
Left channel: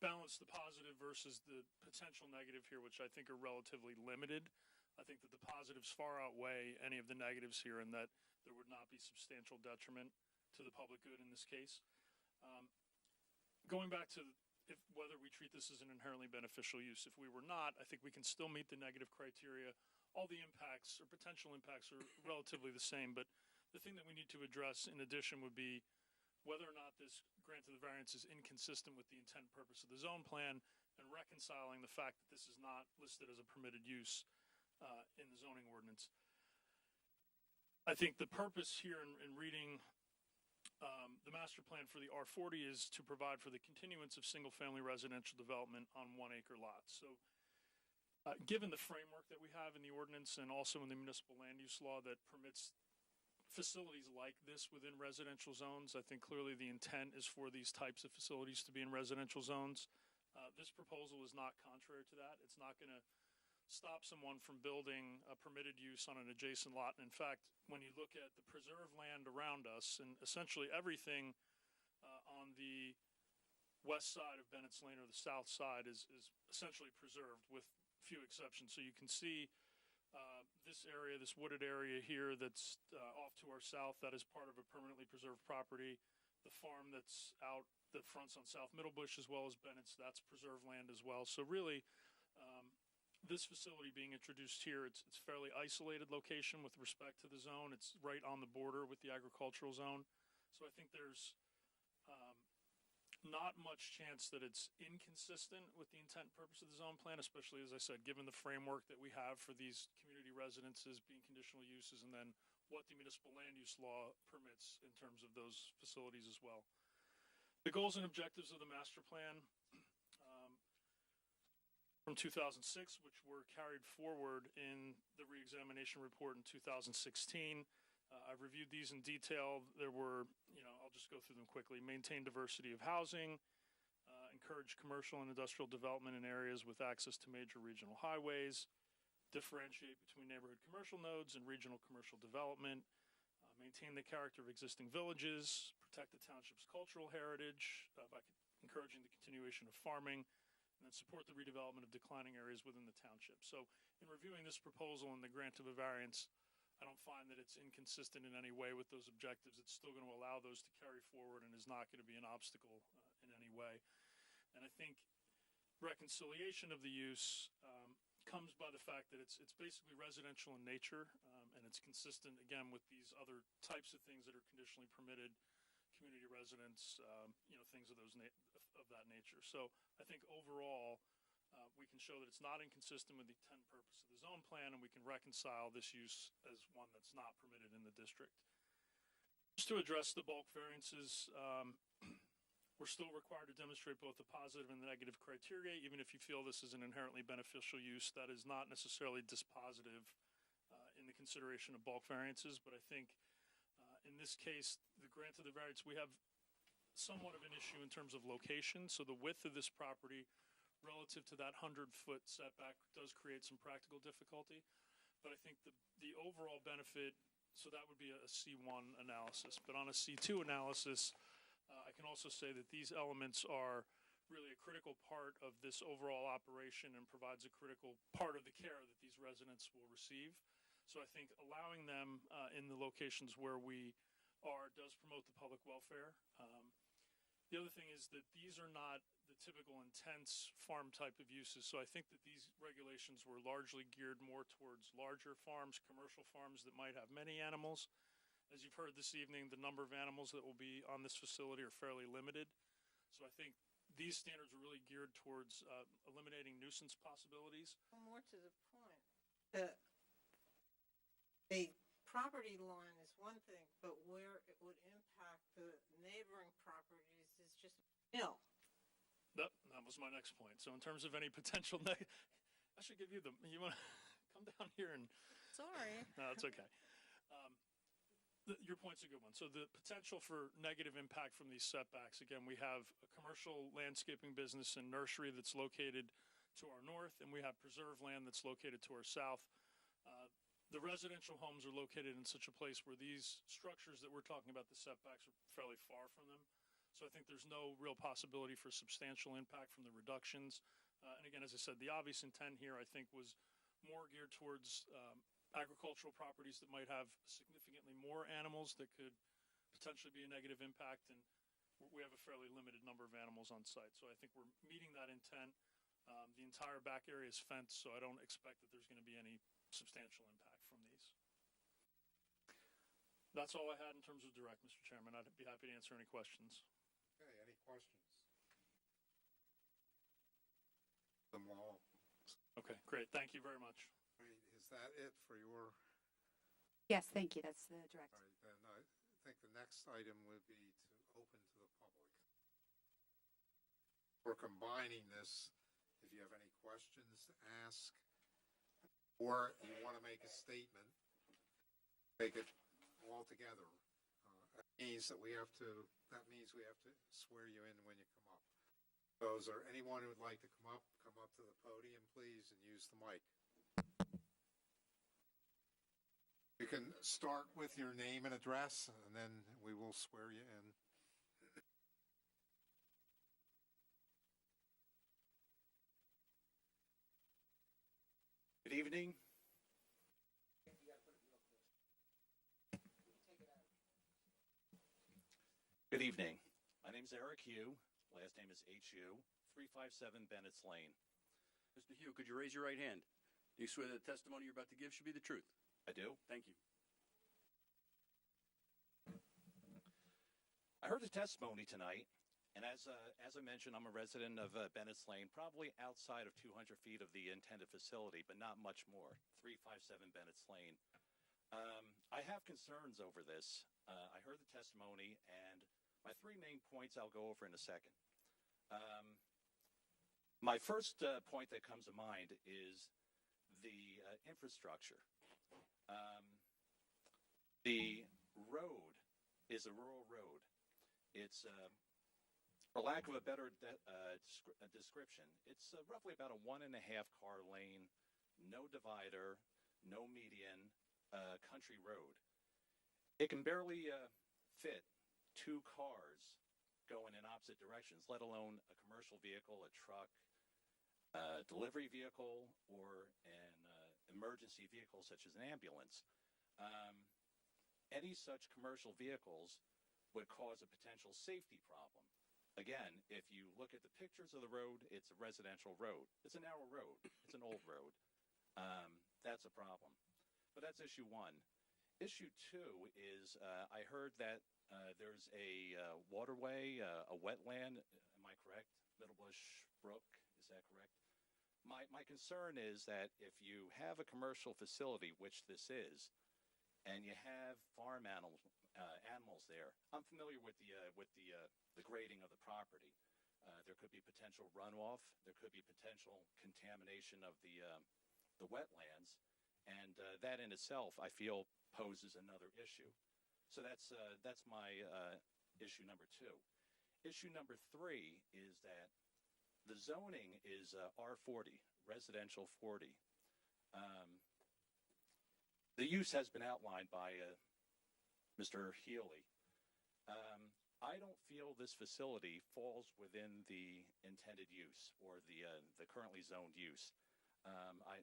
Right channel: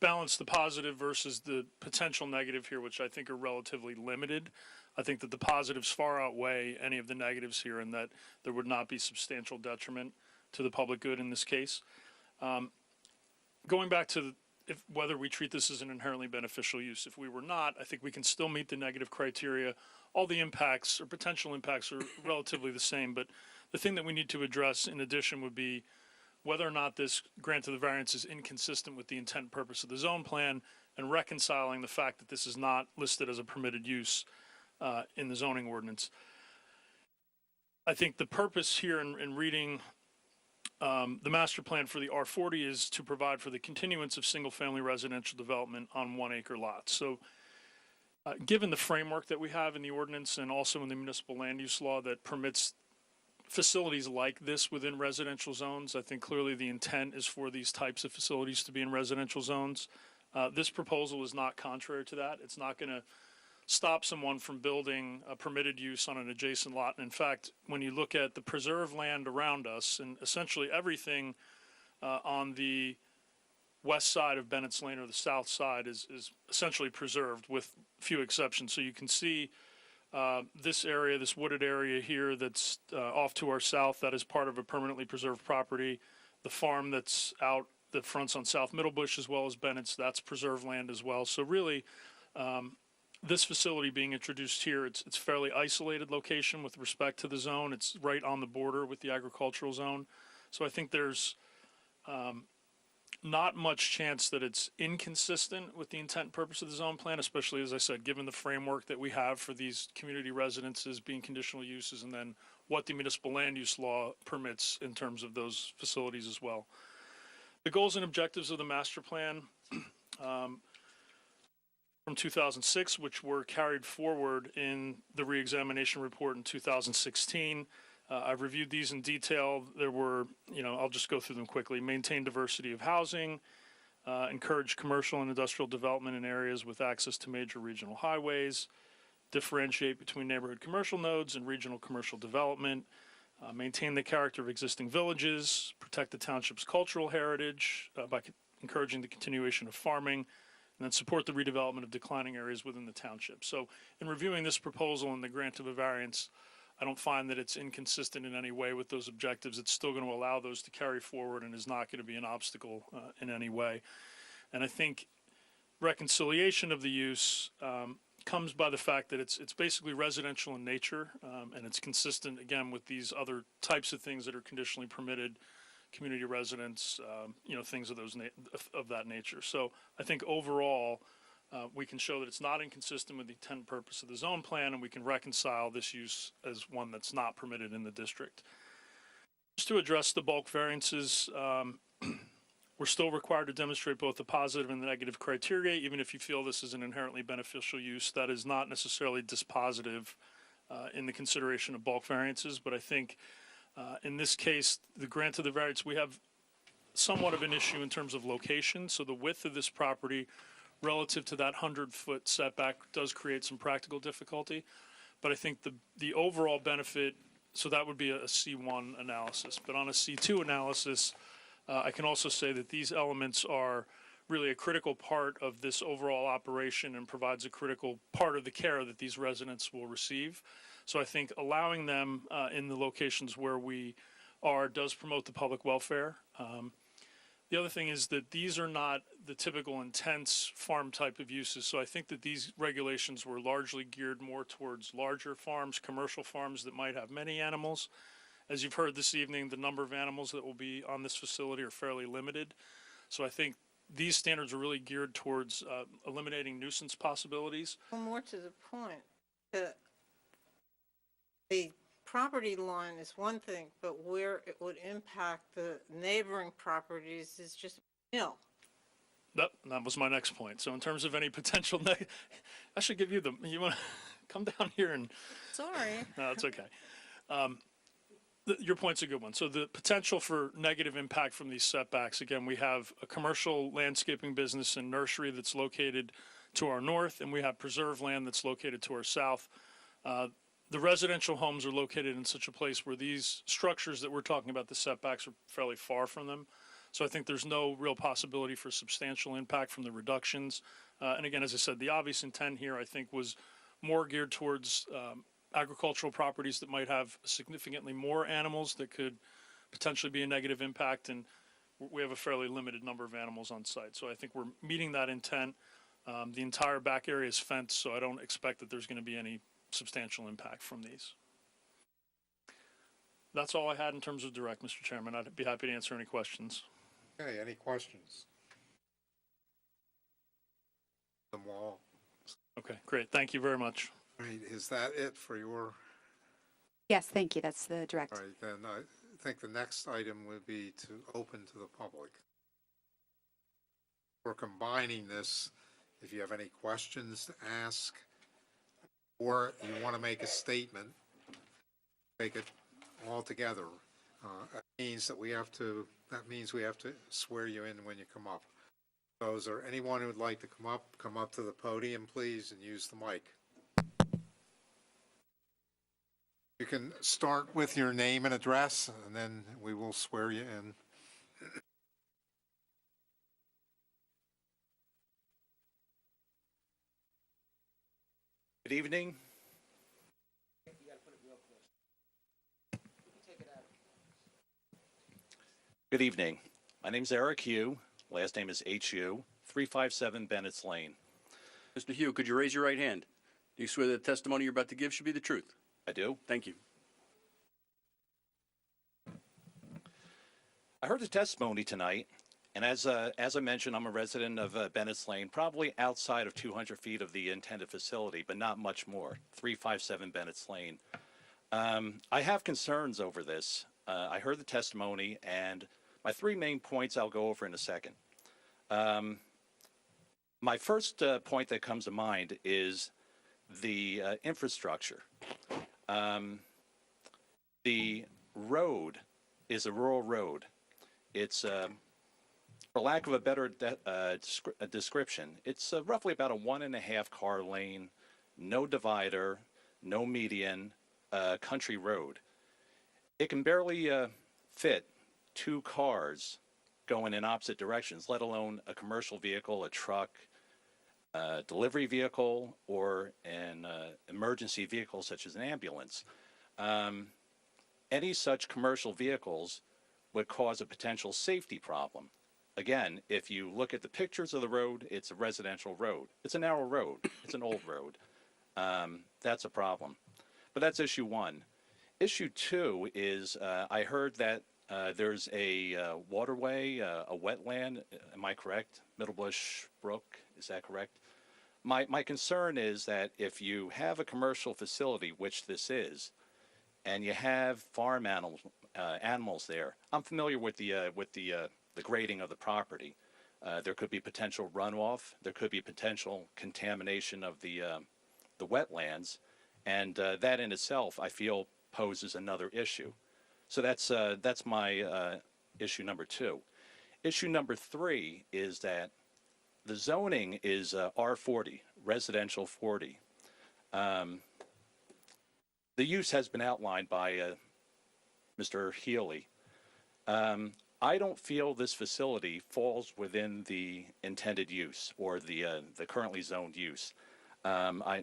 balance the positive versus the potential negative here, which I think are relatively limited, I think that the positives far outweigh any of the negatives here, and that there would not be substantial detriment to the public good in this case. Going back to whether we treat this as an inherently beneficial use. If we were not, I think we can still meet the negative criteria. All the impacts or potential impacts are relatively the same, but the thing that we need to address in addition would be whether or not this grant of the variance is inconsistent with the intent and purpose of the zone plan, and reconciling the fact that this is not listed as a permitted use in the zoning ordinance. I think the purpose here in reading the master plan for the R40 is to provide for the continuance of single-family residential development on 1 acre lots. So given the framework that we have in the ordinance and also in the municipal land use law that permits facilities like this within residential zones, I think clearly the intent is for these types of facilities to be in residential zones. This proposal is not contrary to that. It's not going to stop someone from building a permitted use on an adjacent lot. And in fact, when you look at the preserved land around us, and essentially everything on the west side of Bennett's Lane or the south side is essentially preserved with few exceptions. So you can see this area, this wooded area here that's off to our south, that is part of a permanently preserved property. The farm that's out that fronts on South Middlebush as well as Bennett's, that's preserved land as well. So really, this facility being introduced here, it's fairly isolated location with respect to the zone. It's right on the border with the agricultural zone. So I think there's not much chance that it's inconsistent with the intent and purpose of the zone plan, especially, as I said, given the framework that we have for these community residences being conditional uses, and then what the municipal land use law permits in terms of those facilities as well. The goals and objectives of the master plan from 2006, which were carried forward in the reexamination report in 2016. I've reviewed these in detail. There were, I'll just go through them quickly. Maintain diversity of housing, encourage commercial and industrial development in areas with access to major regional highways, differentiate between neighborhood commercial nodes and regional commercial development, maintain the character of existing villages, protect the township's cultural heritage by encouraging the continuation of farming, and then support the redevelopment of declining areas within the township. So in reviewing this proposal and the grant of a variance, I don't find that it's inconsistent in any way with those objectives. It's still going to allow those to carry forward and is not going to be an obstacle in any way. And I think reconciliation of the use comes by the fact that it's basically residential in nature, and it's consistent, again, with these other types of things that are conditionally permitted, community residents, things of that nature. So I think overall, we can show that it's not inconsistent with the intent and purpose of the zone plan, and we can reconcile this use as one that's not permitted in the district. Just to address the bulk variances, we're still required to demonstrate both the positive and the negative criteria, even if you feel this is an inherently beneficial use. That is not necessarily dispositive in the consideration of bulk variances, but I think in this case, the grant of the variance, we have somewhat of an issue in terms of location. So the width of this property relative to that 100-foot setback does create some practical difficulty. But I think the overall benefit, so that would be a C1 analysis. But on a C2 analysis, I can also say that these elements are really a critical part of this overall operation and provides a critical part of the care that these residents will receive. So I think allowing them in the locations where we are does promote the public welfare. The other thing is that these are not the typical intense farm type of uses. So I think that these regulations were largely geared more towards larger farms, commercial farms that might have many animals. As you've heard this evening, the number of animals that will be on this facility are fairly limited. So I think these standards are really geared towards eliminating nuisance possibilities. Well, more to the point, the property line is one thing, but where it would impact the neighboring properties is just nil. That was my next point. So in terms of any potential, I should give you you want to come down here and. Sorry. No, it's okay. Your point's a good one. So the potential for negative impact from these setbacks, again, we have a commercial landscaping business and nursery that's located to our north, and we have preserve land that's located to our south. The residential homes are located in such a place where these structures that we're talking about, the setbacks, are fairly far from them. So I think there's no real possibility for substantial impact from the reductions. And again, as I said, the obvious intent here, I think, was more geared towards agricultural properties that might have significantly more animals that could potentially be a negative impact, and we have a fairly limited number of animals on site. So I think we're meeting that intent. The entire back area is fenced, so I don't expect that there's going to be any substantial impact from these. That's all I had in terms of direct, Mr. Chairman. I'd be happy to answer any questions. Okay, any questions? Them all. Okay, great. Thank you very much. All right, is that it for your? Yes, thank you. That's the direct. All right, then I think the next item would be to open to the public. We're combining this. If you have any questions to ask, or you want to make a statement, take it all together. That means we have to swear you in when you come up. So is there anyone who would like to come up to the podium, please, and use the mic? You can start with your name and address, and then we will swear you in. Good evening. Good evening. My name is Eric Hugh. Last name is H.U. 357 Bennett's Lane. Mr. Hugh, could you raise your right hand? Do you swear that the testimony you're about to give should be the truth? I do. Thank you. I heard the testimony tonight, And as I mentioned, I'm a resident of Bennett's Lane, probably outside of 200 feet of the intended facility, but not much more, 357 Bennett's Lane. I have concerns over this. I heard the testimony, and my three main points I'll go over in a second. My first point that comes to mind is the infrastructure. The road is a rural road. It's, for lack of a better description, it's roughly about a 1.5 car lane, no divider, no median, country road. It can barely fit 2 cars going in opposite directions, let alone a commercial vehicle, a truck, a delivery vehicle, or an emergency vehicle such as an ambulance. Any such commercial vehicles would cause a potential safety problem. Again, if you look at the pictures of the road, it's a residential road. It's a narrow road. It's an old road. That's a problem. But that's issue one. Issue two is I heard that there's a waterway, a wetland. Am I correct? Middlebush Brook, is that correct? My concern is that if you have a commercial facility, which this is, and you have farm animals there, I'm familiar with the grading of the property. There could be potential runoff. There could be potential contamination of the wetlands, and that in itself, I feel, poses another issue. So that's my issue number two. Issue number three is that the zoning is R40, residential 40. The use has been outlined by Mr. Healy. I don't feel this facility falls within the intended use or the currently zoned use. I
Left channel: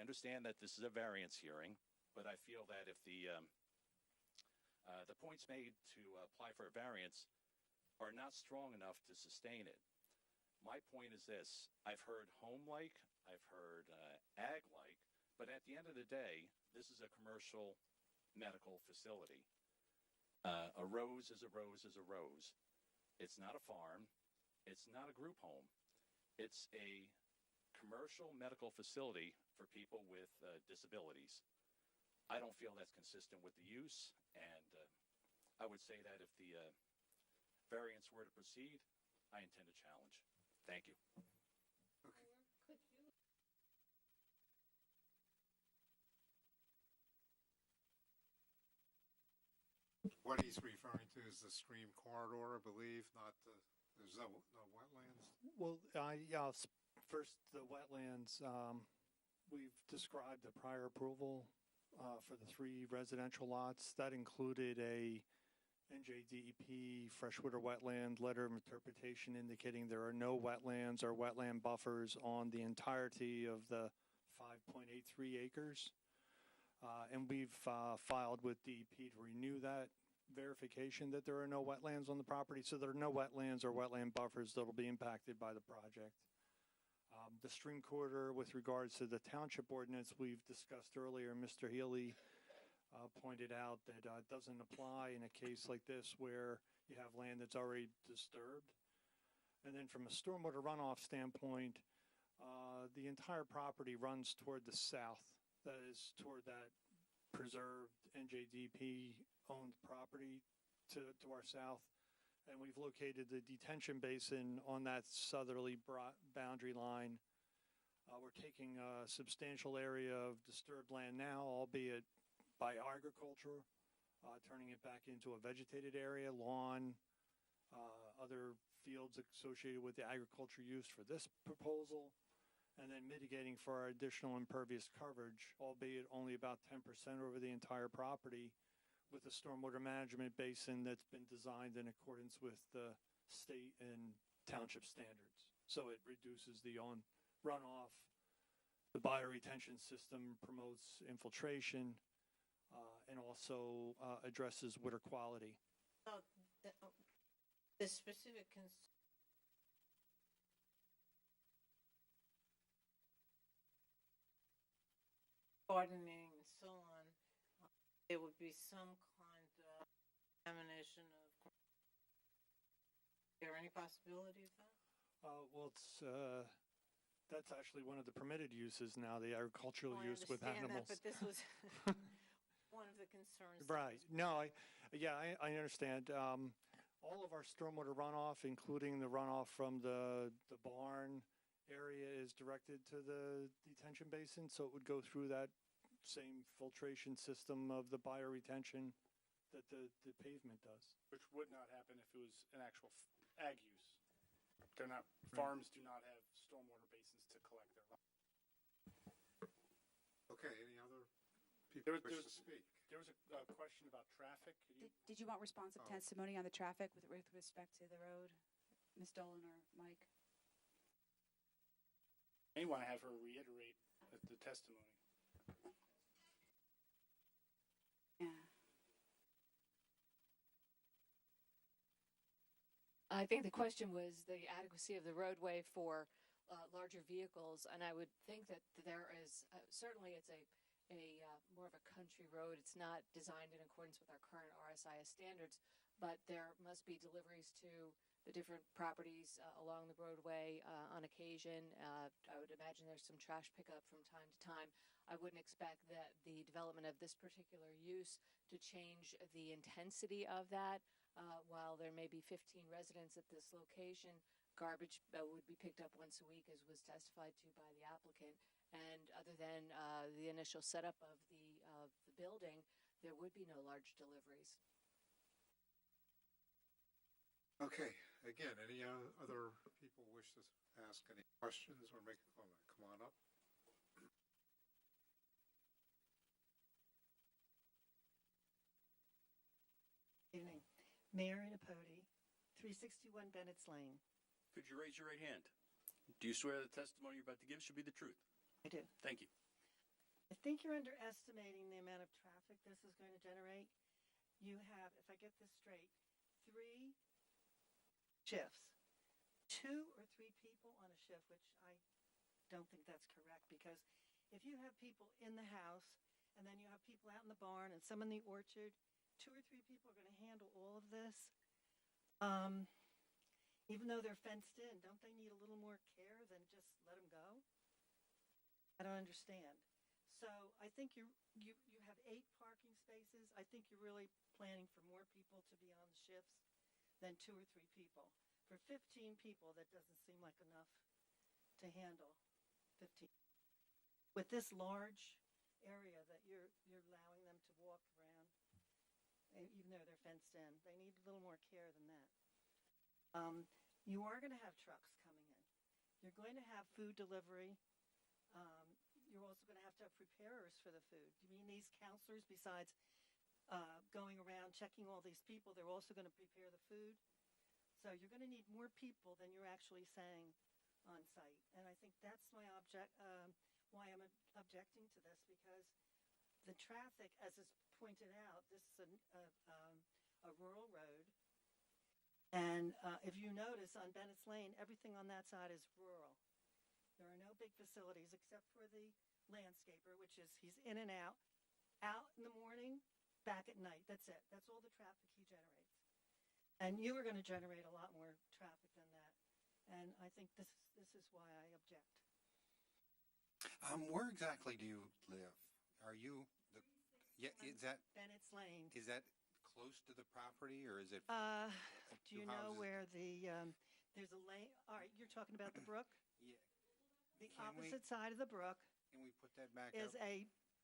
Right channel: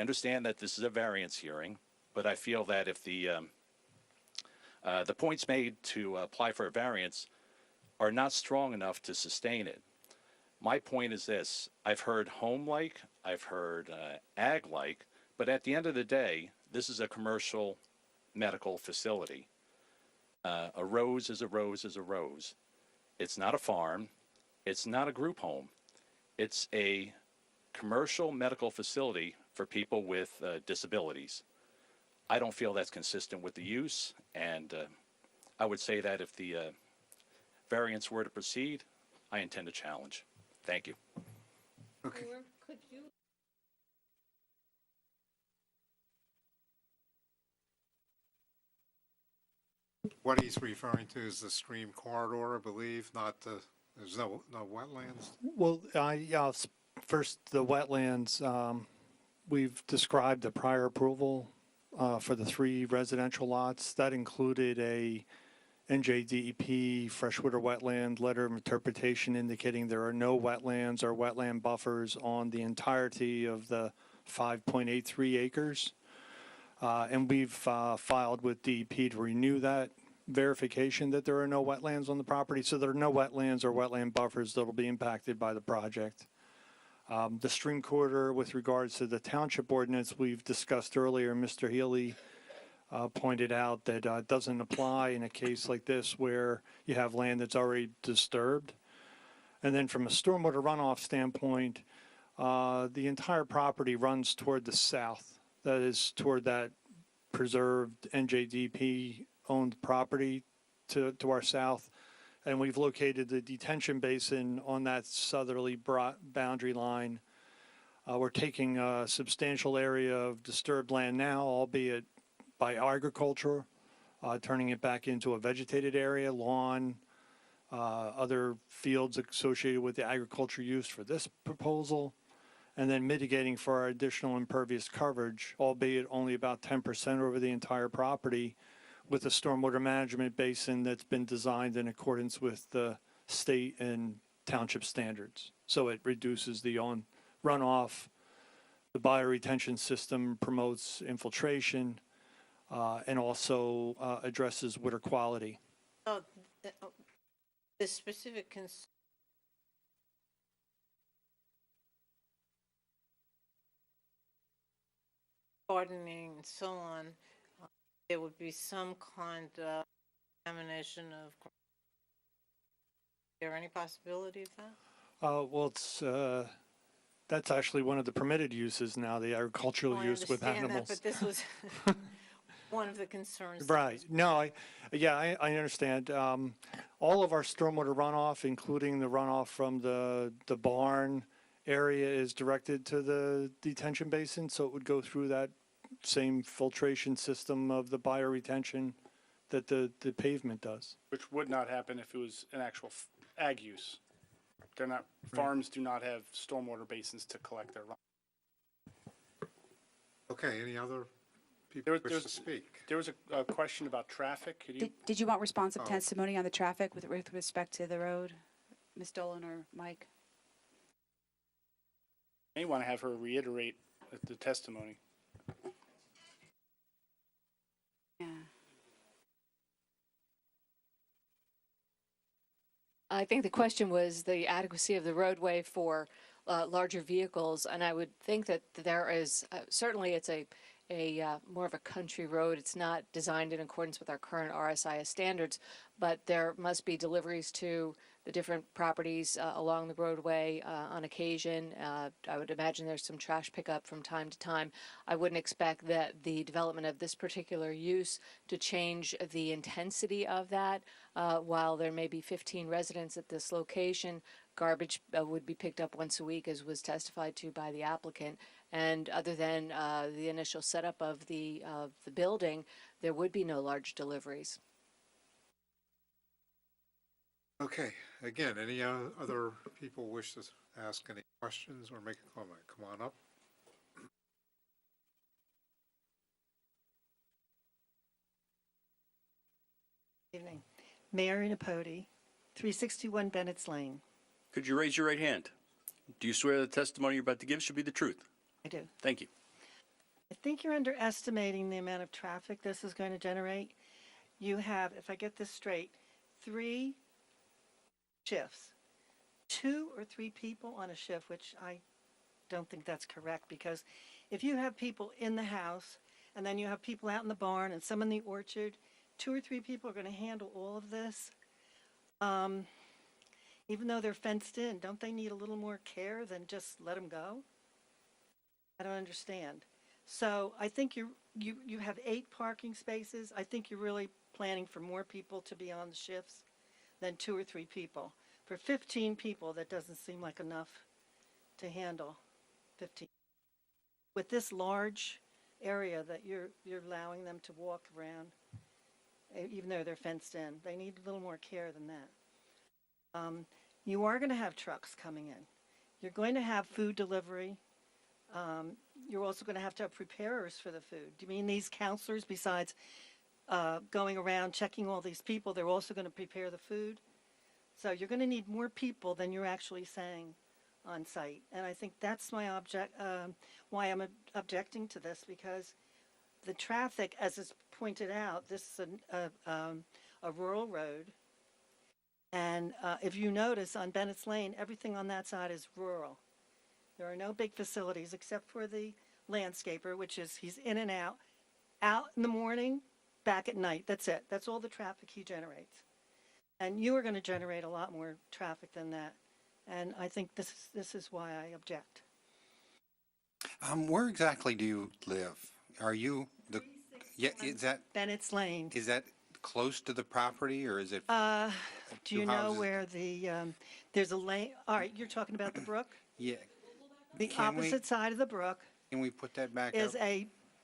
understand that this is a variance hearing, but I feel that if the points made to apply for a variance are not strong enough to sustain it. My point is this: I've heard home-like, I've heard ag-like, but at the end of the day, this is a commercial medical facility. A rose is a rose is a rose. It's not a farm. It's not a group home. It's a commercial medical facility for people with disabilities. I don't feel that's consistent with the use, and I would say that if the variance were to proceed, I intend to challenge. Thank you. Okay. Could you What he's referring to is the stream corridor, I believe, not the, there's no wetlands? Well, yeah, first, the wetlands, we've described the prior approval for the 3 residential lots. That included a NJDEP freshwater wetland letter of interpretation indicating there are no wetlands or wetland buffers on the entirety of the 5.83 acres. And we've filed with DEP to renew that verification that there are no wetlands on the property. So there are no wetlands or wetland buffers that will be impacted by the project. The stream corridor with regards to the township ordinance we've discussed earlier, Mr. Healy pointed out that it doesn't apply in a case like this where you have land that's already disturbed. And then from a stormwater runoff standpoint, the entire property runs toward the south. That is toward that preserved NJDP-owned property to our south. And we've located the detention basin on that southerly boundary line. We're taking a substantial area of disturbed land now, albeit by agriculture, turning it back into a vegetated area, lawn, other fields associated with the agriculture use for this proposal, and then mitigating for our additional impervious coverage, albeit only about 10% over the entire property, with a stormwater management basin that's been designed in accordance with the state and township standards. So it reduces the runoff. The bioretention system promotes infiltration and also addresses water quality. Oh, the specific gardening and so on, there would be some kind of examination of there any possibility of that? Well, that's actually one of the permitted uses now, the agricultural Well, I use with understand that, animals. but this was one of the concerns. Right. No, I understand. All of our stormwater runoff, including the runoff from the barn area, is directed to the detention basin, so it would go through that same filtration system of the bioretention that the pavement does. Which would not happen if it was an actual ag use. They're not, farms do not have stormwater basins to collect their runoff. Okay, any other people wish to speak? There was a question about traffic. Could you? Did you want responsive Oh. testimony on the traffic with respect to the road, Ms. Dolan or Mike? May want to have her reiterate the testimony. Yeah. I think the question was the adequacy of the roadway for larger vehicles, and I would think that there is, certainly it's a more of a country road. It's not designed in accordance with our current RSIS standards, but there must be deliveries to the different properties along the roadway on occasion. I would imagine there's some trash pickup from time to time. I wouldn't expect that the development of this particular use to change the intensity of that. While there may be 15 residents at this location, garbage would be picked up once a week, as was testified to by the applicant. And other than the initial setup of the building, there would be no large deliveries. Okay, again, any other people wish to ask any questions or make a comment? Come on up. Evening. Mary Napodi, 361 Bennett's Lane. Could you raise your right hand? Do you swear the testimony you're about to give should be the truth? I do. Thank you. I think you're underestimating the amount of traffic this is going to generate. You have, if I get this straight, 3 shifts, 2 or 3 people on a shift, which I don't think that's correct, because if you have people in the house and then you have people out in the barn and some in the orchard, 2 or 3 people are going to handle all of this. Even though they're fenced in, don't they need a little more care than just let them go? I don't understand. So I think you have 8 parking spaces. I think you're really planning for more people to be on the shifts than 2 or 3 people. For 15 people, that doesn't seem like enough to handle 15. With this large area that you're allowing them to walk around, even though they're fenced in, they need a little more care than that. You are going to have trucks coming in. You're going to have food delivery. You're also going to have preparers for the food. Do you mean these counselors, besides going around checking all these people, they're also going to prepare the food? So you're going to need more people than you're actually saying on site. And I think that's my why I'm objecting to this, because the traffic, as is pointed out, this is a rural road. And if you notice on Bennett's Lane, everything on that side is rural. There are no big facilities except for the landscaper, which is he's in and out in the morning, back at night. That's it. That's all the traffic he generates. And you are going to generate a lot more traffic than that. And I think this is why I object. Where exactly do you live? Are you is that Bennett's Lane. Is that close to the property, or is it? Do you know where there's a lane? All right, you're talking about the brook? Yeah. The opposite side of the brook Can we put that back is up?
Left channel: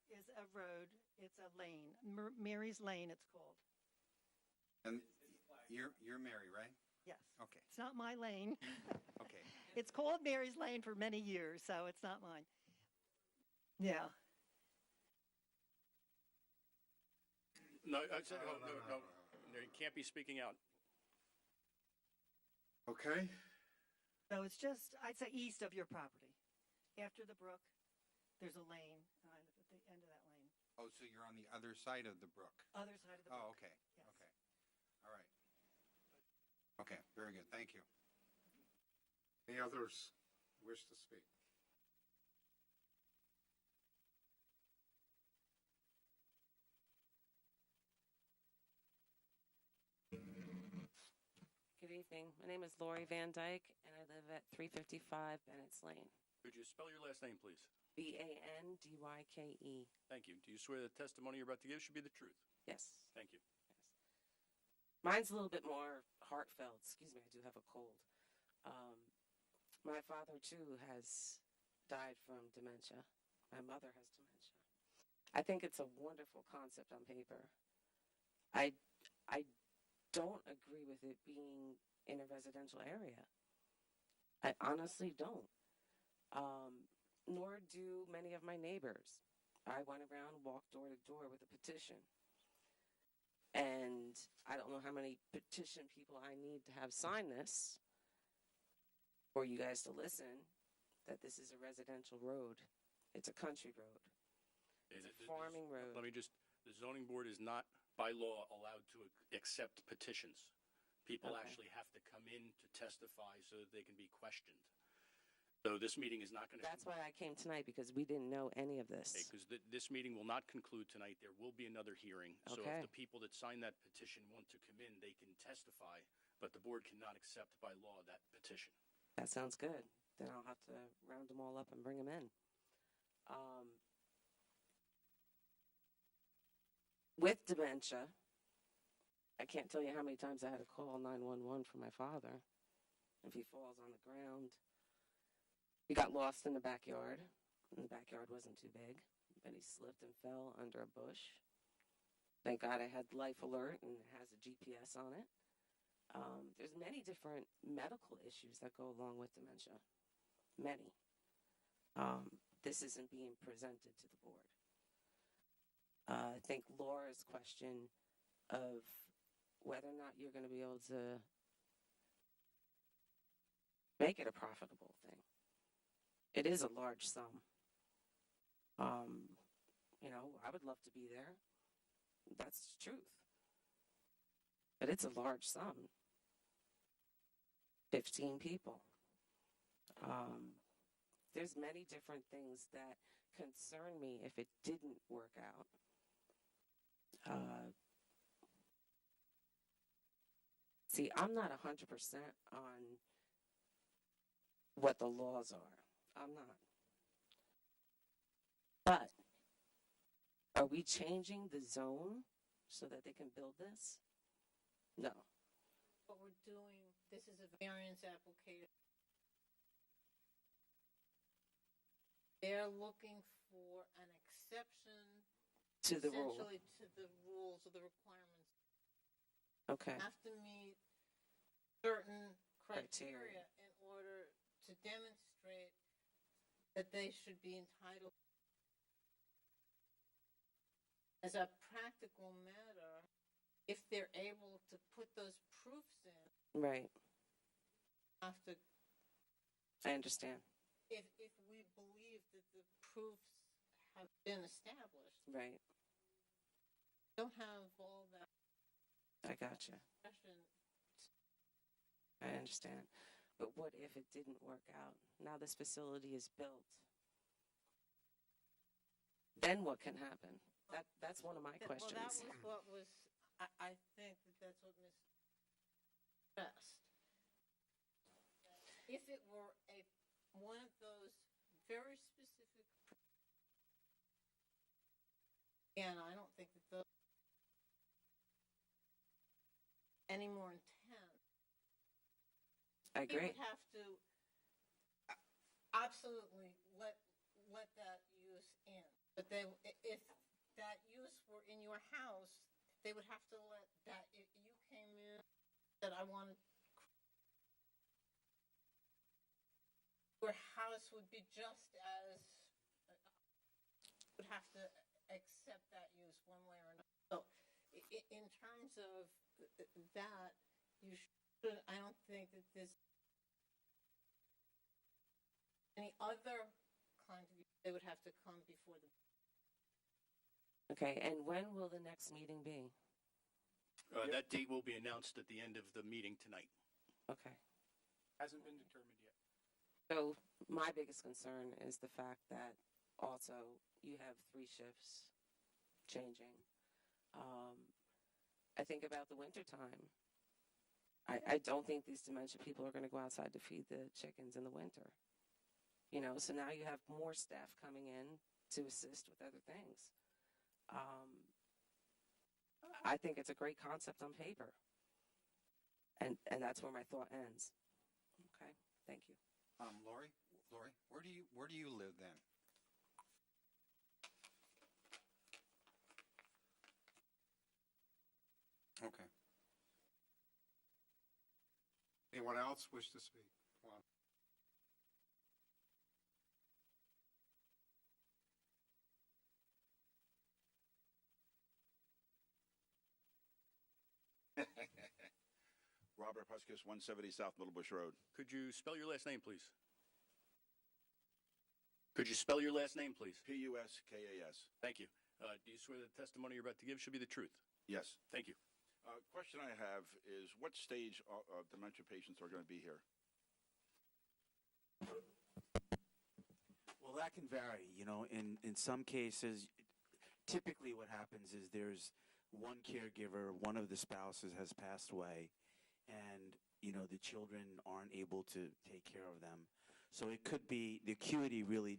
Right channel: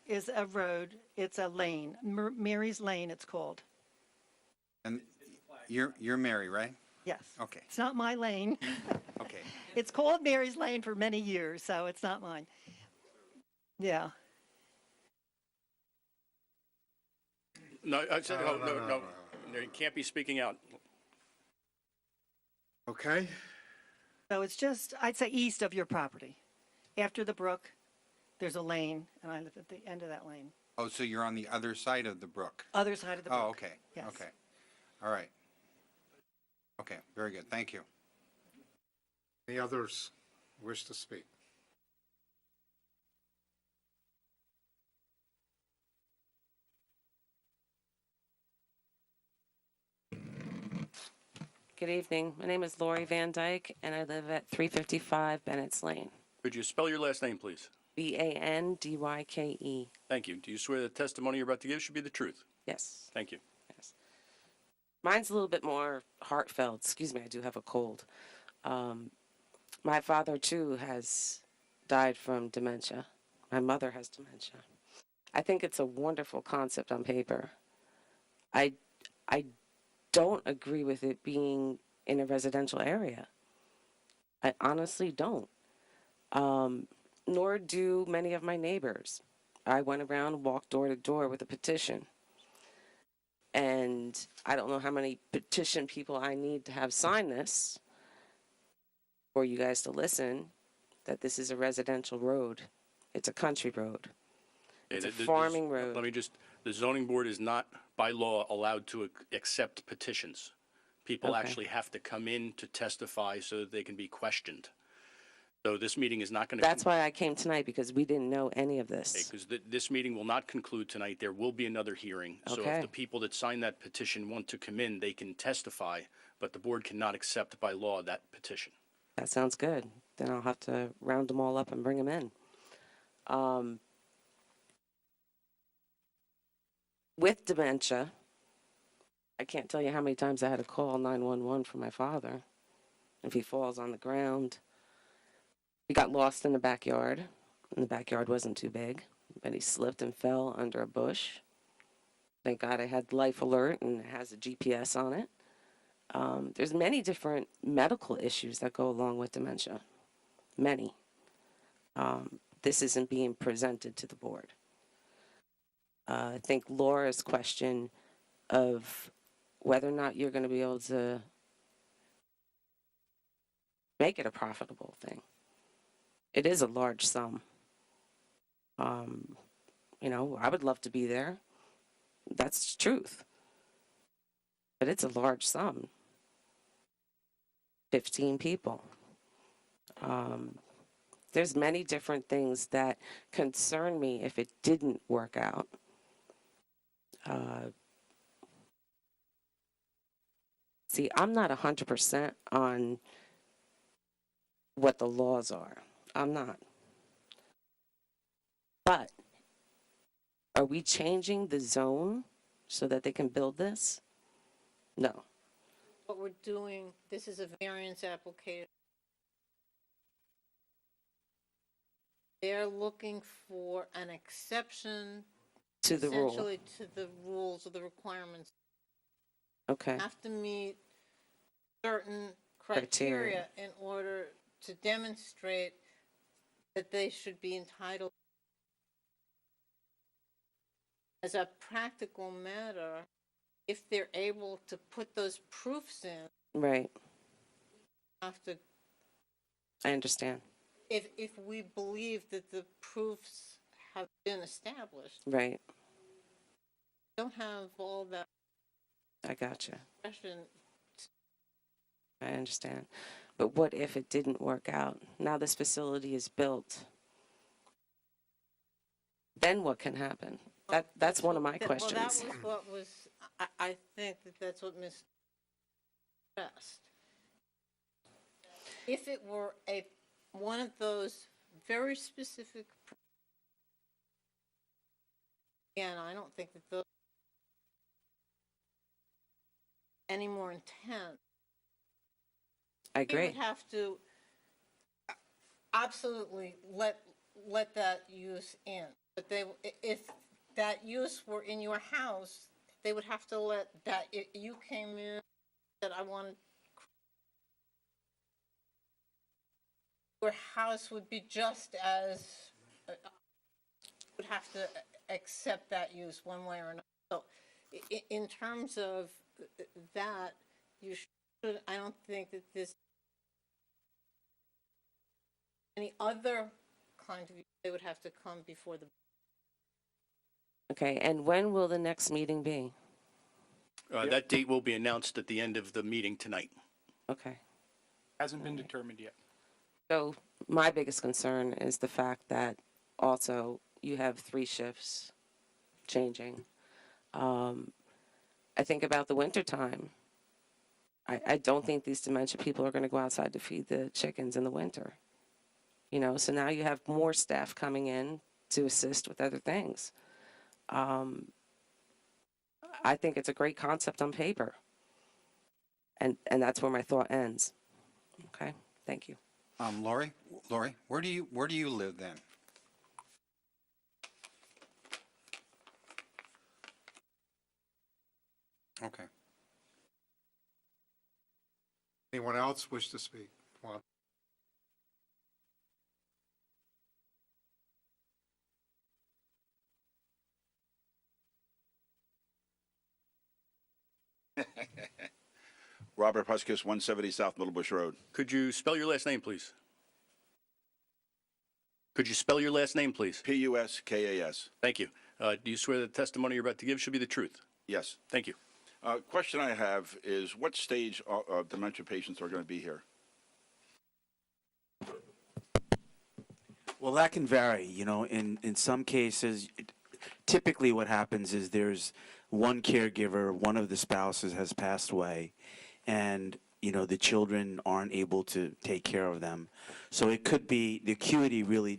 is a road. It's a lane. Mary's Lane, it's called. And you're Mary, right? Yes. Okay. It's not my lane. Okay. It's called Mary's Lane for many years, so it's not mine. Yeah. No, I said, no, you can't be speaking out. Okay. So it's just, I'd say east of your property. After the brook, there's a lane, and I live at the end of that lane. Oh, so you're on the other side of the brook? Other side of the brook. Oh, okay. Yes. Okay. All right. Okay, very good. Thank you. Any others wish to speak? Good evening. My name is Lori Van Dyke, and I live at 355 Bennett's Lane. Could you spell your last name, please? Bandyke. Thank you. Do you swear the testimony you're about to give should be the truth? Yes. Thank you. Mine's a little bit more heartfelt. Excuse me, I do have a cold. My father, too, has died from dementia. My mother has dementia. I think it's a wonderful concept on paper. I don't agree with it being in a residential area. I honestly don't. Nor do many of my neighbors. I went around, walked door to door with a petition. And I don't know how many petition people I need to have sign this for you guys to listen that this is a residential road. It's a country road. It's a farming road. Let me just, the zoning board is not by law allowed to accept petitions. People Okay. actually have to come in to testify so that they can be questioned. So this meeting is not going to. That's why I came tonight, because we didn't know any of this. Because this meeting will not conclude tonight. There will be another hearing. So Okay. if the people that signed that petition want to come in, they can testify, but the board cannot accept by law that petition. That sounds good. Then I'll have to round them all up and bring them in. With dementia, I can't tell you how many times I had to call 911 for my father. If he falls on the ground, he got lost in the backyard, and the backyard wasn't too big, but he slipped and fell under a bush. Thank God I had Life Alert, and it has a GPS on it. There's many different medical issues that go along with dementia. Many. This isn't being presented to the board. I think Laura's question of whether or not you're going to be able to make it a profitable thing. It is a large sum. You know, I would love to be there. That's the truth. But it's a large sum. 15 people. There's many different things that concern me if it didn't work out. See, I'm not 100% on what the laws are. I'm not. But are we changing the zone so that they can build this? No. What we're doing, this is a variance application. They're looking for an exception To the rule. essentially to the rules or the requirements. Okay. Have to meet certain Criteria. criteria in order to demonstrate that they should be entitled. As a practical matter, if they're able to put those proofs in, Right. have to, I understand. if we believe that the proofs have been established, Right. don't have all that I gotcha. question. I understand. But what if it didn't work out? Now this facility is built. Then what can happen? That's one of my questions. Well, that was what was, I think that's what Ms. stressed. If it were one of those very specific, again, I don't think that those any more intense. I We agree. would have to absolutely let that use in. But if that use were in your house, they would have to let that, if you came in, that I wanted, your house would be just as, would have to accept that use one way or another. So in terms of that, you should, I don't think that this, any other kind of, they would have to come before the. Okay, and when will the next meeting be? That date will be announced at the end of the meeting tonight. Okay. Hasn't been determined yet. So my biggest concern is the fact that also you have 3 shifts changing. I think about the wintertime. I don't think these dementia people are going to go outside to feed the chickens in the winter. You know, so now you have more staff coming in to assist with other things. I think it's a great concept on paper. And that's where my thought ends. Okay, thank you. Lori, where do you live then? Okay. Anyone else wish to speak? Come on. Robert Huskus, 170 South Middlebush Road. Could you spell your last name, please? Could you spell your last name, please? Puskas. Thank you. Do you swear that the testimony you're about to give should be the truth? Yes. Thank you. Question I have is what stage of dementia patients are going to be here? Well, that can vary. You know, in some cases, typically what happens is there's one caregiver, one of the spouses has passed away, and, you know, the children aren't able to take care of them. So it could be, the acuity really,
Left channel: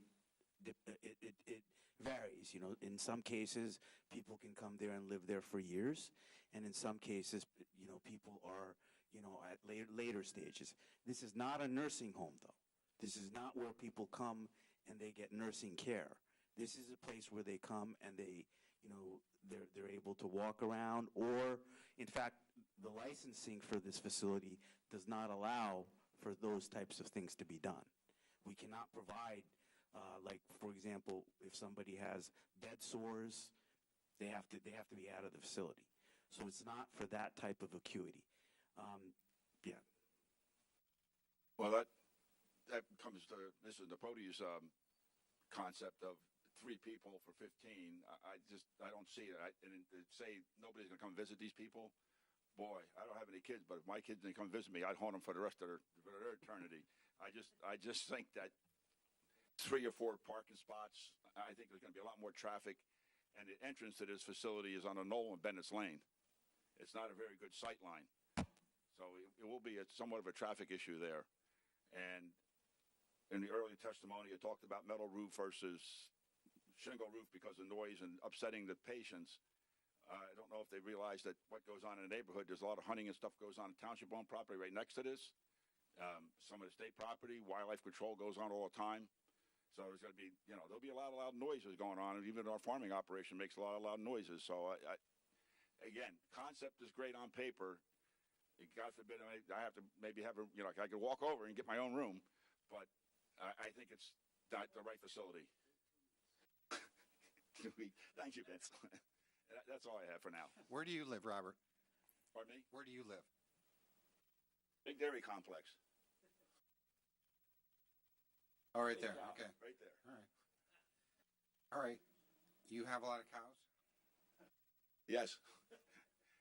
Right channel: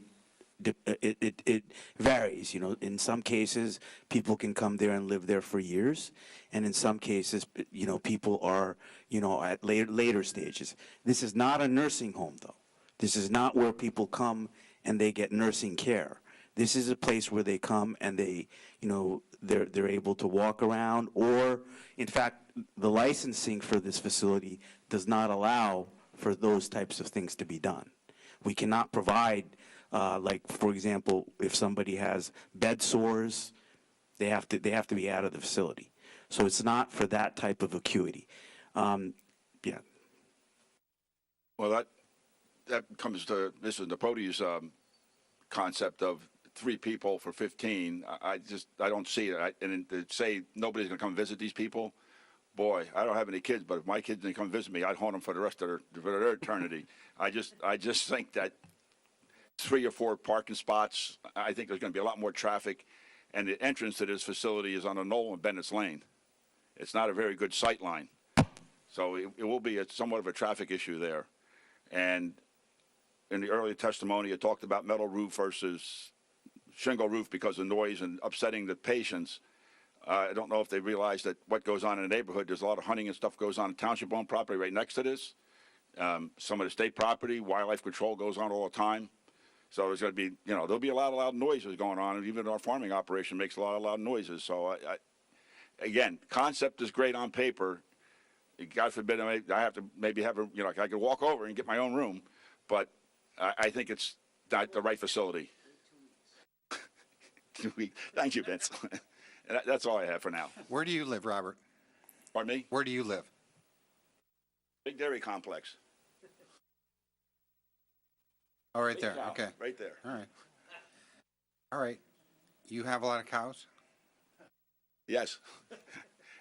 it varies. You know, in some cases, people can come there and live there for years. And in some cases, you know, people are, you know, at later stages. This is not a nursing home, though. This is not where people come and they get nursing care. This is a place where they come and they, you know, they're able to walk around, or, in fact, the licensing for this facility does not allow for those types of things to be done. We cannot provide, like, for example, if somebody has bed sores, they have to be out of the facility. So it's not for that type of acuity. Yeah. Well, that comes to Mrs. Napoti's concept of 3 people for 15. I don't see it. And to say nobody's going to come visit these people, boy, I don't have any kids, but if my kids didn't come visit me, I'd haunt them for the rest of their eternity. I just think that 3 or 4 parking spots, I think there's going to be a lot more traffic, and the entrance to this facility is on a knoll in Bennett's Lane. It's not a very good sight line. So it will be somewhat of a traffic issue there. And in the earlier testimony, it talked about metal roof versus shingle roof because of noise and upsetting the patients. I don't know if they realize that what goes on in the neighborhood, there's a lot of hunting and stuff goes on in township-owned property right next to this. Some of the state property, wildlife control goes on all the time. So there's going to be, you know, there'll be a lot of loud noises going on, and even our farming operation makes a lot of loud noises. So, again, concept is great on paper. God forbid I have to maybe have a, you know, I could walk over and get my own room, but I think it's not the right facility. Thank you, Vince. And that's all I have for now. Where do you live, Robert? Pardon me? Where do you live? Big Dairy Complex. Oh, right Big there. cow, Okay. Right there. All right. All right. You have a lot of cows? Yes.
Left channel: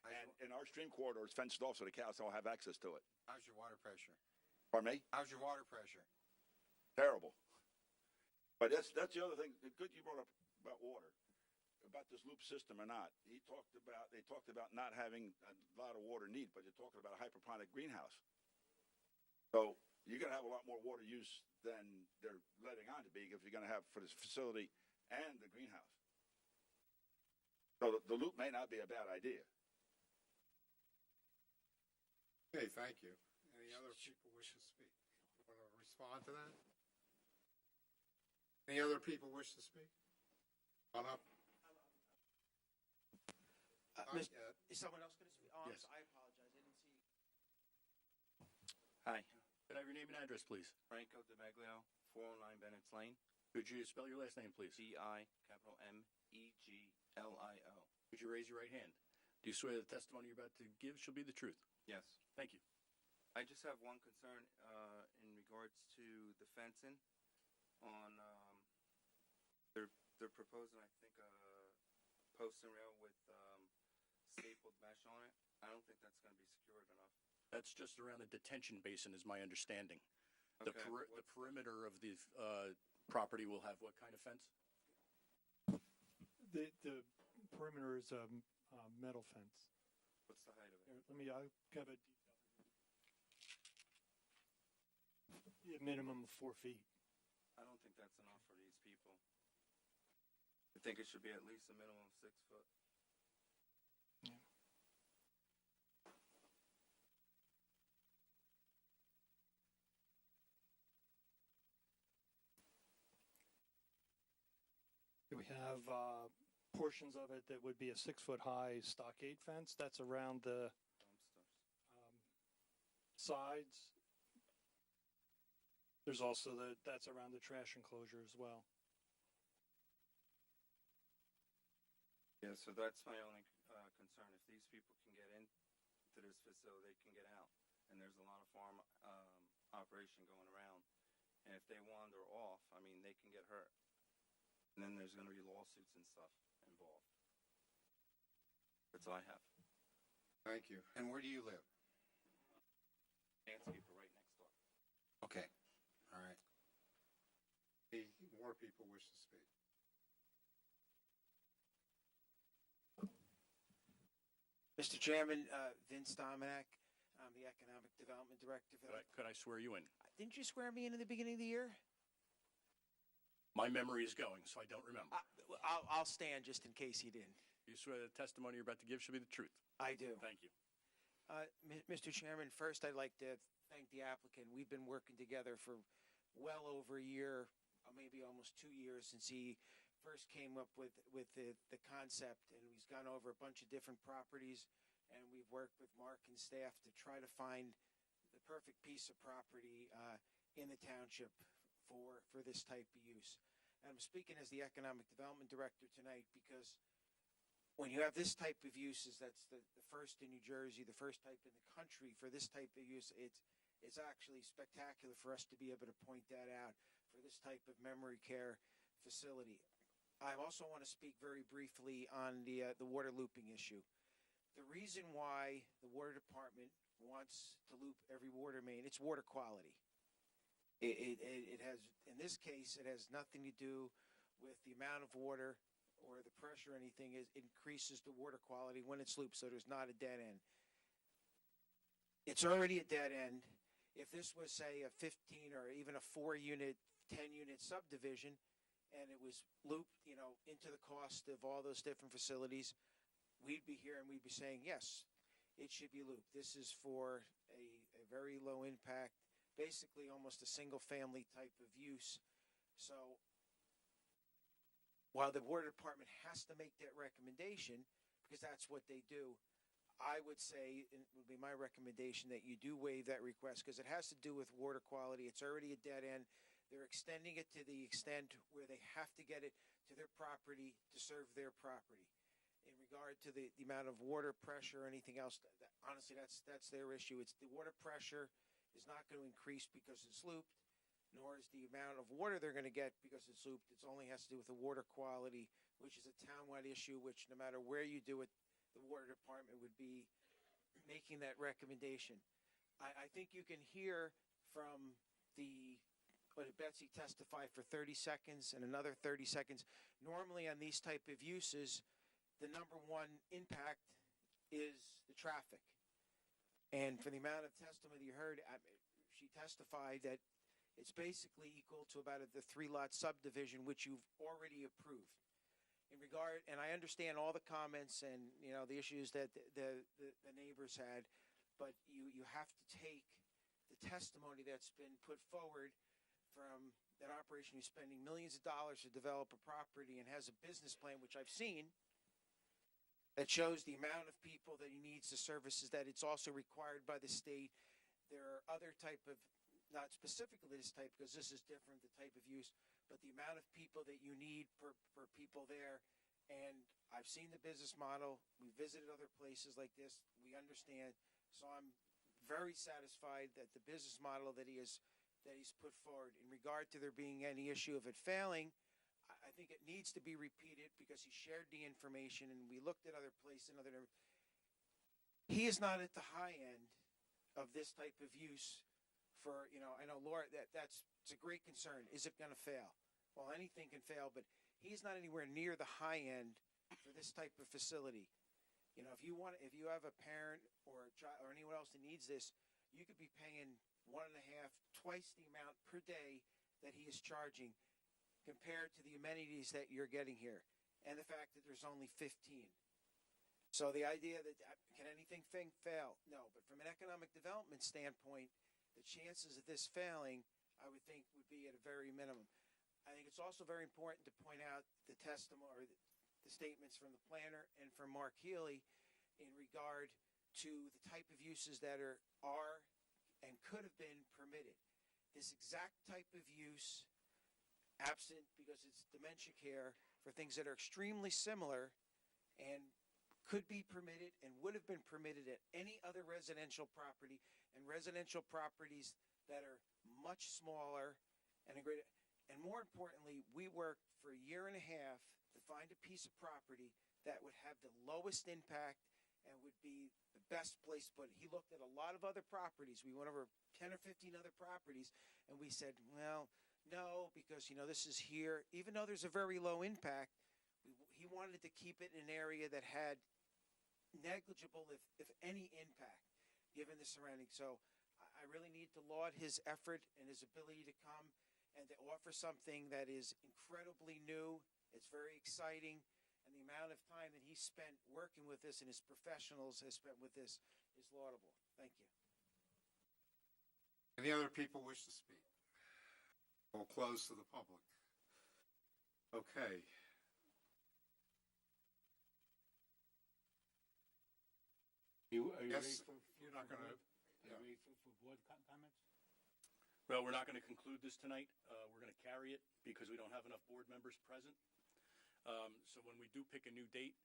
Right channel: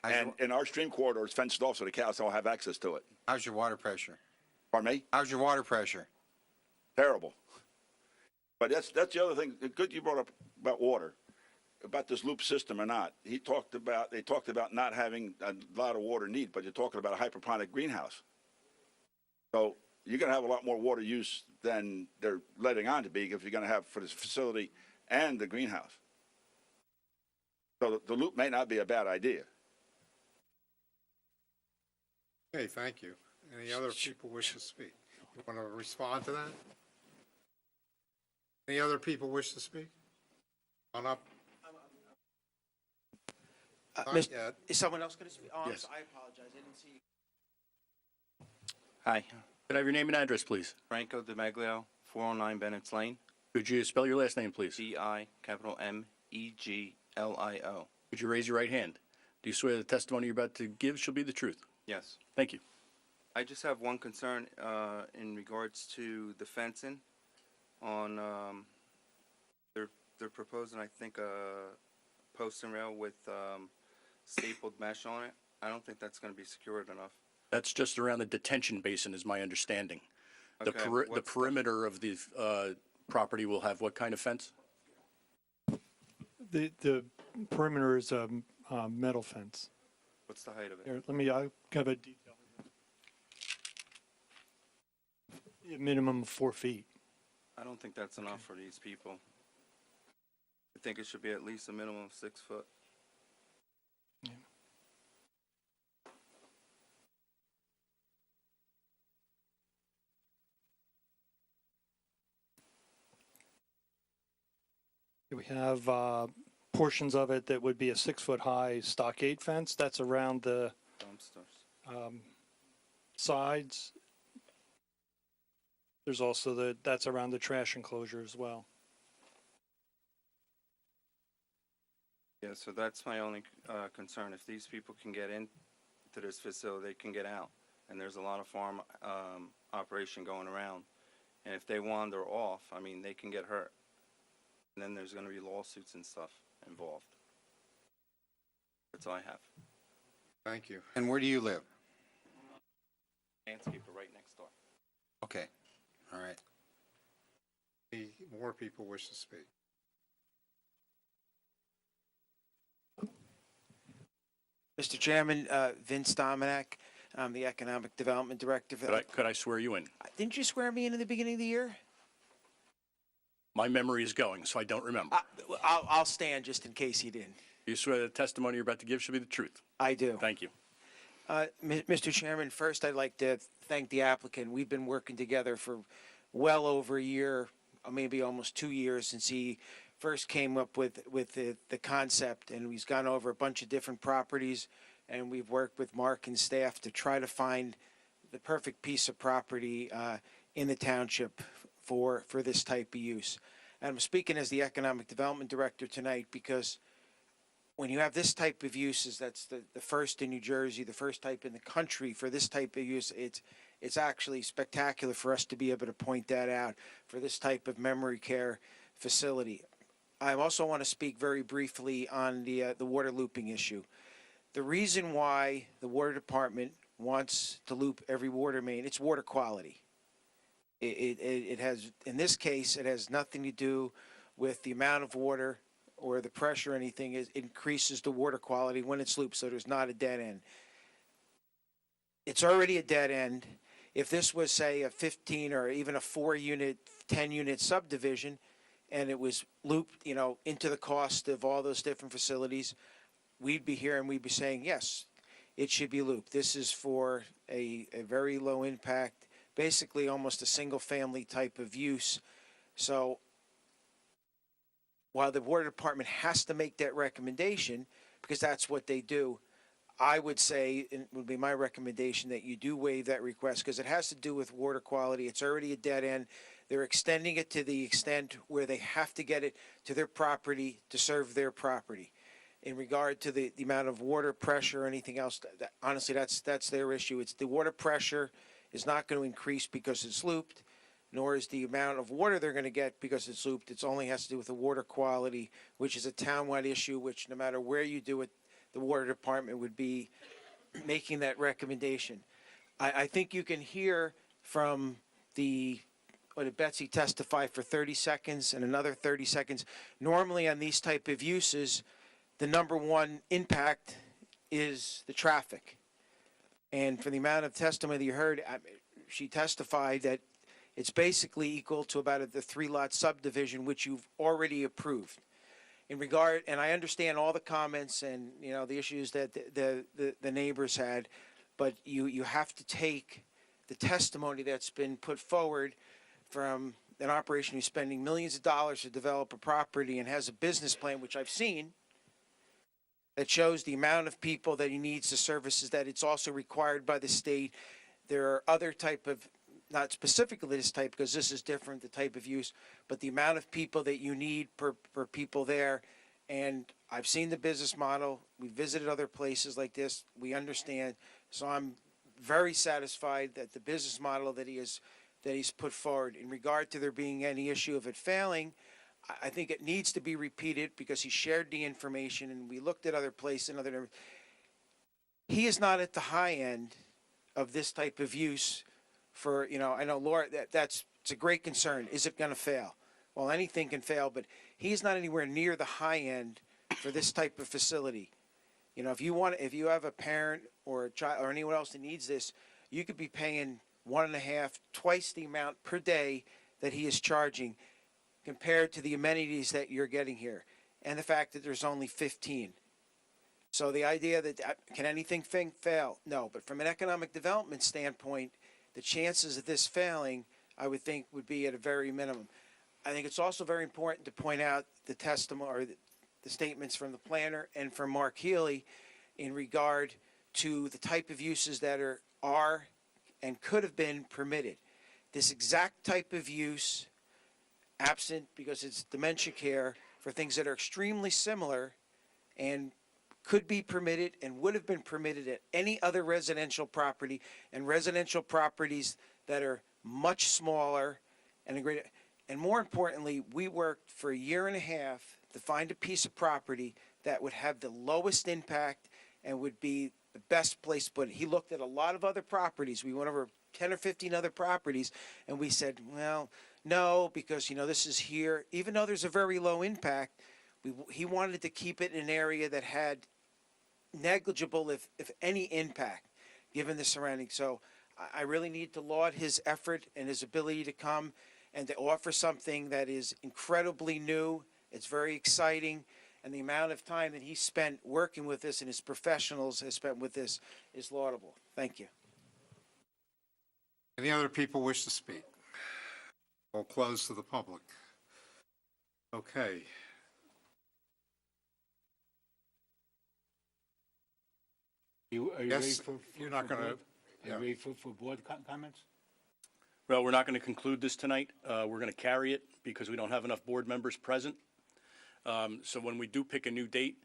And in our stream corridor, it's fenced off so the cows don't have access to it. How's your water pressure? Pardon me? How's your water pressure? Terrible. But that's the other thing. Good you brought up about water, about this loop system or not. They talked about not having a lot of water need, but you're talking about a hydroponic greenhouse. So you're going to have a lot more water use than they're letting on to be if you're going to have for this facility and the greenhouse. So the loop may not be a bad idea. Okay, thank you. Any other people wish to speak? You want to respond to that? Any other people wish to speak? On up. Not yet. Is someone else going to speak? Oh, Yes. I apologize. I didn't see. Hi. Could I have your name and address, please? Franco DeMeglio, 409 Bennett's Lane. Could you spell your last name, please? D-I-M-E-G-L-I-O. Could you raise your right hand? Do you swear the testimony you're about to give shall be the truth? Yes. Thank you. I just have one concern in regards to the fencing on, they're proposing, I think, a post and rail with stapled mesh on it. I don't think that's going to be secured enough. That's just around the detention basin, is my understanding. The Okay, perimeter of the property will have what kind of fence? The perimeter is a metal fence. What's the height of it? Here, I'll have a detail. A minimum of 4 feet. I don't think that's enough for these people. I think it should be at least a minimum of 6 foot. We have portions of it that would be a 6-foot-high stockade fence. That's around the Dumpsters. sides. There's also that's around the trash enclosure as well. Yeah, so that's my only concern. If these people can get into this facility, they can get out. And there's a lot of farm operation going around. And if they wander off, I mean, they can get hurt. And then there's going to be lawsuits and stuff involved. That's all I have. Thank you. And where do you live? Landscaper right next door. Okay, all right. Any more people wish to speak? Mr. Chairman, Vince Dominic, I'm the Economic Development Director. Could I swear you in? Didn't you swear me in the beginning of the year? My memory is going, so I don't remember. I'll stand just in case you didn't. You swear the testimony you're about to give should be the truth? I do. Thank you. Mr. Chairman, first I'd like to thank the applicant. We've been working together for well over a year, or maybe almost 2 years since he first came up with the concept, and he's gone over a bunch of different properties, and we've worked with Mark and staff to try to find the perfect piece of property in the township for this type of use. And I'm speaking as the Economic Development Director tonight because when you have this type of uses, that's the first in New Jersey, the first type in the country for this type of use, it's actually spectacular for us to be able to point that out for this type of memory care facility. I also want to speak very briefly on the water looping issue. The reason why the water department wants to loop every water main, it's water quality. It has, in this case, it has nothing to do with the amount of water or the pressure or anything. It increases the water quality when it's looped, so there's not a dead end. It's already a dead end. If this was, say, a 15 or even a 4-unit, 10-unit subdivision, and it was looped, into the cost of all those different facilities, we'd be here and we'd be saying, yes, it should be looped. This is for a very low impact, basically almost a single family type of use. So while the water department has to make that recommendation, because that's what they do, I would say, it would be my recommendation that you do waive that request because it has to do with water quality. It's already a dead end. They're extending it to the extent where they have to get it to their property to serve their property. In regard to the amount of water pressure or anything else, honestly, that's their issue. It's the water pressure is not going to increase because it's looped, nor is the amount of water they're going to get because it's looped. It only has to do with the water quality, which is a townwide issue, which no matter where you do it, the water department would be making that recommendation. I think you can hear from what did Betsy testify for 30 seconds and another 30 seconds. Normally on these type of uses, the number one impact is the traffic. And for the amount of testimony that you heard, she testified that it's basically equal to about the 3-lot subdivision, which you've already approved. In regard, and I understand all the comments and the issues that the neighbors had, but you have to take the testimony that's been put forward from an operation who's spending millions of dollars to develop a property and has a business plan, which I've seen, that shows the amount of people that he needs, the services that it's also required by the state. There are other type of, not specifically this type because this is different, the type of use, but the amount of people that you need per people there. And I've seen the business model. We visited other places like this. We understand. So I'm very satisfied that the business model that he's put forward in regard to there being any issue of it failing, I think it needs to be repeated because he shared the information and we looked at other places and other. He is not at the high end of this type of use for, I know Laura, it's a great concern. Is it going to fail? Well, anything can fail, but he's not anywhere near the high end for this type of facility. If you have a parent or a child or anyone else that needs this, you could be paying 1.5, twice the amount per day that he is charging compared to the amenities that you're getting here, and the fact that there's only 15. So the idea that, can anything fail? No, but from an economic development standpoint, the chances of this failing, I would think, would be at a very minimum. I think it's also very important to point out the testimony or the statements from the planner and from Mark Healy in regard to the type of uses that are and could have been permitted. This exact type of use, absent because it's dementia care for things that are extremely similar and could be permitted and would have been permitted at any other residential property, and residential properties that are much smaller and a greater. And more importantly, we worked for a year and a half to find a piece of property that would have the lowest impact and would be the best place to put it. He looked at a lot of other properties. We went over 10 or 15 other properties, and we said, well, no, because, this is here. Even though there's a very low impact, he wanted to keep it in an area that had negligible, if any, impact, given the surroundings. So I really need to laud his effort and his ability to come and to offer something that is incredibly new. It's very exciting, and the amount of time that he spent working with this and his professionals has spent with this is laudable. Thank you. Any other people wish to speak? We'll close to the public. Okay. Are you ready Yes, for? you're not for gonna- board- Are yeah. you ready for board comments? Well, we're not going to conclude this tonight. We're going to carry it because we don't have enough board members present. So when we do pick a new date,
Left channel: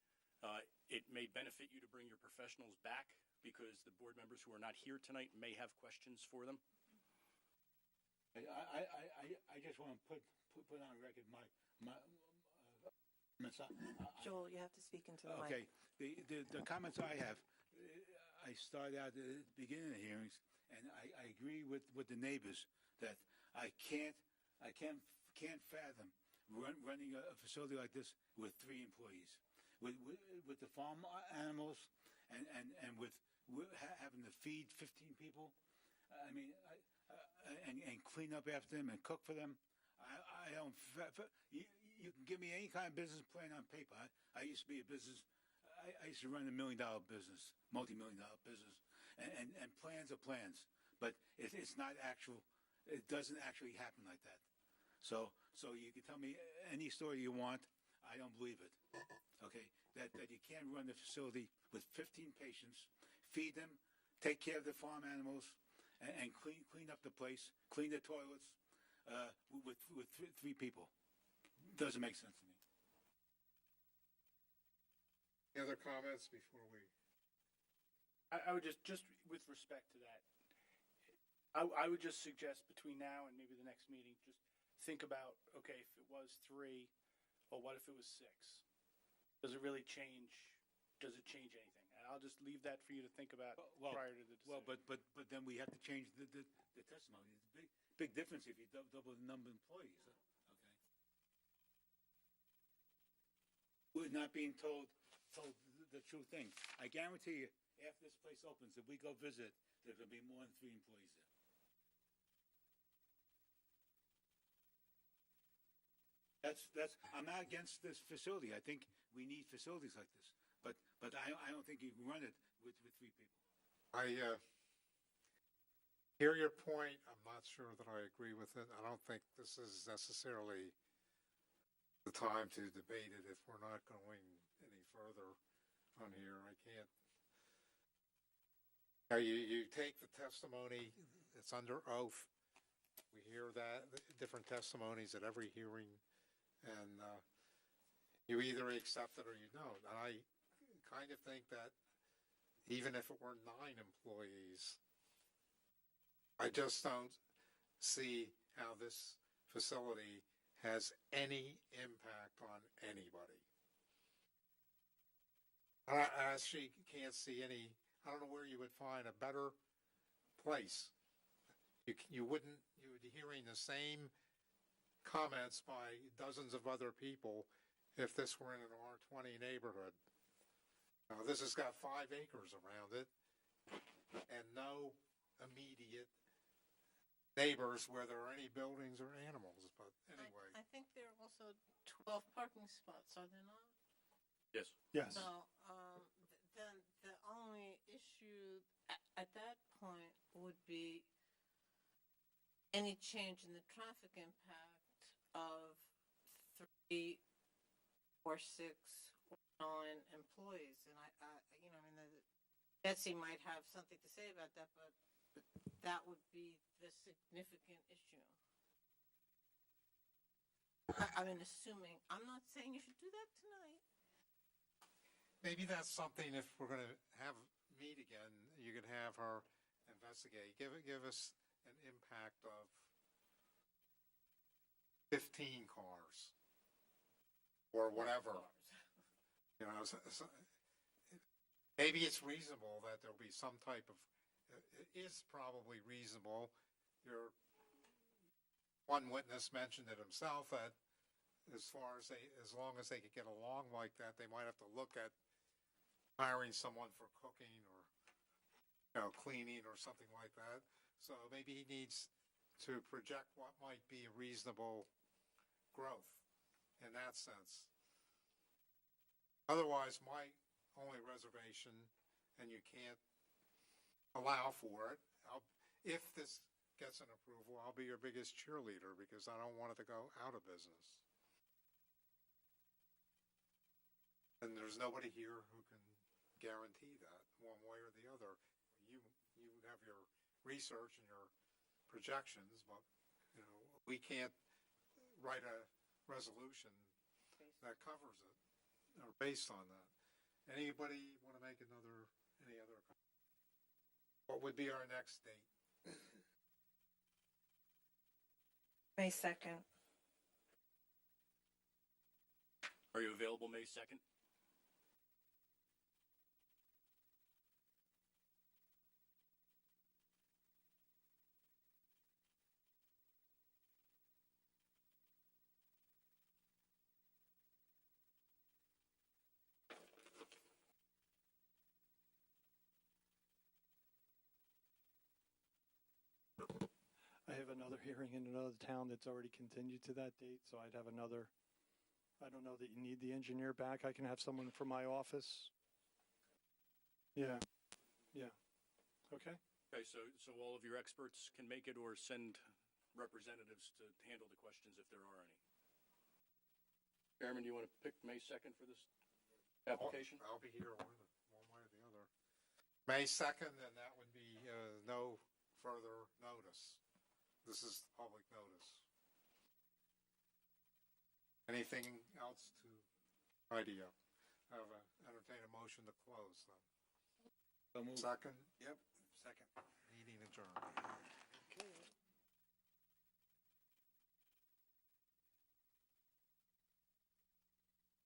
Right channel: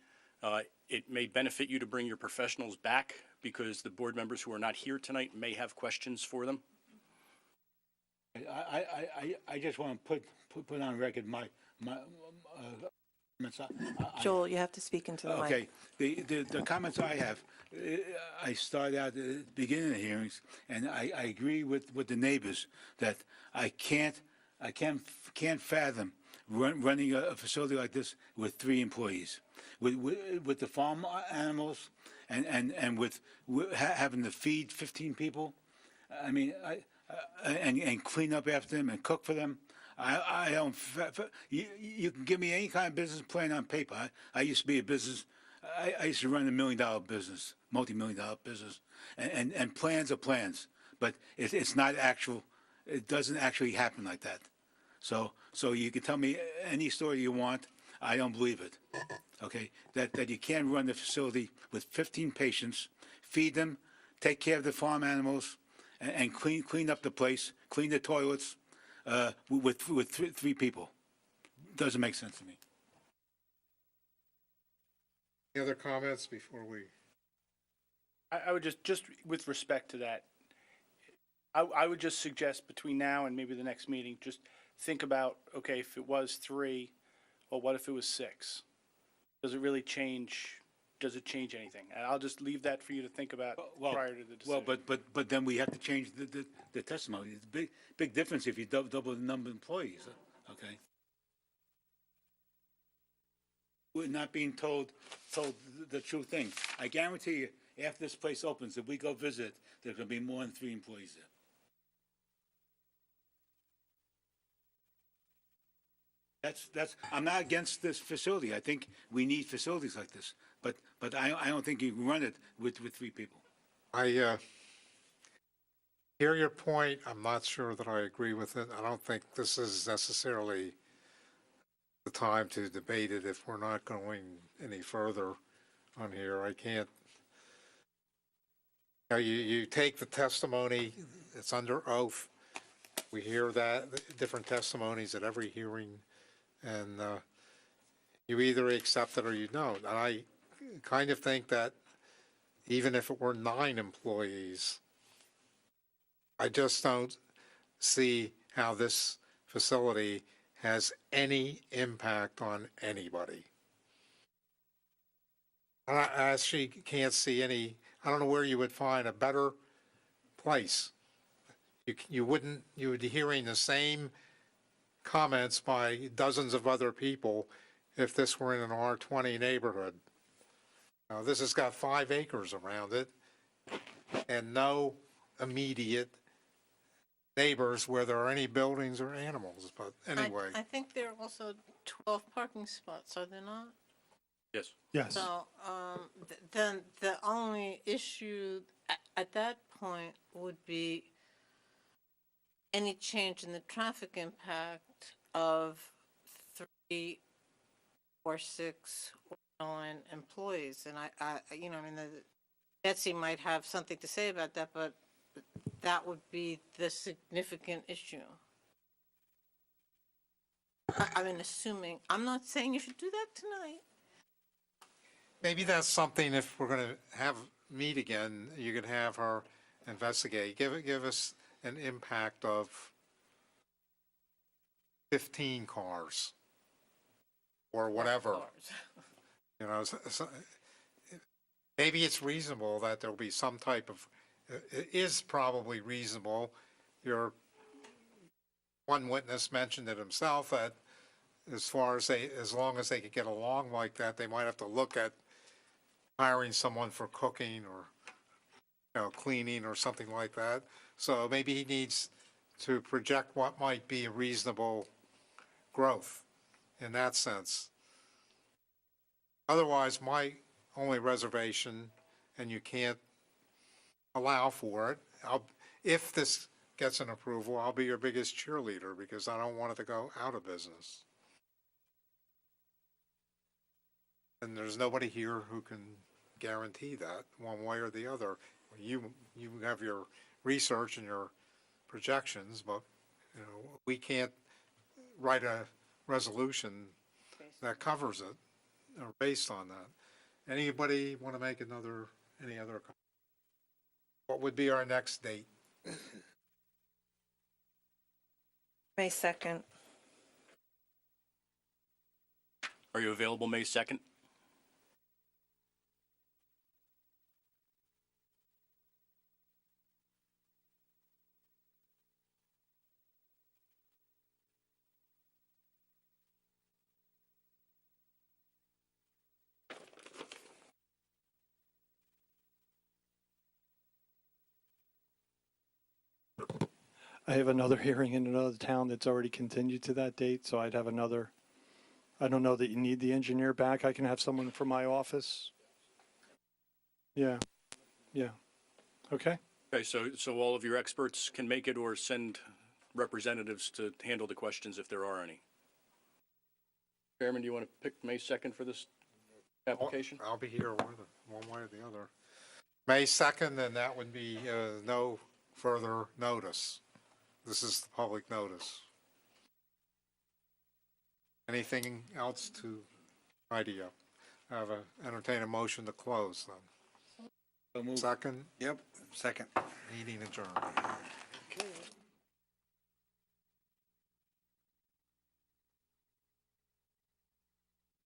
it may benefit you to bring your professionals back because the board members who are not here tonight may have questions for them. I just want to put on record my comments. Joel, you have to speak into the mic. Okay, the comments I have, I started out at the beginning of the hearings, and I agree with the neighbors that I can't fathom running a facility like this with 3 employees, with the farm animals, and with having to feed 15 people. I mean, and clean up after them and cook for them. I don't. You can give me any kind of business plan on paper. I used to be a business. I used to run $1 million business, multi-million-dollar business, and plans are plans, but it's not actual. It doesn't actually happen like that. So you can tell me any story you want. I don't believe it. Okay, that you can't run the facility with 15 patients, feed them, take care of the farm animals, and clean up the place, clean the toilets, with 3 people. Doesn't make sense to me. Any other comments before we? I would just with respect to that, I would just suggest between now and maybe the next meeting, just think about, okay, if it was 3, well, what if it was 6? Does it really change? Does it change anything? And I'll just leave that for you to think about prior to the decision. Well, but then we have to change the testimony. It's a big difference if you double the number of employees. Okay. We're not being told the true thing. I guarantee you, after this place opens, if we go visit, there's going to be more than 3 employees there. That's. I'm not against this facility. I think we need facilities like this, but I don't think you can run it with 3 people. I hear your point. I'm not sure that I agree with it. I don't think this is necessarily the time to debate it if we're not going any further on here. I can't. You take the testimony, it's under oath. We hear that, different testimonies at every hearing, and you either accept it or you don't. And I kind of think that even if it were 9 employees, I just don't see how this facility has any impact on anybody. I actually can't see any. I don't know where you would find a better place. You would be hearing the same comments by dozens of other people if this were in an R20 neighborhood. Now, this has got 5 acres around it and no immediate neighbors where there are any buildings or animals, but anyway. I think there are also 12 parking spots, are there not? Yes. Yes. So, then the only issue at that point would be any change in the traffic impact of 3 or 6 or 9 employees. And I mean, Betsy might have something to say about that, but that would be the significant issue. I mean, assuming, I'm not saying you should do that tonight. Maybe that's something, if we're going to meet again, you could have her investigate. Give us an impact of 15 cars or whatever. You know, maybe it's reasonable that there'll be some type of, it is probably reasonable. One witness mentioned it himself, that as long as they could get along like that, they might have to look at hiring someone for cooking or, cleaning or something like that. So maybe he needs to project what might be a reasonable growth in that sense. Otherwise, my only reservation, and you can't allow for it, if this gets an approval, I'll be your biggest cheerleader, because I don't want it to go out of business. And there's nobody here who can guarantee that one way or the other. You have your research and your projections, but we can't write a resolution that covers it or based on that. Anybody want to make any other comment? What would be our next date? May 2nd. Are you available May 2nd? I have another hearing in another town that's already continued to that date, so I'd have another. I don't know that you need the engineer back. I can have someone from my office. Yeah. Okay. Okay, so all of your experts can make it, or send representatives to handle the questions if there are any. Chairman, do you want to pick May 2nd for this application? I'll be here one way or the other. May 2nd, and that would be no further notice. This is the public notice. Anything else to tidy up? Entertain a motion to close then. Second? Yep, second. Meeting adjourned.